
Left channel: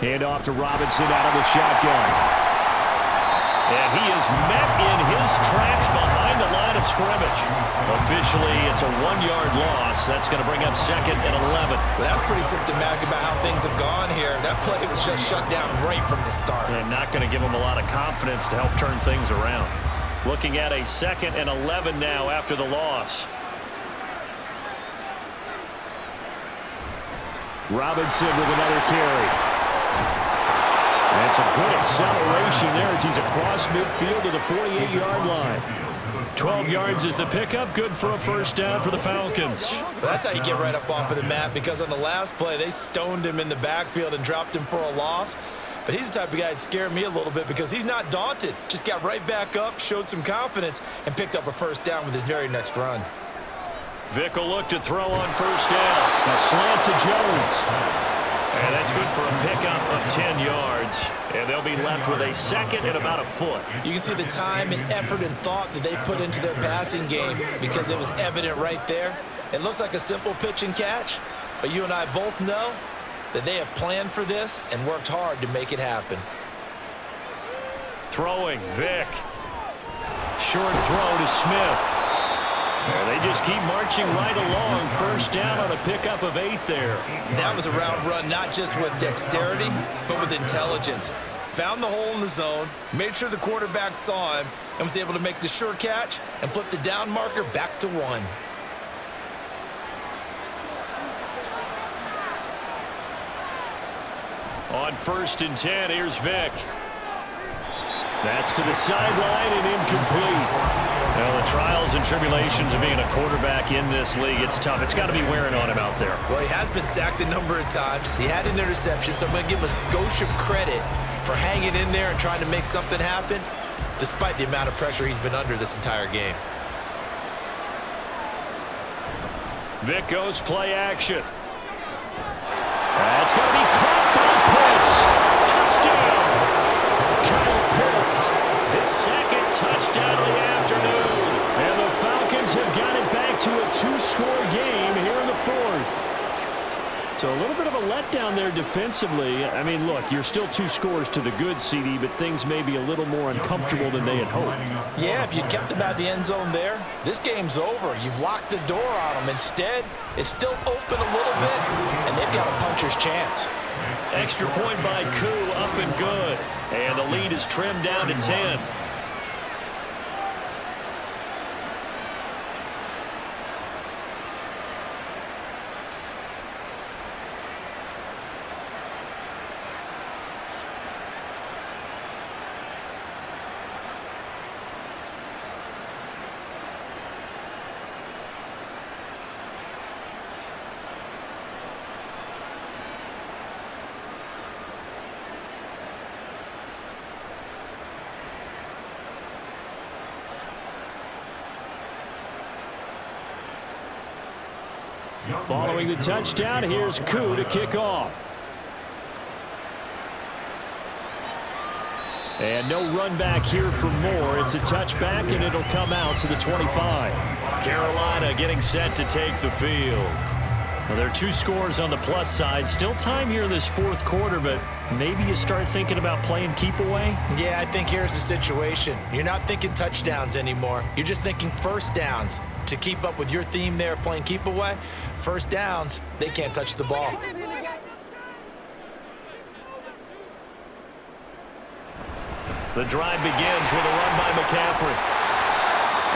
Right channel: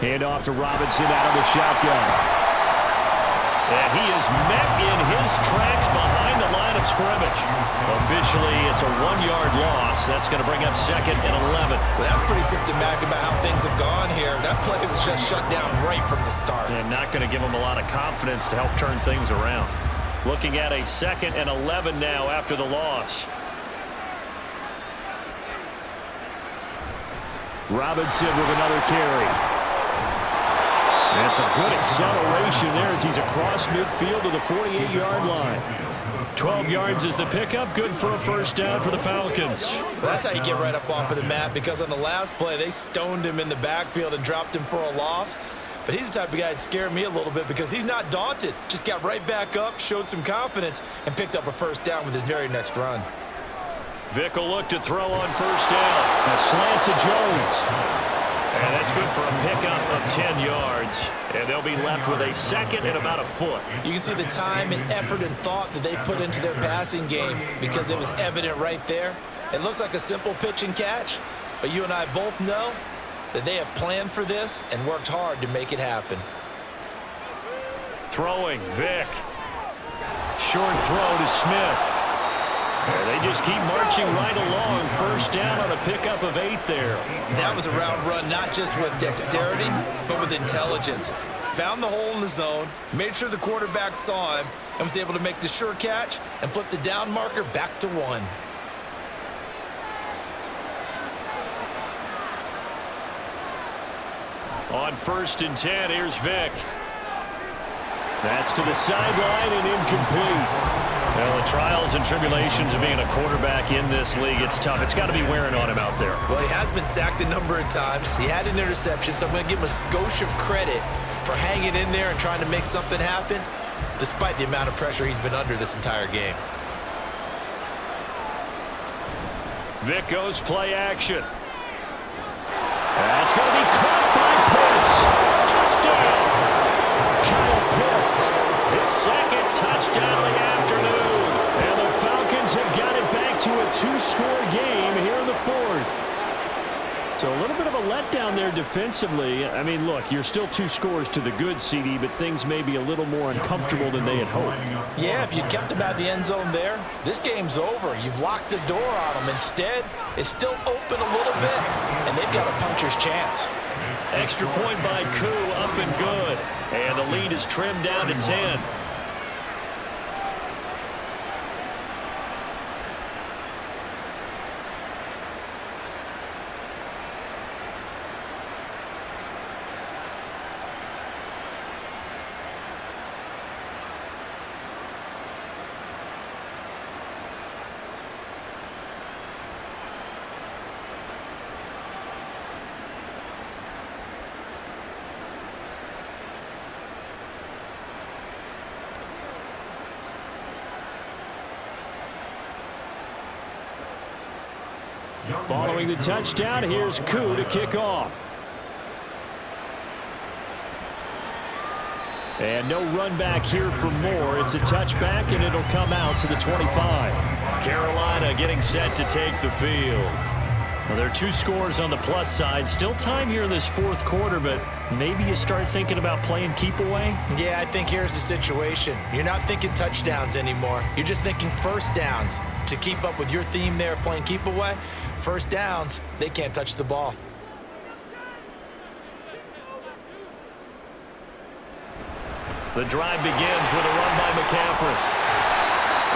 Hand off to Robinson out of the shotgun. And he is met in his tracks behind the line of scrimmage. Officially, it's a 1-yard loss. That's going to bring up 2nd and 11. Well, that's pretty symptomatic about how things have gone here. That play was just shut down right from the start. And not going to give him a lot of confidence to help turn things around. Looking at a 2nd and 11 now after the loss. Robinson with another carry. And some good acceleration there as he's across midfield to the 48-yard line. 12 yards is the pickup. Good for a 1st down for the Falcons. Well, that's how you get right up off of the mat because on the last play, they stoned him in the backfield and dropped him for a loss. But he's the type of guy that scared me a little bit because he's not daunted. Just got right back up, showed some confidence, and picked up a 1st down with his very next run. Vic will look to throw on 1st down. A slant to Jones. And that's good for a pickup of 10 yards. And they'll be left with a 2nd and about a foot. You can see the time and effort and thought that they put into their passing game because it was evident right there. It looks like a simple pitch and catch, but you and I both know that they have planned for this and worked hard to make it happen. Throwing, Vic. Short throw to Smith. They just keep marching right along. 1st down on a pickup of 8 there. That was a route run not just with dexterity, but with intelligence. Found the hole in the zone, made sure the quarterback saw him, and was able to make the sure catch and flip the down marker back to 1. On 1st and 10, here's Vic. That's to the sideline and incomplete. Well, the trials and tribulations of being a quarterback in this league, it's tough. It's got to be wearing on him out there. Well, he has been sacked a number of times. He had an interception, so I'm going to give him a skosh of credit for hanging in there and trying to make something happen, despite the amount of pressure he's been under this entire game. Vic goes play action. That's going to be caught by Pitts. Touchdown! Kyle Pitts His second touchdown of the afternoon. And the Falcons have got it back to a 2-score game here in the fourth. So a little bit of a letdown there defensively. I mean, look, you're still 2 scores to the good, CD, but things may be a little more uncomfortable than they had hoped. Yeah, if you'd kept them out of the end zone there, this game's over. You've locked the door on them. Instead, it's still open a little bit, and they've got a puncher's chance. Extra point by Koo, up and good. And the lead is trimmed down to 10. Following the touchdown, here's Koo to kick off. And no run back here for Moore. It's a touchback, and it'll come out to the 25. Carolina getting set to take the field. Well, there are 2 scores on the plus side. Still time here in this fourth quarter, but maybe you start thinking about playing keep away? Yeah, I think here's the situation. You're not thinking touchdowns anymore. You're just thinking first downs. To keep up with your theme there, playing keep away, first downs, they can't touch the ball. The drive begins with a run by McCaffrey.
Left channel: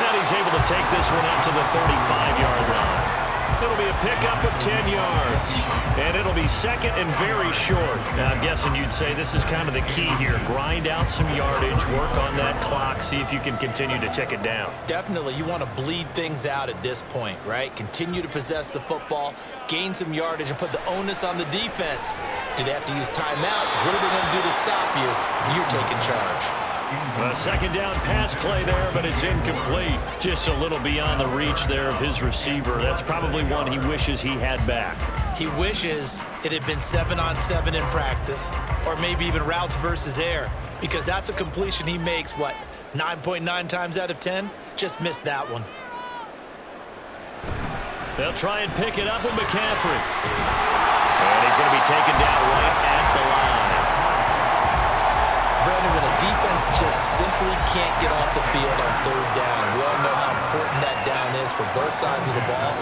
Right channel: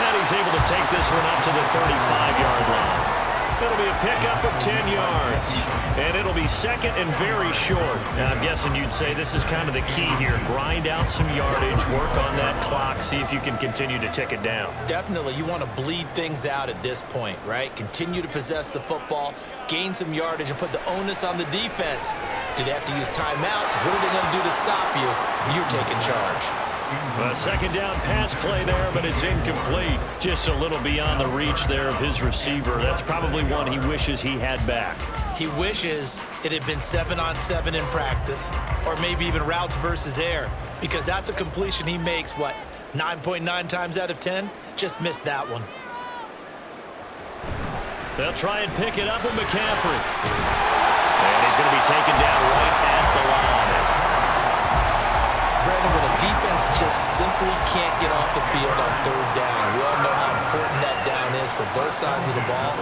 And he's able to take this one up to the 35-yard line. It'll be a pickup of 10 yards. And it'll be second and very short. Now, I'm guessing you'd say this is kind of the key here. Grind out some yardage, work on that clock, see if you can continue to tick it down. Definitely, you want to bleed things out at this point, right? Continue to possess the football, gain some yardage, and put the onus on the defense. Do they have to use timeouts? What are they going to do to stop you? You're taking charge. A second down pass play there, but it's incomplete. Just a little beyond the reach there of his receiver. That's probably one he wishes he had back. He wishes it had been 7-on-7 in practice, or maybe even routes versus air, because that's a completion he makes, 9.9 times out of 10? Just missed that one. They'll try and pick it up with McCaffrey. And he's going to be taken down right at the line. Brandon, when a defense just simply can't get off the field on third down, we all know how important that down is for both sides of the ball.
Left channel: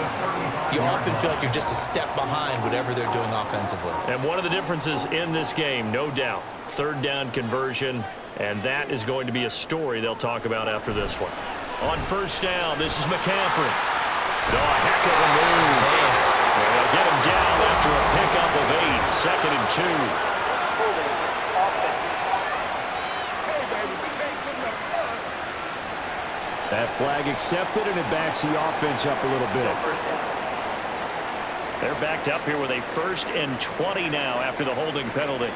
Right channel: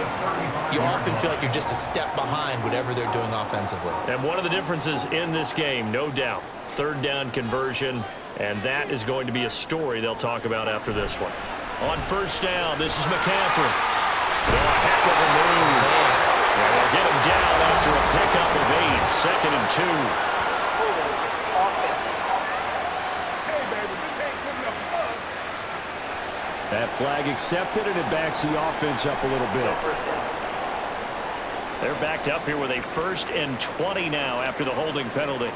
You often feel like you're just a step behind whatever they're doing offensively. And one of the differences in this game, no doubt, third down conversion, and that is going to be a story they'll talk about after this one. On first down, this is McCaffrey. Oh, a heck of a move. Man. And they'll get him down after a pickup of 8, second and 2. That flag accepted, and it backs the offense up a little bit. They're backed up here with a 1st and 20 now after the holding penalty.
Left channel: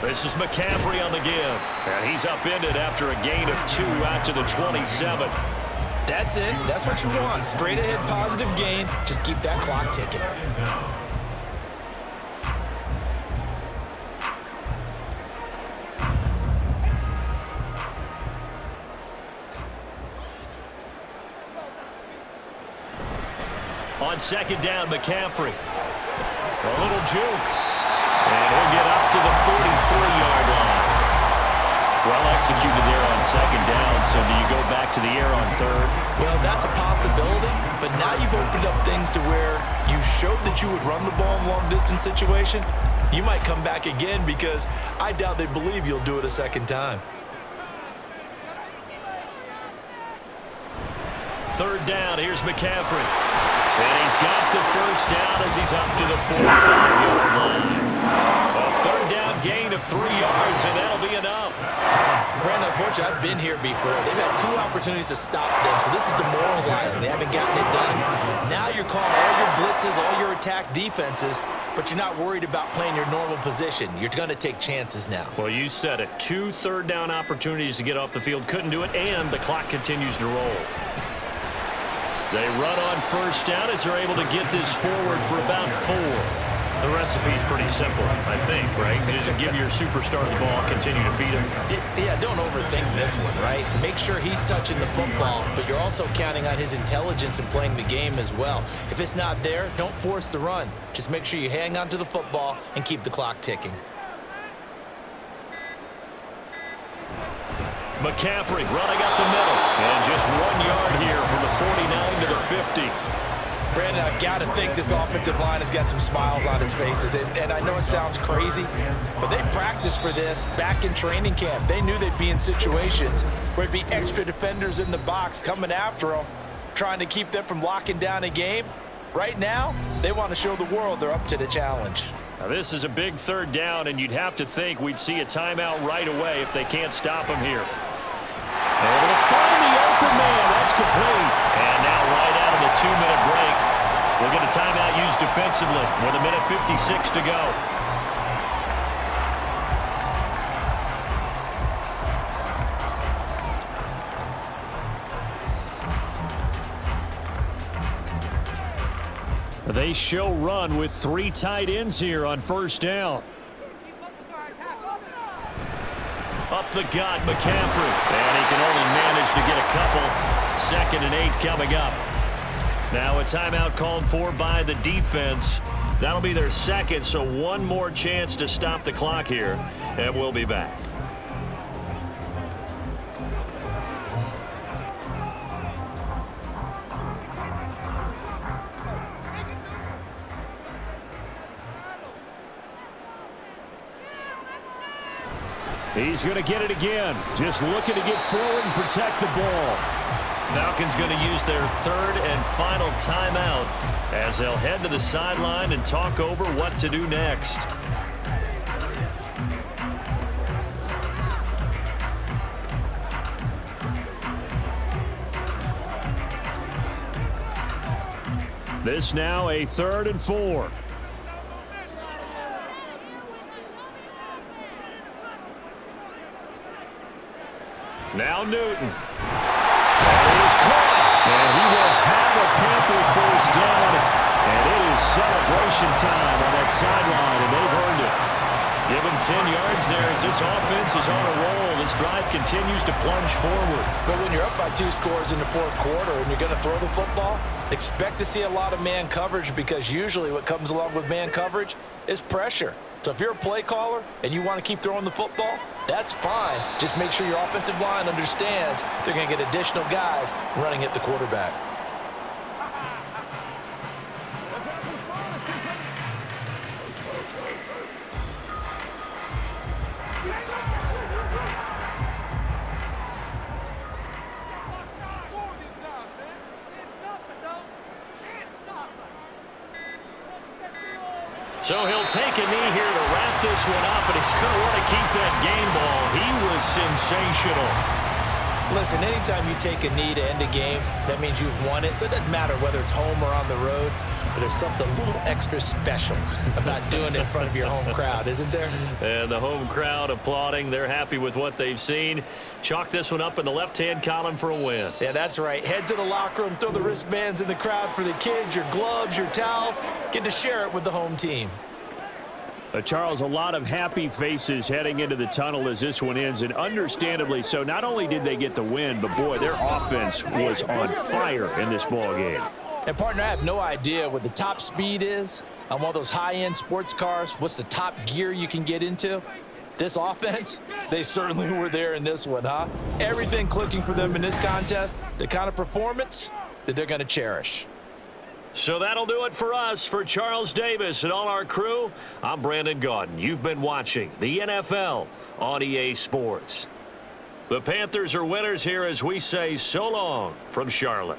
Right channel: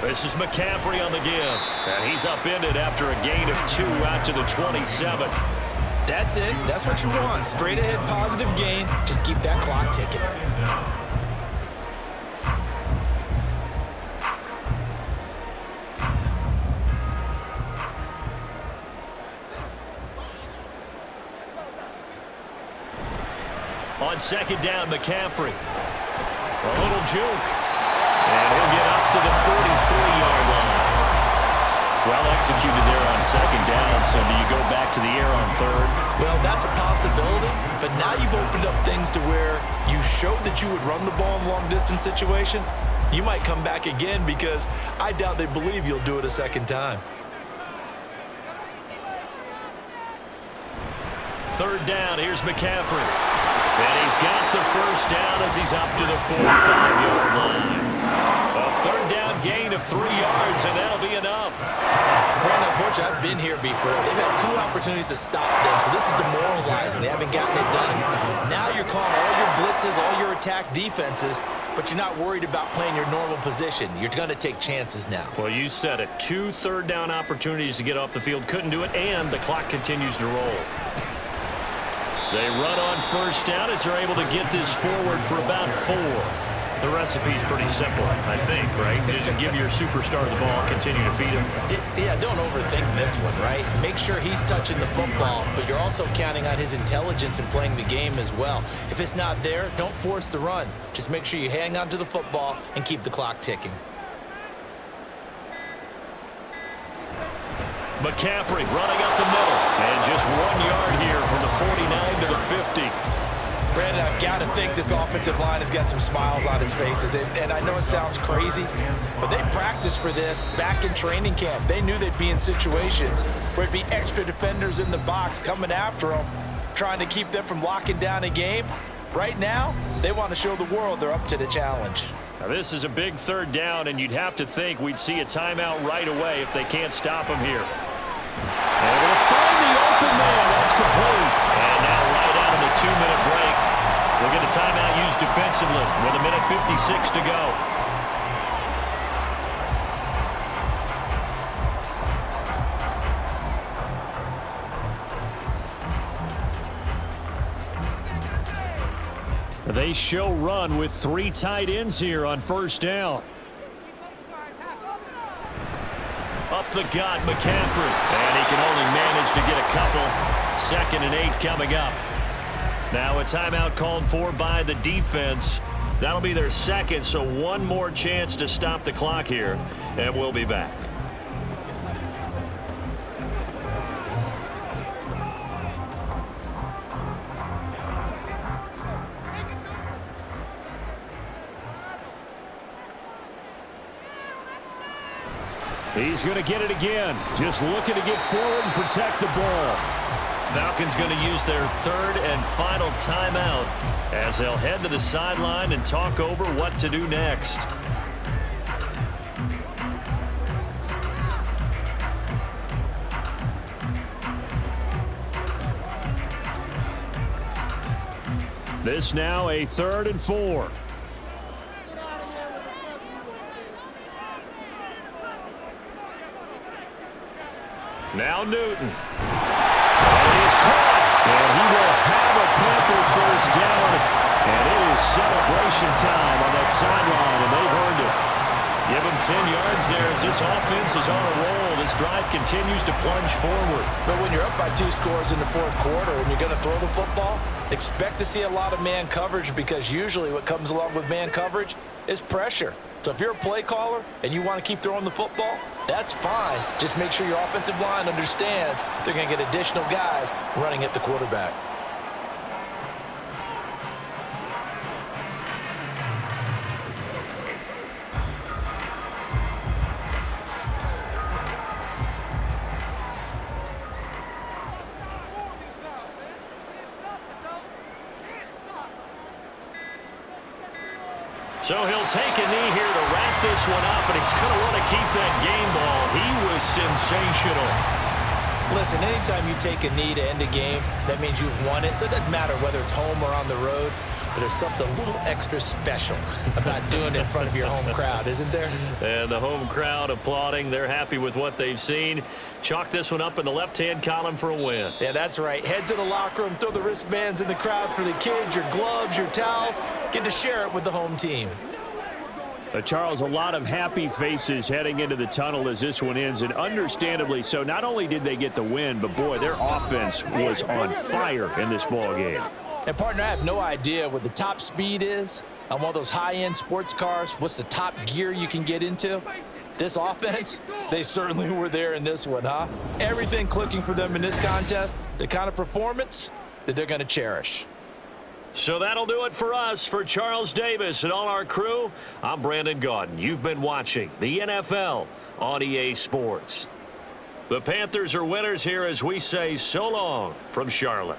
This is McCaffrey on the give. And he's upended after a gain of 2 out to the 27. That's it. That's what you want. Straight ahead positive gain. Just keep that clock ticking. On second down, McCaffrey. A little juke. And he'll get up to the 43-yard line. Well executed there on second down, so do you go back to the air on third? Well, that's a possibility, but now you've opened up things to where you showed that you would run the ball in long-distance situation. You might come back again because I doubt they believe you'll do it a second time. Third down, here's McCaffrey. And he's got the first down as he's up to the 45-yard line. A third down gain of 3 yards, and that'll be enough. Brandon, unfortunately, I've been here before. They've had 2 opportunities to stop them, so this is demoralizing. They haven't gotten it done. Now you're calling all your blitzes, all your attack defenses, but you're not worried about playing your normal position. You're going to take chances now. Well, you said it. 2 third down opportunities to get off the field. Couldn't do it, and the clock continues to roll. They run on first down as they're able to get this forward for about 4. The recipe's pretty simple, I think, right? Just give your superstar the ball, continue to feed him. Yeah, don't overthink this one, right? Make sure he's touching the football, but you're also counting on his intelligence in playing the game as well. If it's not there, don't force the run. Just make sure you hang on to the football and keep the clock ticking. McCaffrey running up the middle, and just 1 yard here from the 49 to the 50. Brandon, I've got to think this offensive line has got some smiles on its faces. And I know it sounds crazy, but they practiced for this back in training camp. They knew they'd be in situations where it'd be extra defenders in the box coming after them, trying to keep them from locking down a game. Right now, they want to show the world they're up to the challenge. Now this is a big third down, and you'd have to think we'd see a timeout right away if they can't stop him here. Able to find the open man. That's complete. And now right out of the 2-minute break, we'll get a timeout used defensively with 1:56 to go. They show run with 3 tight ends here on first down. Up the gut, McCaffrey. And he can only manage to get a couple. 2nd and 8 coming up. Now a timeout called for by the defense. That'll be their second, so one more chance to stop the clock here. And we'll be back. He's going to get it again. Just looking to get forward and protect the ball. Falcons going to use their 3rd and final timeout as they'll head to the sideline and talk over what to do next. This now a 3rd and 4. Now Newton. And he's caught. And he will have a Panther first down. And it is celebration time on that sideline, and they've earned it. Give him 10 yards there as this offense is on a roll. This drive continues to plunge forward. But when you're up by 2 scores in the 4th quarter and you're going to throw the football, expect to see a lot of man coverage, because usually what comes along with man coverage is pressure. So if you're a play caller and you want to keep throwing the football, that's fine. Just make sure your offensive line understands they're going to get additional guys running at the quarterback. So he'll take a knee here to wrap this one up, and he's going to want to keep that game ball. He was sensational. Listen, anytime you take a knee to end a game, that means you've won it. So it doesn't matter whether it's home or on the road, but there's something a little extra special about doing it in front of your home crowd, isn't there? And the home crowd applauding. They're happy with what they've seen. Chalk this one up in the left-hand column for a win. Yeah, that's right. Head to the locker room, throw the wristbands in the crowd for the kids, your gloves, your towels. Get to share it with the home team. Charles, a lot of happy faces heading into the tunnel as this one ends, and understandably so. Not only did they get the win, but boy, their offense was on fire in this ball game. And partner, I have no idea what the top speed is on one of those high-end sports cars. What's the top gear you can get into? This offense, they certainly were there in this one, huh? Everything clicking for them in this contest, the kind of performance that they're going to cherish. So that'll do it for us. For Charles Davis and all our crew, I'm Brandon Gaudin. You've been watching the NFL on EA Sports. The Panthers are winners here as we say so long from Charlotte.